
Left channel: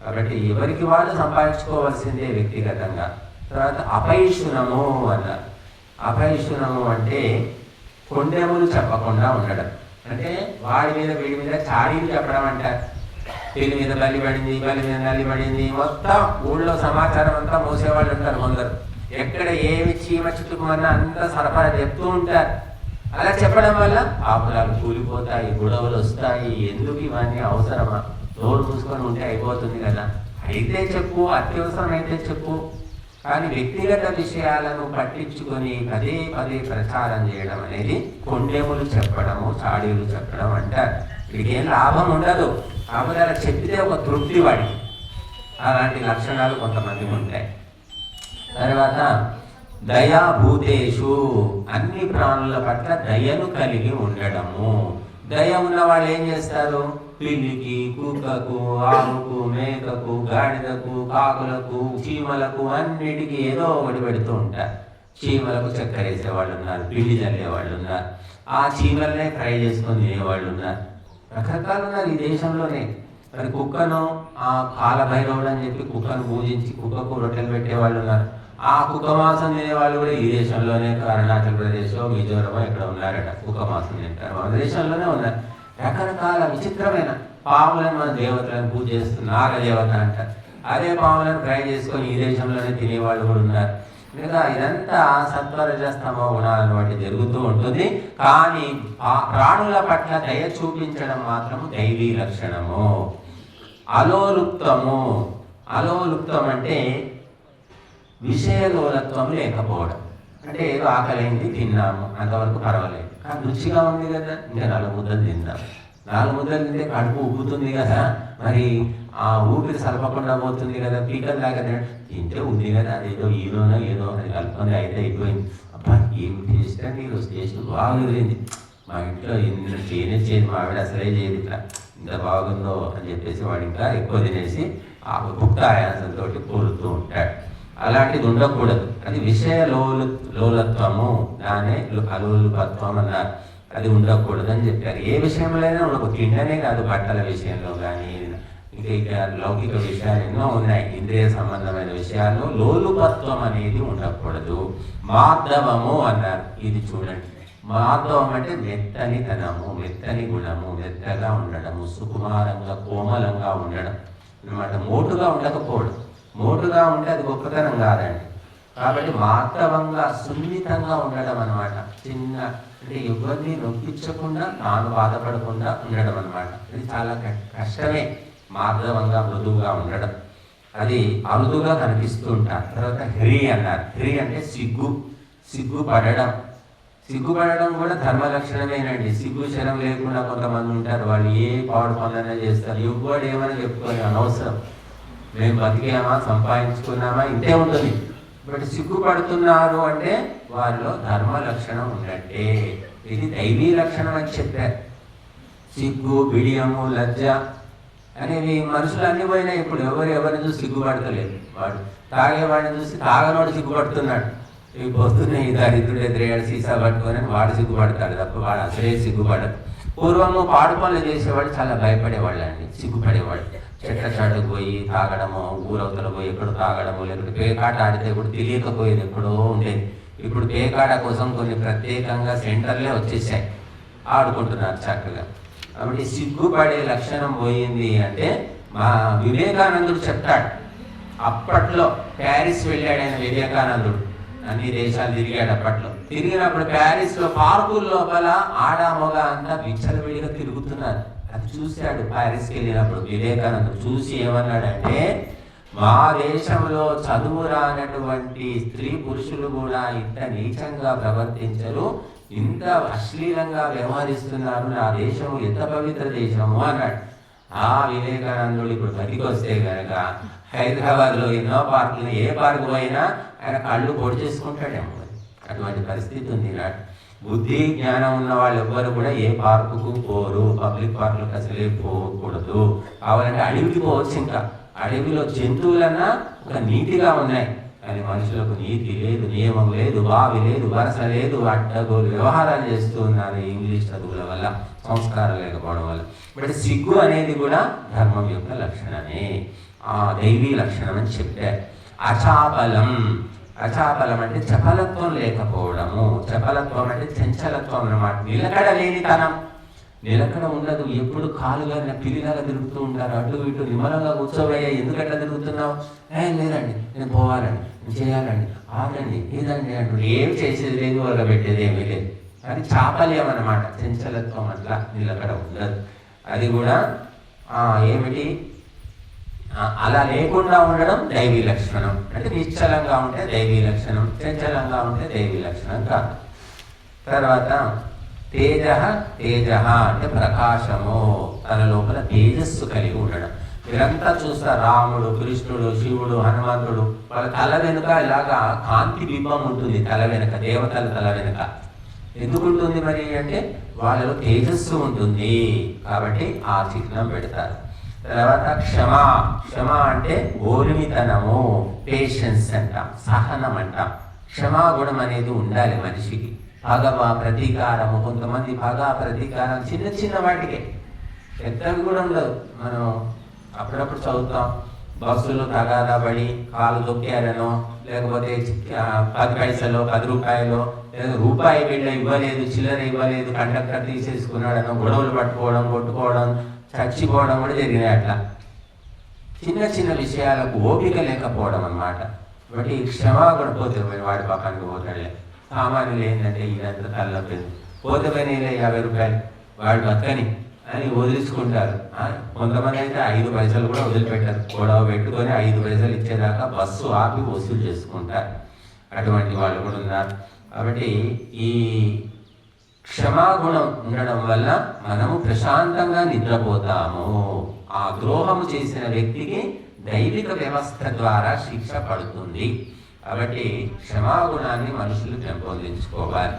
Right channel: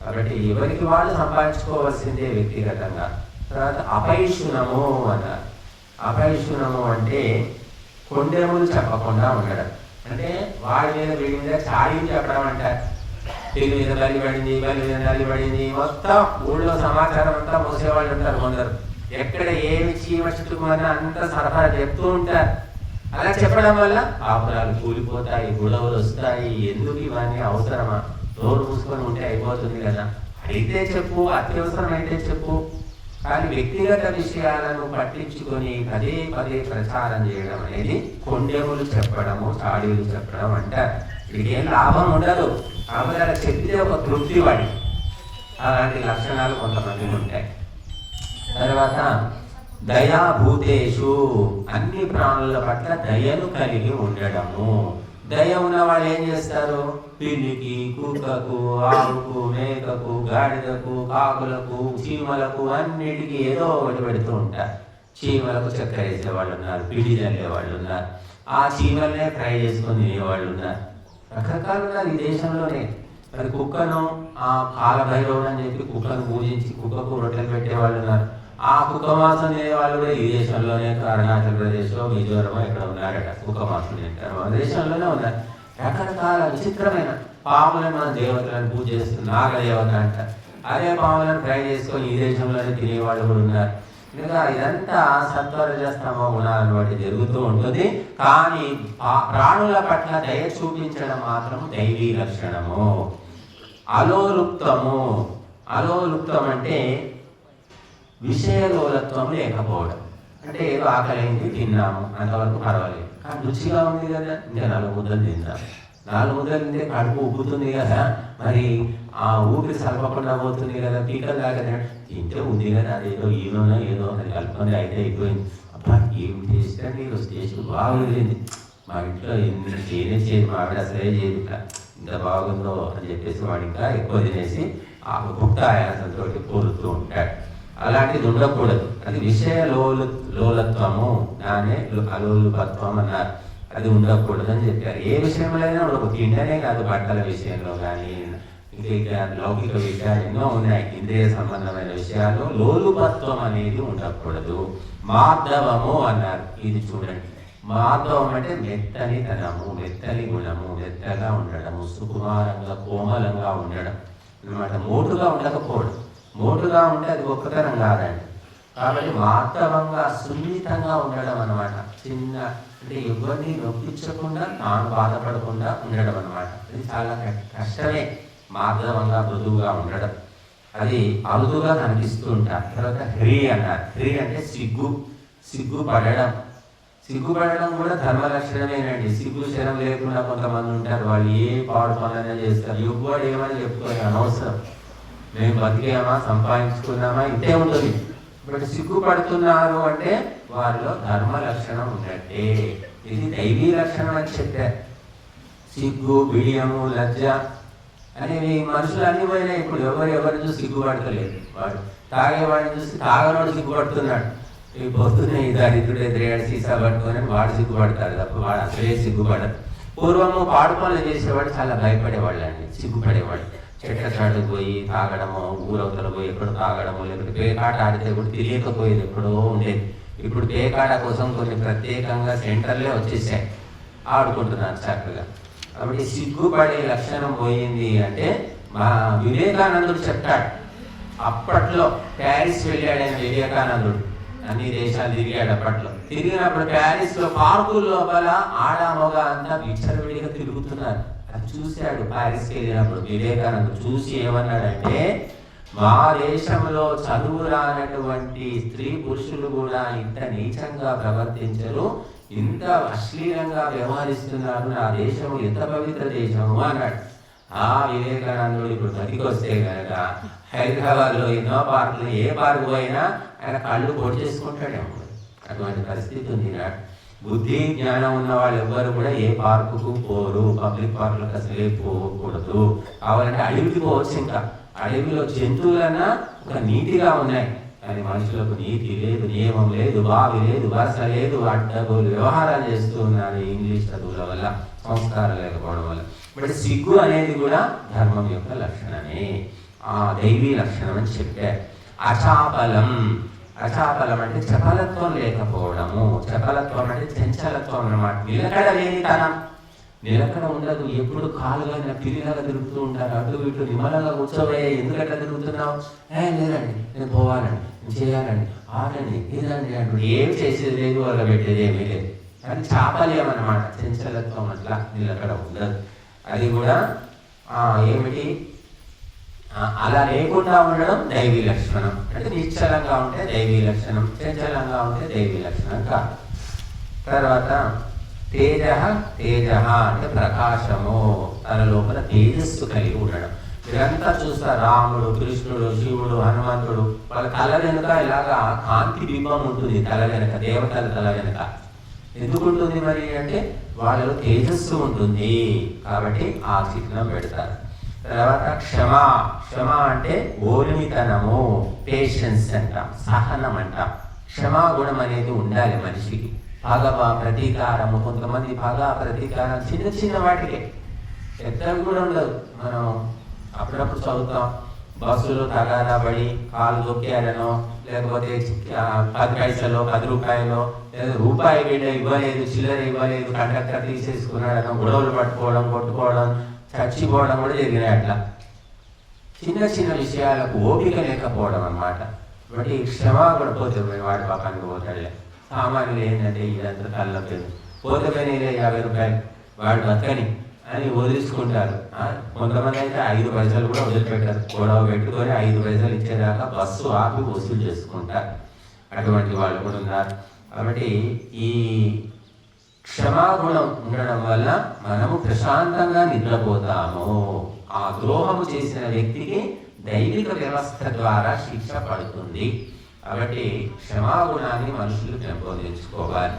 కాబట్టి ఎవరికి వాళ్ళు సంపాదించుకోవాల్సిందే వ్యక్తిగతంగా. తర్వాత అపైషునము అన్నారు. అపైషునము అంటే కొండెములు చెప్పకుండా ఉండడం. అంటే వాడి మీద వీడి మీద చాడీలు చెప్పడం అంటారు. పెళ్లి మీద బలి పడింది, బలి మీద నలి పడింది, మొత్తం ఊళ్ళో సమాచారం అంతా మోసేవాళ్ళు ఉంటారు. కొందరు ఎక్కడ ఏమి చీమ చుట్టుకున్నా అంతా సరఫరా చెప్తూ ఉంటారు. అలా చెప్పడం వల్ల పాపురాలు కూలిపోతాయి, గొడవలు వస్తాయి. ఎందుకు ఇవన్నీ అవసరమా? నోరు చూసుకొని ఉంటే అయిపోతుంది కదా. అయితే చెప్పు, అత్యవసరం అయితే చెప్పు, కానీ వ్యక్తిగత విషయాలను పట్టించుకొని పదే ప్రచారం చేయడం అనేది కొండెములు చెప్పడము, చాడీలు చెప్పడం అంటారు. వీడికి ఏం లాభం ఉండదు, కాకపోతే అలా చెప్తే ఒక తృప్తి వాడి. అలాంటి లక్షణాలు కొంతమంది ఉంటాయి. తర్వాత దయాభూతేషు, అన్ని ప్రాణుల పట్ల దయను కలిగి ఉండడము. దయ ఉన్నవాళ్ళు ఏం చేస్తారు? పిల్లికి, కుక్కకు, ఆవుకు, మేకకు, గాడిదకు, కాకులకు, చీమలకు అన్నిటికీ ఏదో ఒకటి పెడుతూ ఉంటారు. చీమలకు చక్కెర వేసేవాళ్ళు ఉన్నారు, పిల్లి చల్లేవాళ్ళు ఉన్నారు, ఆ చీమలనే ఫ్రై చేసుకొని తినేవాళ్ళు ఉన్నారు. రకరకాలు ఉన్నారు ఈ దేశంలోనే. మరి కుక్కను కాలభైరవుడు అని చెప్పి కుక్కను పూజించి కుక్కకు రొట్టెలు పెట్టేవాళ్ళు ఉన్నారు. ఆ కుక్క మాంసం తినేవాళ్ళు కూడా ఈ దేశంలోనే, అరుణాచల్ ప్రదేశ్, మిజోరం ఇక్కడ ఉన్నారట. కుక్క మాంసం తింటారు, మన దేశంలోనే ఉన్నారు. రకరకాల విచిత్రమైన పాములను మన దేవతలను పూజ చేస్తున్నారు, నాగదేవత అంటారు. అదే పాములను ఫ్రై చేసుకొని ఈ దేశంలోనే తినేవాళ్ళు కూడా ఉన్నారు. ఇంకా ఇదంతా సత్వరజస్తమ గుణాలను బట్టి జరుగుతూ ఉంటుంది. కానీ ఆ ప్రాణుల పట్ల దయ చూపించడం మాత్రం దైవీ లక్షణము. అలోలుప్తం అంటే విషయలోలత్వం లేకపోవడం. అంటే ఏదో ఆకలింది, తిన్నాము, అంతవరకు పర్వాలేదు, కానీ రుచిగా ఉంది కదా, ఇంకా 4 ముద్దలు తిన్నాము. 4 ముద్దలు తింటే కడుపు ఉబ్బుతుంది కదా, మరి ఆ ఊపిరి సలపకుండా పోతుంది కదా, పీకల దాకా తింటే ఉంది కదా, అదేదో ఏదో అని కలుపుకొని అయితే అయిపోయింది. అబ్బా ఏం టేస్ట్ అంటే ఈరోజు టేస్ట్ బాగుంది, మా ఇంట్లో ఎన్ని చేయని మా ఆవిడ అసలే చేయదు, ఇట్లా ఇంత బాగుందో అని చెప్పేసి వాడు ఇంకా ఎక్కువ తినేసి ఆ గుప్త ఆయాసంతో కోరుతూ ఉంటాడు. అలాంటిది ఉండకూడదు. అది విషయ లోలత్వము, దానే అలోలుపత్వం అన్నారు. అది ఉండకూడదు అని చెప్పారు. ఏ విషయంలో అయినా ఒక తిండనే కాదు, బట్టల విషయంలో కానీ ఇంకా లౌకిక విషయాలు ఎన్నో ఉన్నాయి. ఇంద్రియ సంబంధమైన విషయాలు లోలుపత్వం అనేది ఉండకూడదు. మాధవము అన్నారు. ఇది చూడండి, మాధవం అంటే మెత్తని తనము, మెత్తని గుణము, మెత్తగా ఉండడము, సుకుమారంగా కోమలంగా ఉండడం అనమాట. మోటుగా ఉండకపోవడం. మోటుగా ఉంటే అది గొప్పతనం కాదండి. కాబట్టి మాధవంగా సున్నితంగా ఉండడం అనమాట. చిన్న అంటే ఎవరిని నొప్పించకుండా, తాను బాధపడకుండా ఉండడం అనమాట. ఇది చాలా కష్టమే. మాధవంగా మృదువుగా ఉండడం, అది అరుదుగా కనిపిస్తూ ఉంటారు. తర్వాత హ్రీ అన్నారు. హ్రీ అంటే సిగ్గుపడడం. సిగ్గుపడడం కూడా ధర్మ లక్షణమేనండి. సిగ్గు శరం లేకుండా కొంతమంది ఉంటారు, వాళ్ళు ఏ పాడు పనులనే చేస్తారు. యుగ్గువాడు ఏమని చెప్పుకోవాలి అవసరం, మేము బతికామా, సంపాదించుకున్నామా, ఇంతే ఉంటుంది. బట్ సిగ్గుపడుతున్నారు అంటే వాళ్ళలో ధర్మ లక్షణం ఉన్నట్టే. ఇది దైవీ లక్షణం అని చెప్పారు. సిగ్గు, బిడియము, లజ్జ అనేవి మనుషులు అన్ని పోయినా ఇప్పుడు ఎవరిని చూసి సిగ్గుపడతలేదు. వాడు తాగేవాడిని చూసి తాగవాడు సిగ్గుపడుతున్నాడు. ఈ పొద్దునే ఈ దరిద్రుడు ఎదురేడు సీసా పట్టుకొని వాడు సిగ్గుపడతాడు తప్ప వాడు అసలే సిగ్గుపడదు. పూర్వము పాడు పనులు చేసేవాడు చాలా భయపడేవాళ్ళు అండి, సిగ్గుపడేవాడు. చెట్ల చాటుకు పోయి తాగడము, ఊరవతలు పోయి ఎక్కడో తాగడము, లేకపోతే పేకాట ఆడితే ఇప్పుడు తెలియకపోయేది, ఎక్కడో ఉండేది. ఇప్పుడు పేకాట కోసం కొన్ని ప్రత్యేకంగా సెంటర్లే వచ్చేసాయి, ఆడుకుంటున్నారు చక్కగా. కాబట్టి సిగ్గుపడే లక్షణం పోయింది అంటే మా వివేకానందుడు చెప్తాడు. అప్పట్లో ప్యారిస్ వెళ్ళాడు ఆయన వివేకానందుడు, అన్ని దేశాలు తిరిగాడు. అప్పట్లో తిరిగినప్పుడు ప్యారిస్లో పార్కుల లోపల ఆడమొగ అంతా విచ్చలవిడిగా తిరుగుతున్నారు. అది చూశాడు ప్యారిస్కి వెళ్ళినప్పుడు వివేకానందుడు. చూసి ఏమన్నాడంటే, మా దేశంలో చదువు రానటువంటి స్త్రీ పురుషులు కూడా ఇంత నీచంగా ప్రవర్తించరు, ఇంత అశ్లీలంగా వ్యవహరిస్తున్నారు, నా దేశం ఎంత పవిత్ర దేశము అన్నాడు. ఆ వివేకానందుడు ఇప్పుడు బతికొస్తే కనుక హైదరాబాద్లో ఎన్నో పార్కులు, ఏ పార్కు పోయినా ఆయన కళ్ళు పొడి చేసుకుంటాడేమో. అటువంటి పరిస్థితి ఉంది నాడు. బుద్ధి జ్ఞానం ఉన్న వాళ్ళు ఎవ్వరు కూడా ఏ పార్కుకు పోరు, పబ్లిక్ పార్కులకు అసలే పోకూడదు. కావాలంటే అడవికి పోవచ్చు. ఇంకా అడవిలో జంతువులన్నా ఒక నీతిగా ఉన్నాయి, కానీ మనుషులకు నీతి లేదు, నియమం లేదు, బావి లేదు, వరస లేదు, అడ్డగోలు వ్యవహారాలు చేస్తున్నారు ఇంగ్లీష్ చదువుల వల్ల, సంస్కారం లేకపోవడం వల్ల. బట్ సిగ్గు అనేది కూడా ధర్మం యొక్క లక్షణమే, దైవీ లక్షణం అని చెప్పారు. అచాపలం, అచాపలం అంటే చపలత్వం లేకపోవడము. చపలత్వం అంటే చంచలత్వం అన్నమాట. నిలకడ లేనితనం, నిలకడ ఉండదు. ఎప్పుడు కాలుగా పిల్లిలాగా తిరుగుతూ ఉంటారు, అటు ఇటు. నిమ్మలంగా కూర్చోబోయే, ఎందుకట్లా తిరుగుతున్నావు? లేదండి, నేను పోవాలండి, నేను చేయాలండి, ఆగండి, ఇదండి అంటు. ఏం చేసేది లేదు, వల్ల పెట్టేది ఏమీ లేదు. అది చాపల్యం అన్నమాట, చంచలత్వం. అట్లా నిలకడ ఉండదు. అది కూడా ఏమిటి, అలా లేకుండా ఉండడం దైవీ లక్షణం. అంటే నిశ్చలంగా ఉంటే దైవీ లక్షణం, చంచలంగా ఉంటే దైవీ లక్షణం కాదు. తర్వాత తేజ, తేజ అంటే ప్రకాశము, తన లోపల తేజస్సు కలిగి ఉండడం. మీరంతా చూస్తారు, రాముడు, కృష్ణుడు, శివుడు, హనుమంతుడు, వాళ్ళ తల వెనుక ఇలాగా కాంతి బింబం ఉంటుంది. తల వెనుక, దేవతల తల వెనుక ఎందుకు ఉంటుంది మరి అంటే వాళ్ళలో తేజస్సు ఉంటుంది కాబట్టి ఆ చిహ్నం పెడతారు. తర్వాత క్షమ, క్షమ అంటే ఓర్మితనము, పేషెన్స్ అంటాం, సహనం అంటాం. క్షమాగుణం అనేది ఉండాలి మనిషికి. పగ, ప్రతీకారము, కొంతమంది పగ, ప్రతీకారం చిన్న చిన్న వాటికే, పెద్దవి కూడా ఉండదు. మనం అప్పుడప్పుడు చదువుతాం, బస్సులో తగాదా పడి కాలు దొక్కారనో, లేకపోతే 10 పైసలు, 10 రూపాయలు, లేదా రూపాయి వీళ్ళ ఇవ్వలేదు, చిల్లర ఇవ్వలేదు, కండక్టర్ తీసేసుకున్నాడనో గొడవలు పట్టుకోవడం, కొట్టుకోవడం, చచ్చిపోవడం కూడా జరిగినాయి. అట్లా చిన్న చిన్న విషయాలకు ఓపిక లేకపోవడం అన్నమాట. బట్టి క్షమాగుణం పోతే వాడి పక్కనికి పోతాడే. సామాన్యులు ఏంటంటే ఇదంతా తల్లపోయింది, పోతే పని 50 రూపాయలు వాడు పక్కని అని వదిలించుకుంటారు. కొంతమంది అయితే 5 పైసలు కూడా వదిలిపెట్టారు, గొడవ పెట్టుకొని 5 పైసలు ఇచ్చేదాకా బస్సు ఆపి వసూలు చేసుకుంటారు. అటువంటి వాళ్ళు కూడా ఉన్నారు. కాబట్టి ఈ క్షమాగుణం ఉండడం వల్ల మనము ప్రశాంతంగా నిద్రపోతాము. ఆ ద్రోహం చేసిన వ్యక్తికి దైవిక వ్యవస్థ ద్వారా శిక్ష పడుతుంది. కాబట్టి క్షమాగుణాన్ని మనుషులు పెంపొందించుకోవాలి.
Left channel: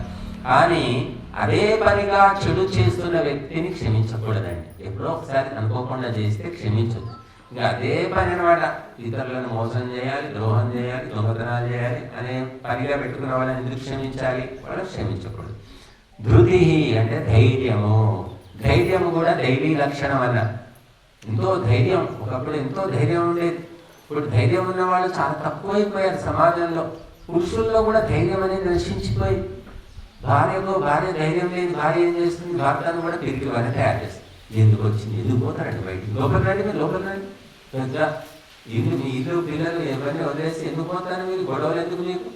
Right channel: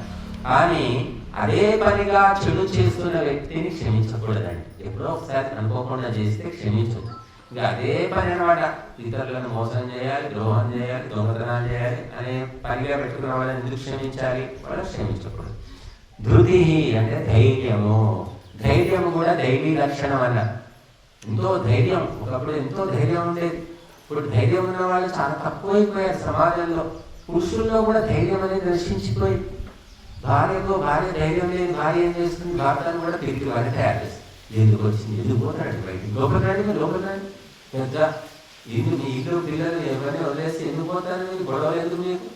కానీ అదే పనిగా చెడు చేస్తున్న వ్యక్తిని క్షమించకూడదండి. ఎప్పుడో ఒకసారి అనుకోకుండా చేస్తే క్షమించదు. ఇంకా అదే పని మాట ఇతరులను మోసం చేయాలి, ద్రోహం చేయాలి, దొంగతనాలు చేయాలి అనే పనిగా పెట్టుకున్న వాళ్ళని ఎందుకు క్షమించాలి? వాళ్ళని క్షమించకూడదు. ధృతి అంటే ధైర్యము. ధైర్యం కూడా దైవీ లక్షణం అన్న. ఎంతో ధైర్యం, ఒకప్పుడు ఎంతో ధైర్యం ఉండేది. ఇప్పుడు ధైర్యం ఉన్న వాళ్ళు చాలా తక్కువైపోయారు సమాజంలో. పురుషుల్లో కూడా ధైర్యం అనేది నశించిపోయి, భార్య ధైర్యం లేని భార్య ఏం చేస్తుంది? భర్తను కూడా తిరిగి వారిని తయారు చేస్తుంది. ఎందుకు వచ్చింది? ఎందుకు పోతారండి బయటికి? లోపలికి రండి పెద్ద ఇల్లు, మీ ఇల్లు పిల్లలు ఎవరిని వదిలేసి ఎందుకు పోతారు? మీరు గొడవలు ఎందుకు మీకు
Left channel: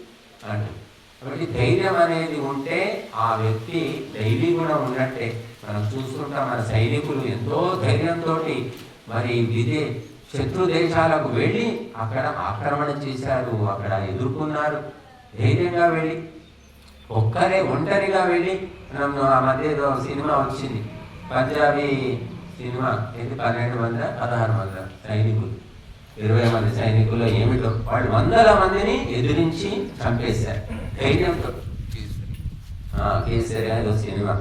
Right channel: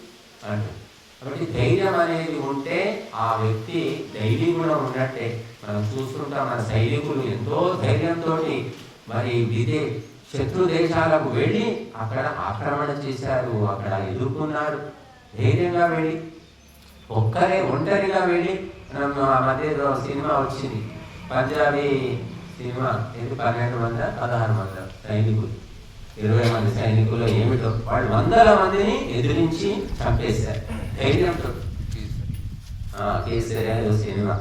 అంటే. కాబట్టి ధైర్యం అనేది ఉంటే ఆ వ్యక్తి దైవీ గుణం ఉన్నట్టే. మనం చూస్తుంటాం, మన సైనికులు ఎంతో ధైర్యంతో మరి శత్రు దేశాలకు వెళ్ళి అక్కడ ఆక్రమణ చేశారు, అక్కడ ఎదుర్కొన్నారు. ధైర్యంగా వెళ్ళి ఒంటరిగా వెళ్ళి. మనం ఆ మధ్య సినిమా వచ్చింది, పంజాబీ సినిమా. ఇది 1200-1600 సైనికులు, 20 మంది సైనికులు ఏమిటో వాళ్ళు 100 మందిని ఎదిరించి చంపేశారు ధైర్యంతో. కేసరి అనేది సినిమా,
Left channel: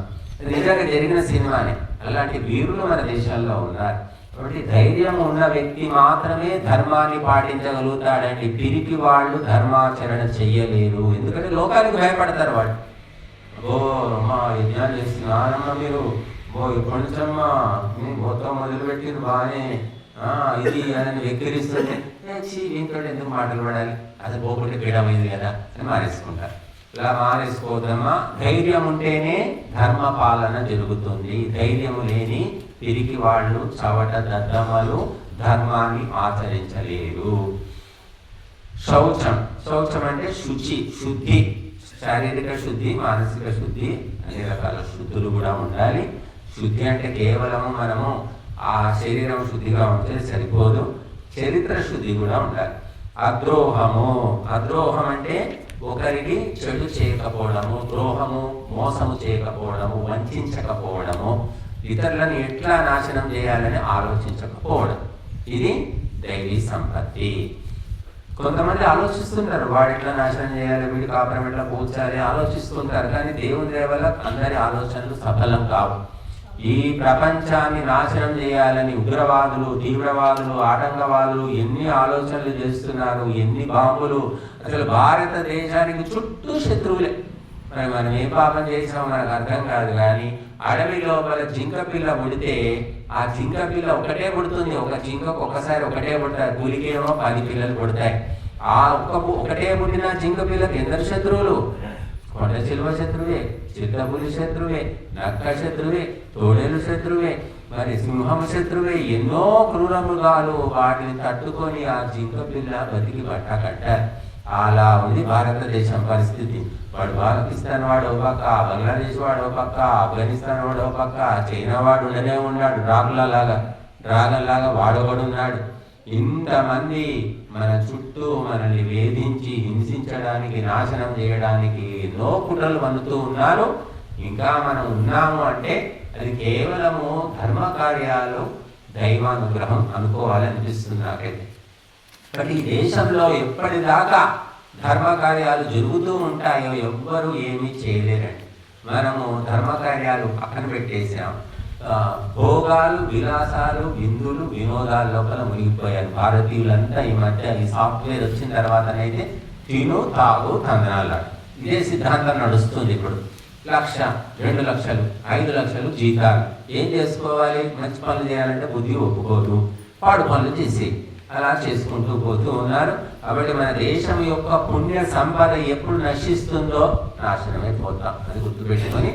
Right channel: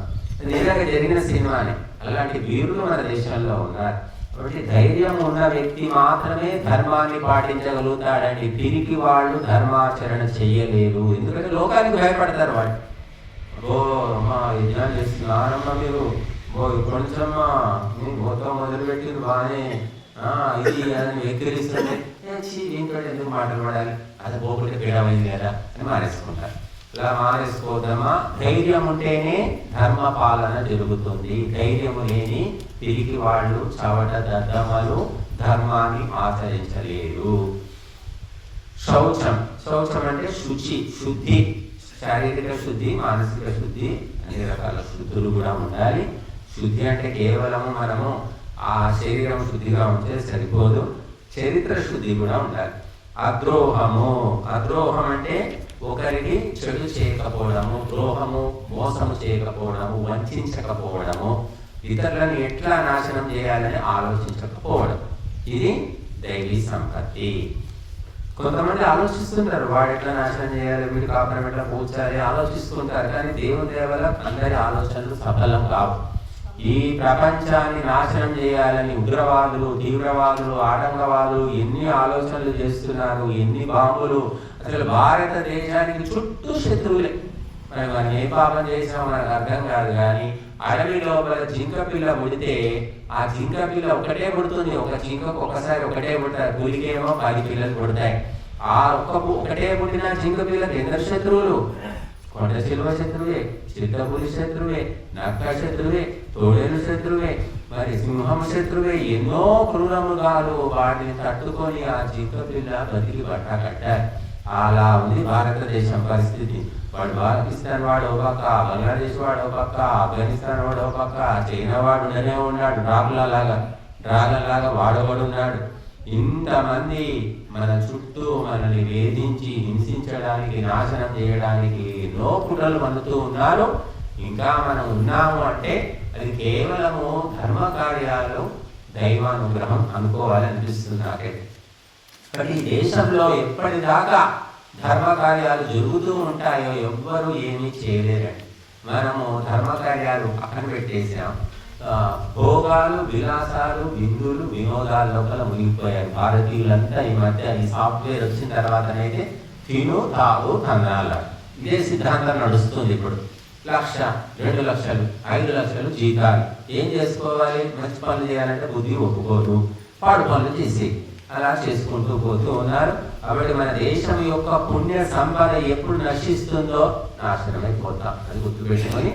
నిజంగా జరిగిన సినిమా అని. అలాంటి వీరులు మన దేశంలో ఉన్నారు. కాబట్టి ధైర్యం ఉన్న వ్యక్తి మాత్రమే ధర్మాన్ని పాటించగలుగుతాడండి. పిరికి వాళ్ళు ధర్మాచరణ చెయ్యలేరు. ఎందుకంటే లోకానికి భయపడతారు వాళ్ళు. మా యజ్ఞాలు చేస్తున్నారమ్మా మీరు, కొంచెమ్మా మొత్తం మొదలుపెట్టింది బాగానే ఇది అని వెక్కిరిస్తుంటే దీంతో ఎందుకు మాట్లాడాలి, అది పోకుంటే పీడమైంది కదా అని మానేసుకుంటారు. ఇలా మానేసుకోవద్దమ్మా. ధైర్యం ఉంటేనే ధర్మ పాలన జరుగుతుంది. ధైర్యం లేని తిరిగి వాళ్ళు చవట దద్దమలు ధర్మాన్ని ఆచరించలేరు. శౌచం అంటే శుద్ధి, శారీరక శుద్ధి, మానసిక శుద్ధి, అన్ని రకాల శుద్ధులు కూడా ఉండాలి. శుద్ధి అంటే కేవలం మనము ఆ శరీరం శుద్ధిగా ఉంటే సరిపోదు, చరిత్ర శుద్ధి కూడా ఉండాలి. అద్రోహం అంటే ఒకరికి చెడు చేయకపోవడము, ద్రోహము, మోసము చేయకపోవడము, వంచకపోవడము, ఇతరులను ఎట్లా నాశనం చేయాలని ఆలోచించకపోవడం. ఇది దైవీ సంపత్తి. కొంతమంది ఆలోచిస్తుంటారు, వాడు ఎట్లా నాశనం చేయాలి, వీడు కాపురం ఎట్లా కూర్చాలి ఆలోచిస్తుంటారు. కానీ దేవుని దేవల అందరి ఆలోచనలు సఫలం కావు. ఈ ప్రపంచాన్ని నాశనం చేయాలని ఉగ్రవాదులు, తీవ్రవాదులు, ఆటంకవాదులు ఎన్ని ఆలోచనలు చేస్తున్నారు, ఎన్ని బాంబులు. అసలు భారతదేశానికి చుట్టూ శత్రువులే. మనం ఏ పాపం చేసామో మనకు అర్థం కాదు. కానీ అడవి లోపల జింక పిల్ల పుడితే ఆ జింక పిల్ల ఒకటే పుడుతుంది. ఒక జింకకు ఒకసారి ఒకటే పుడతారు, పులికేమో 10 పిల్లలు పుడతాయి. ఆ ఒకటే పుట్టిన జింక పిల్లకి ఎందరు శత్రువులు? కొండ చిలువ శత్రువే, చిత్తపులి శత్రువే, నక్క శత్రువే, తోడేలు శత్రువే, మరి సింహం శత్రువే. ఎన్నో క్రూర మృగాలు వాటిని తట్టుకొని ఆ జింక పిల్ల బతికి బట్ట కట్టారు. అలా ఉంది భారతదేశం పరిస్థితి. వాడు పాకిస్తాన్ వాడు ఒక పక్క, బంగ్లాదేశ్ వాడు ఒక పక్క, ఆఫ్ఘనిస్తాన్ వాడు ఒక పక్క, చైనా వాడు ఉండనే ఉన్నాడు, డ్రాగన్ లాగా వాడొకడు ఉన్నాడు. ఇంతమంది మన చుట్టూ మనల్ని వేధించి హింసించడానికి, నాశనం చేయడానికి ఎన్నో కుట్రలు అందుతూ ఉన్నారు. ఇంకా మనం ఉన్నాము అంటే అది కేవలము ధర్మ కార్యాలు, దైవానుగ్రహం అనుకోవాలనిపిస్తుంది నాకైతే. కానీ ఈ దేశంలో ఎప్పటిదాకా ధర్మ కార్యాలు జరుగుతూ ఉంటాయో ఎవ్వరూ ఏమీ చేయలేరండి. మనము ధర్మ కార్యాలు పక్కన పెట్టేసాం. భోగాలు, విలాసాలు, విందులు, వినోదాల లోపల మునిగిపోయారు భారతీయులంతా. ఈ మధ్య ఈ సాఫ్ట్వేర్ వచ్చిన తర్వాతనైతే తిను, తాగు, తంద్రాల ఇదే సిద్ధాంతం నడుస్తుంది. ఇప్పుడు 1,00,000, 2,00,000, 5,00,000 జీతాలు. ఏం చేసుకోవాలి? మంచి పనులు చేయాలంటే బుద్ధి ఒప్పుకోరు, పాడు పనులు చేసి అలా చేసుకుంటూ పోతూ ఉన్నారు. కాబట్టి మన దేశం యొక్క పుణ్య సంపద ఎప్పుడు నశిస్తుందో నాశనమైపోతాం. అది గుర్తుపెట్టుకొని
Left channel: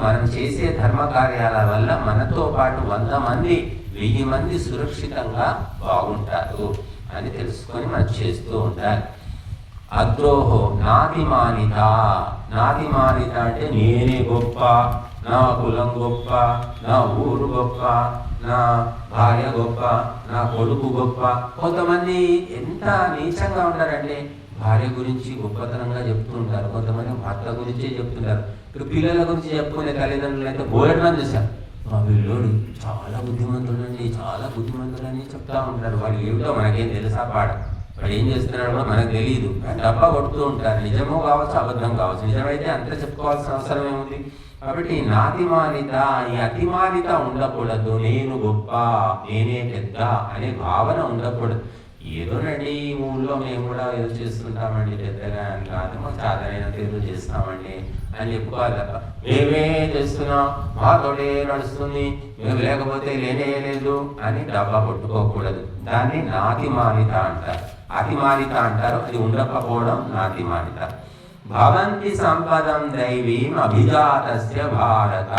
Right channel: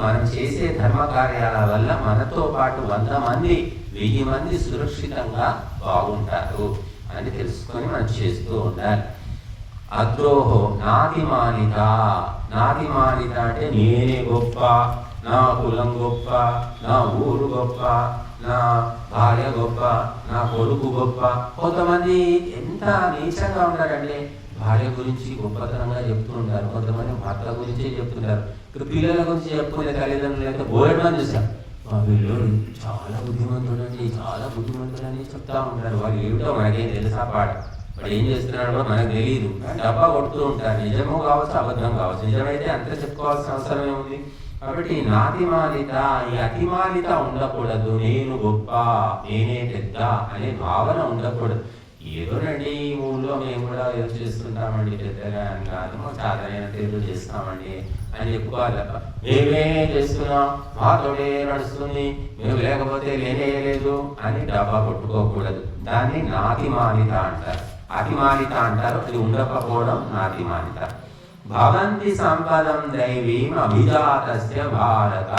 మనం చేసే ధర్మ కార్యాల వల్ల మనతో పాటు 100 మంది, 1000 మంది సురక్షితంగా బాగుంటారు అని తెలుసుకొని మనం చేస్తూ ఉండాలి. అద్రోహో నాతిమానిత. నాతిమానిత అంటే నేనే గొప్ప, నా కులం గొప్ప, నా ఊరు గొప్ప, నా భార్య గొప్ప, నా కొడుకు గొప్ప. కొంతమంది ఎంత నీచంగా ఉంటారంటే భార్య గురించి గొప్పతనంగా చెప్తూ ఉంటారు, కొంతమంది భర్త గురించే చెప్తుంటారు. ఇప్పుడు పిల్లల గురించి చెప్పుకునే తల్లిదండ్రులు అయితే బోర్డు చూసారు, మా పిల్లోడు చాలా బుద్ధిమంతుడని, చాలా బుద్ధిమంతుడని చెప్తా ఉంటారు. వాడు ఏమిటో మనకేం తెలుసా? వాడు ఏం చేస్తున్నాడో మనకు తెలియదు. డబ్బా కొడుతూ ఉంటారు. నిజము కావచ్చు, అబద్ధం కావచ్చు. నిజమైతే అంతా చెప్పుకోవాల్సిన అవసరం ఏముంది? కాబట్టి నాతిమాలిత, ఈ అతిమాలిత ఉండకూడదు. నేను గొప్ప, నేనే పెద్ద అనే భావన ఉండకూడదు. ఏదోనండి ఊళ్ళో మేము కూడా ఏదో చేస్తుంటామండి, పెద్దగా చాదైన తెలుగు చేస్తామండి అని చెప్పుకోవాలి తప్ప మేమే చేస్తున్నాం, మాతోటే నడుస్తుంది, మేము లేకపోతే లేనేలేదు అని డబ్బా కొట్టుకోకూడదు. దాన్ని నాతిమాలిత అంటారు. అతిమాలిత అంటారు. అది ఉండకపోవడం నాతిమాలిత. భవంతి సంపదం దైవీం అభిజాతస్య భారత.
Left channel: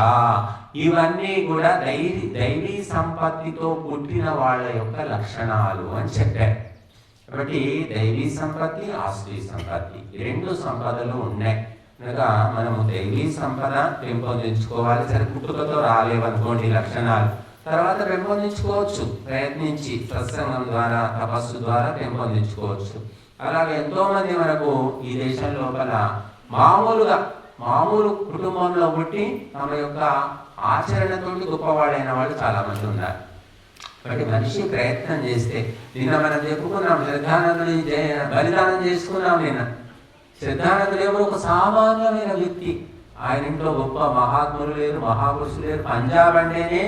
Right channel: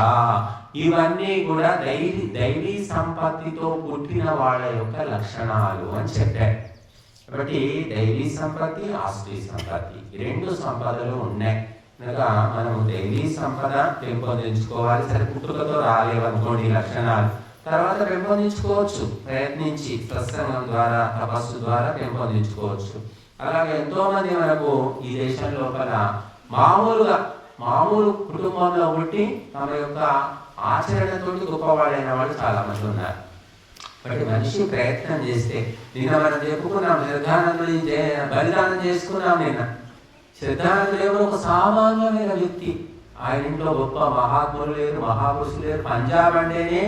ఇవన్నీ కూడా దైవీ సంపత్తితో పుట్టిన వాళ్ళ యొక్క లక్షణాలు అని చెప్పారు. కాబట్టి దైవీ సంపత్తి, ఆశ్రీ సంపత్తి రెండు సంపదలు ఉన్నాయి కనుక మనం దైవీ సంపద పెంపొందించుకోవాలి. సరే పుట్టుకతో రాలేవనుకోండి లక్షణాలు, తర్వాత పెంపొందించుకోవచ్చు, ప్రయత్నించి సత్సంగం ద్వారా తపస్సు ద్వారా పెంపొందించుకోవచ్చు. అలాగే ఎంతో మంది మనకు ఈ దేశం లోపల మామూలు కుటుంబంలో పుట్టి తమ యొక్క ఆచరణతో గొప్పవాడైన వాళ్ళు చాలా మంది ఉన్నారు. కాబట్టి మనిషి ప్రయత్నం చేస్తే, నిన్న మనం చెప్పుకున్నాం శ్రద్ధానందుని బలిదానం చేసుకున్నాం. నిన్న శ్రద్ధానందుడు ఎవరు? ఒక సామాన్యమైన వ్యక్తి. ఆయన ఇంట్లో గొప్ప మహాత్ములు లేరు, మహాపురుషులు లేరు. పంజాబ్ అంటేనే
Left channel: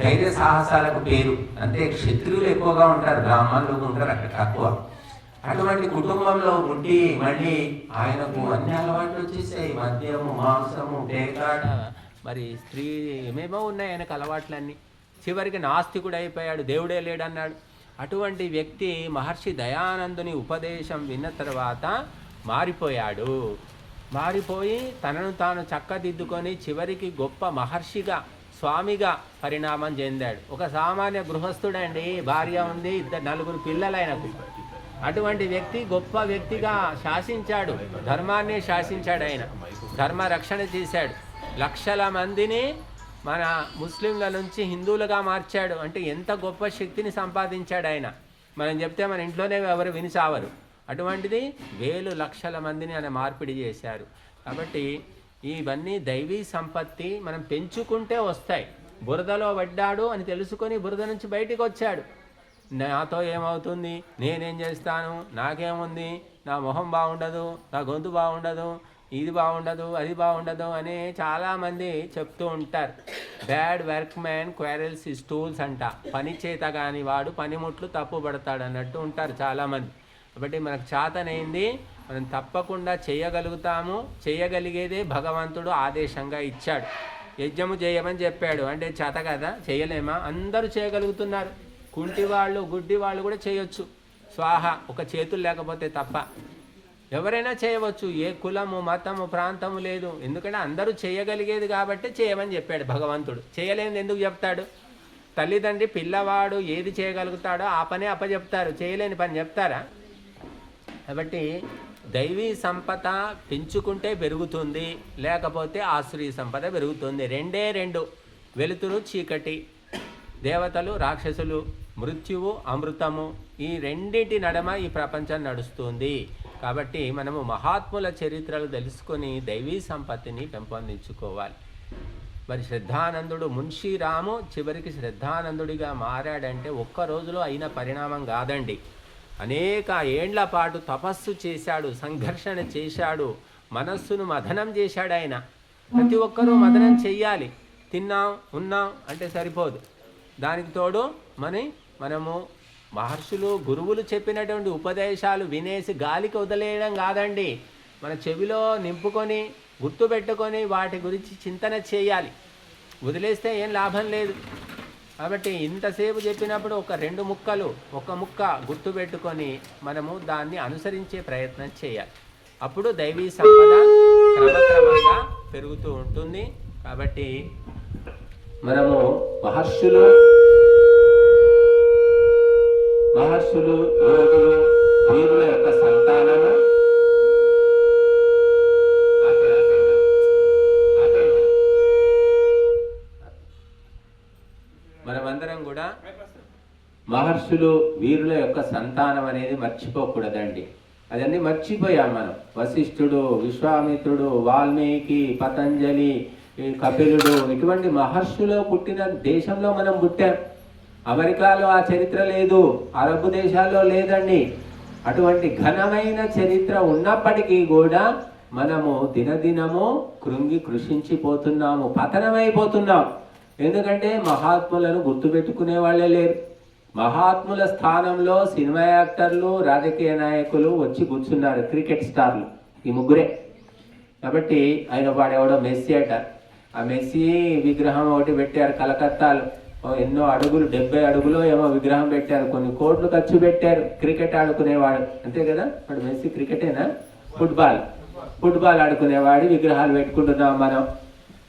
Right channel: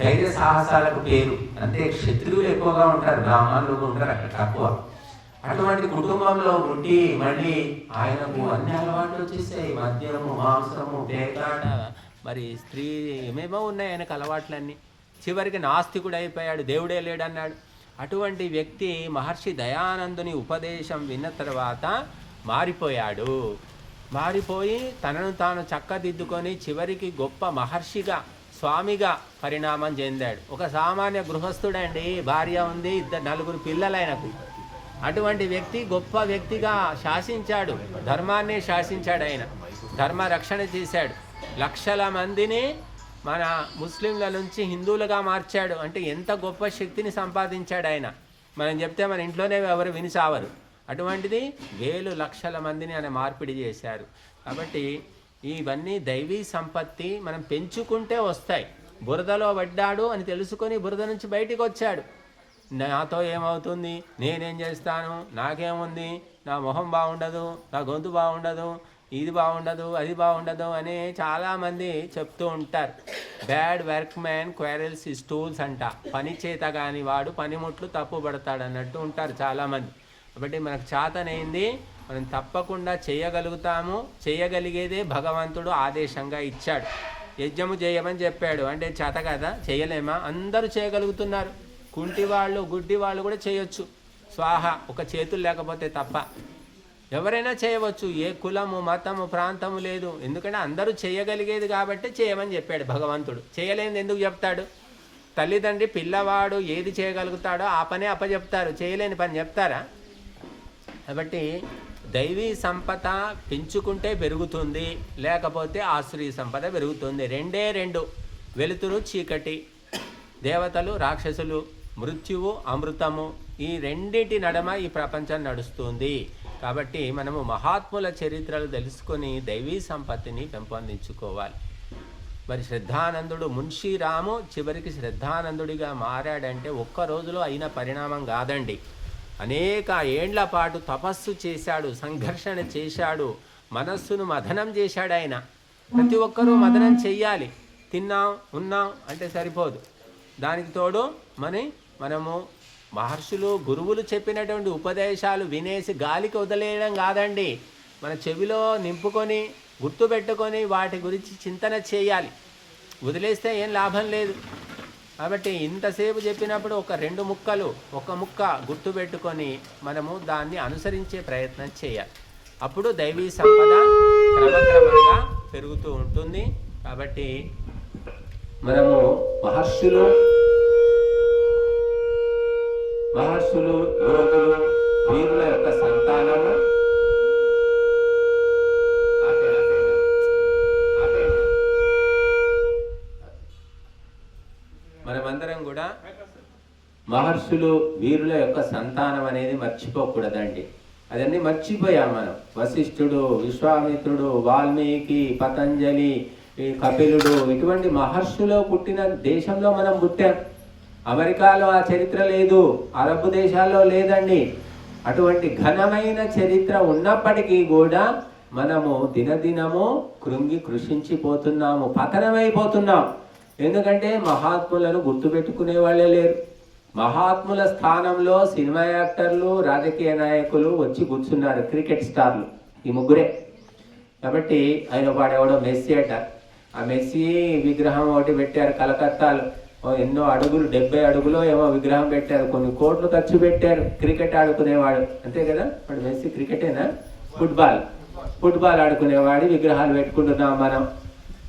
ధైర్య సాహసాలకు పేరు. అంతే, క్షత్రియులు ఎక్కువగా ఉంటారు, బ్రాహ్మణులు ఉంటారు అక్కడ తక్కువ. అటువంటి కుటుంబంలో ఉండి మళ్ళీ ఆయనకు అన్ని అలవాట్లు వచ్చేసాయి. మద్యము, మాంసము, పేకాట, మరి స్త్రీ ఏమేమో ఉన్నాయి ఆయనకు అలవాట్లన్నీ. చివరికి నాస్తికుడు అయిపోయాడు, దేవుడే లేడన్నాడు. అటువంటి వ్యక్తి మహర్షి దయానందుని ఉపదేశం విన్న తర్వాత మారిపోయాడు. మారిపోయి తనను తాను చక్కదిద్దుకొని చివరికి గొప్ప మహర్షిగా, స్వామిగా పరిణామం చెందాడు. ఒక సామాన్య గృహస్థుడండి, భార్య ఉంది, నలుగురు పిల్లలైనవి. అటువంటి వ్యక్తి గొప్ప వ్యక్తిగా శాసించాడు, ధర్మాన్ని శాసించాడు. ఆయన ధర్మ రక్షణ చేశాడు. లక్షల మందిని మన ముస్లింల నుంచి హిందువులుగా మార్చాడు. అంటే ఎంత గొప్ప శక్తిని సంపాదించాడు ఆయన. మనం చెప్తే మన ఇంట్లోనే ఎవరు విని సావరు. అటువంటిది వేలు లక్షల మందిని ఆయన మార్పిడి చేశారు. కాబట్టి ఇవన్నీ దైవీ సంపత్తి మనం పెంచుకుంటే వస్తాయి. బురదలో పడ్డాడు అని తెలుసుకొని బురద నుంచి బయటికి వచ్చాడు. నాతో ఏమవుతుంది, నేనేం చేస్తాను, నాకేముంది, నా మొహం బాగుండదు, నా గొంతు బాగుండదు, ఇది బాగుండదు, అది బాగుండదు అని చాలామంది చెప్తూ ఉంటారు. Bad work man క్వారెల్స్ his tools అంట. పని చేత కాని వాడు పనిముట్లు తప్పు పడతాడు అన్నట్టు ఉంటారు చాలామంది. కాబట్టి మనకు చేతనైంది మనం తప్పకుండా చేయగలుగుతాము. చేయగలిగేదే భగవంతుడు ఆదేశంగా ఇచ్చాడు. యజ్ఞము చేయమని చెప్పాడు. అంటే చేత కదా, చేయలేమా? అందరూ చేయగలుగుతున్నారు. కుంటి వాళ్ళు, గుడ్డి వాళ్ళు కూడా చేయొచ్చు. స్వాహ, ఒక చేతులు లేకపోతే తప్ప ఎవరైనా చేయవచ్చు. ఏ కులము, మతము, ప్రాంతము లేదు. ఎందుకంటే అందరూ చేయగలిగేది కాబట్టి చేయమని చెప్పాడు భగవంతుడు. చేయలేనిది ఎందుకు చెప్తాడు? తల్లిదండ్రి పిల్లవాడు ఏది చేయగలుగుతాడో ఆ పనే అప్పచెప్తారు, చేయలేని పని చెప్తారా? కాబట్టి దైవీ సంపద పెంచుకుంటే పెరుగుతుంది, లేకపోతే ఆశ్రీ సంపద పెరుగుతుంది. రెండే రెండు, వెలుతురు చీకటి, దేవతలు రాక్షసులు, మృత్యువు అమృతము. ఈ రెండింటి నడమ ఈ ప్రపంచం నడుస్తుంది. కాబట్టి మనము మహాత్ముల చరిత్రలు తెలుసుకొని దైవీ సంపత్తిని పెంపొందించుకోవాలి. మరి శ్రద్ధానందుడు మున్షీరాము చివరికి శ్రద్ధానందుడిగా మారాడంటే ఒక్క రోజులో అయిన పరిణామం కాదండి. అనేక ఏండ్ల పాటు తపస్సు చేశాడు, సంఘర్షణ చేశాడు, మనస్సును మథనం చేశాడు ఆయన. ప్రతి ఒక్కరూ మథనం చెయ్యాలి. తిన్నాం ఉన్నాం అంటే సరిపోదు. దానికి తోడు మనము మహర్షులు, గురువులు చెప్పినటువంటి ఉపదేశాలు వినేసి గాలికి వదిలేయడం కాదండి. మన చెవిలో నింపుకొని గుర్తుపెట్టుకొని వాటి గురించి చింతన చేయాలి. వదిలేస్తే ఏం లాభం లేదు. కాబట్టి ఇంతసేపు చెప్పినప్పుడు ఒక ముక్క గుర్తుపెట్టుకొని మనము దాన్ని అనుసరించే ప్రయత్నం చేయాలి. అప్పుడు దైవీ సంపద క్రమక్రమంగా పెరుగుతూ ఉంటుంది. కాబట్టి మనము మహర్షులు, యోగులు, వీరుల యొక్క సంతానము. మనమందరం కూడా మహర్షులు, వీరుల యొక్క సంతానం అనేది మర్చిపోకూడదండి. అదన్నీ మర్చిపోయాం మనం. వశిష్ఠుడు, విశ్వామిత్రుడు, వాల్మీకి, పతంజలి, కపిలుడు, ఇటువంటి మహర్షులు పుట్టిన దేశంలో మనం పుట్టాం. అమెరికాలో ఆ చరిత్ర లేదు, అరబ్ దేశాల్లో లేదండి. అటువంటి ఘనమైన చరిత్ర ఉన్నప్పటికీ కూడా మనము దినదినము కృషించిపోతున్నాము, పతనమైపోతున్నాం. ఎందుకంటే మహాత్ములను గుర్తుపెట్టుకునే వాళ్ళే లేరు. మహాత్ముల స్థానంలో సినిమా యాక్టర్లు, రాజకీయ నాయకులు వచ్చి కూర్చున్నారు, క్రికెట్ స్టార్లు, ఈ ముగ్గురే. కాబట్టి ఆయన వాడెవడో మెస్సీ అట, ఆ మెస్సీ విగ్రహం ఒకటి పెట్టారు కలకత్తాలో, ఎన్నో అడుగులు, 70 అడుగులో ఏమో విగ్రహం పెట్టారు, కొన్ని కోట్లు ఖర్చు పెట్టారు. క్రికెట్ ఆడుకునేవాడు అంతే కదా, వాడు మెస్సీ క్రికెటేనా, ఫుట్బాల్ ఆడుకునేవాడి విగ్రహాలు పెట్టుకుంటున్నాం మనం.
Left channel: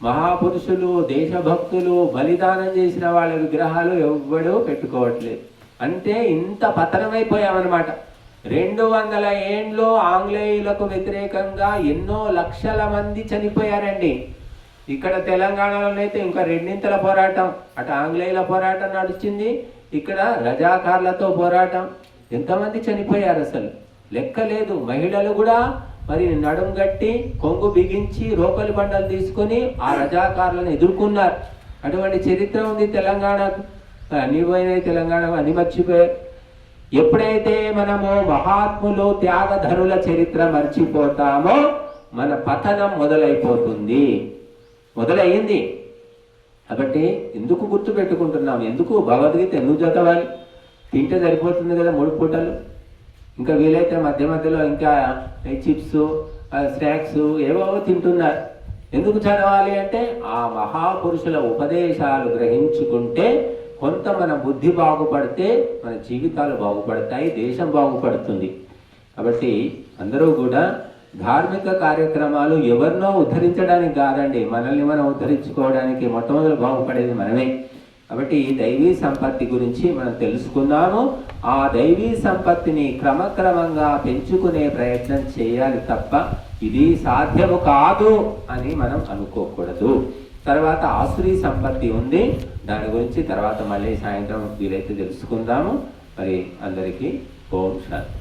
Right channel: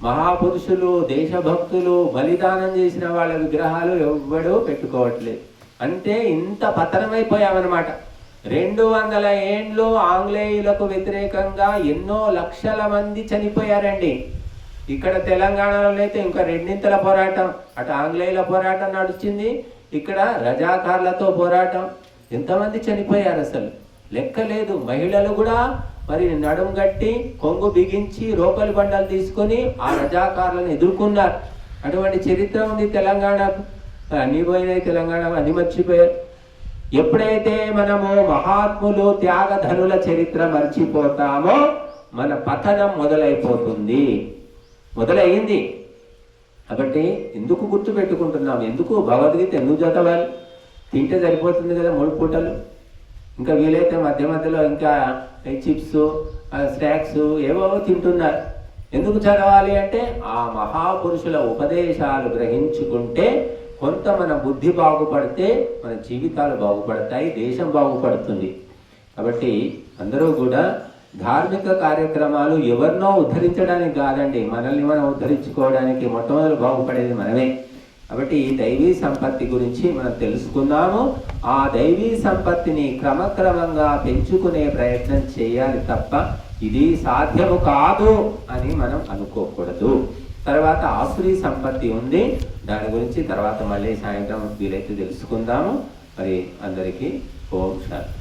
మహాపురుషులు, దేశభక్తులు, బలిదానం చేసిన వాళ్ళ విగ్రహాలు ఎవ్వడూ పెట్టుకోవట్లేదు. అంటే ఇంత పతనమైపోయామన్నమాట. 200 ఏండ్లు ఆంగ్లేయులకు వ్యతిరేకంగా ఎన్నో లక్షల మంది చనిపోయారండి. ఇక్కడ తెలంగాణలో అయితే ఇంకా 2 పోరాటం, అటు ఆంగ్లేయుల పోరాటం నడిచింది, ఇక్కడ రజాకార్లతో పోరాటం. ఎంతమంది చనిపోయారు అసలు లెక్క లేదు. మహిళలు కూడా మరి నడుం గట్టి, కొంగు బిగించి, రోకలి బండలు తీసుకొని ఆ రజాకారులను ఎదుర్కొన్నారు. అటువంటి చరిత్ర ఉంది తెలంగాణకు. అన్ని పోయినాయి తెలంగాణ, అన్ని మర్చిపోయారు. ఎప్పుడైతే మనము మహాత్ములు, త్యాగధనుల చరిత్ర మర్చిపోతామో మన పతనం మొదలయ్యింది. కాబట్టి ఎందుకు గుర్తు పెట్టుకుంటున్నాం, ఎందుకు భగవద్గీత ఎందుకు చదవాలి? తింటే సరిపోతుంది కదా 3 పూటలు. ఇంకా వీలైతే మధ్య మధ్యలో ఇంకా చిప్స్, స్నాక్స్ ఏవో తింటున్నారు. ఎందుకు చదవాలి అంటే ఆ మహాపురుషుల ఉపదేశాలు గ్రహించుకుంటే కొంత మన బుద్ధి బాగుపడితే మన జీవితాలు బాగుపడతాయి, దేశం బాగుపడుతుంది. కాబట్టి అందరూ కూడా ధార్మిక కార్యక్రమాలు ఎవరినో ఉద్ధరించడానికి కాదండి, మనల్ని మనం ఉద్ధరించుకోవడానికి మొట్టమొదటి బాగుపడేది మనమే. కాబట్టి ఈ దైవీ సంపత్తి గురించి మనం తెలుసుకున్నాము. ఆ దైవీ సంపత్తిని క్రమక్రమంగా పెంచుకునే ప్రయత్నం చేయాలి తప్ప ఇది సాధ్యము కాదు అని మనం అనుకోకూడదు. తర్వాత ఆసురీ సంపత్తి ఉంది, దాని గురించి తర్వాత మళ్ళీ సాయంత్రం వీలైతే తెలుసుకుందాము. మరి అందరికీ ఓం శాంతి.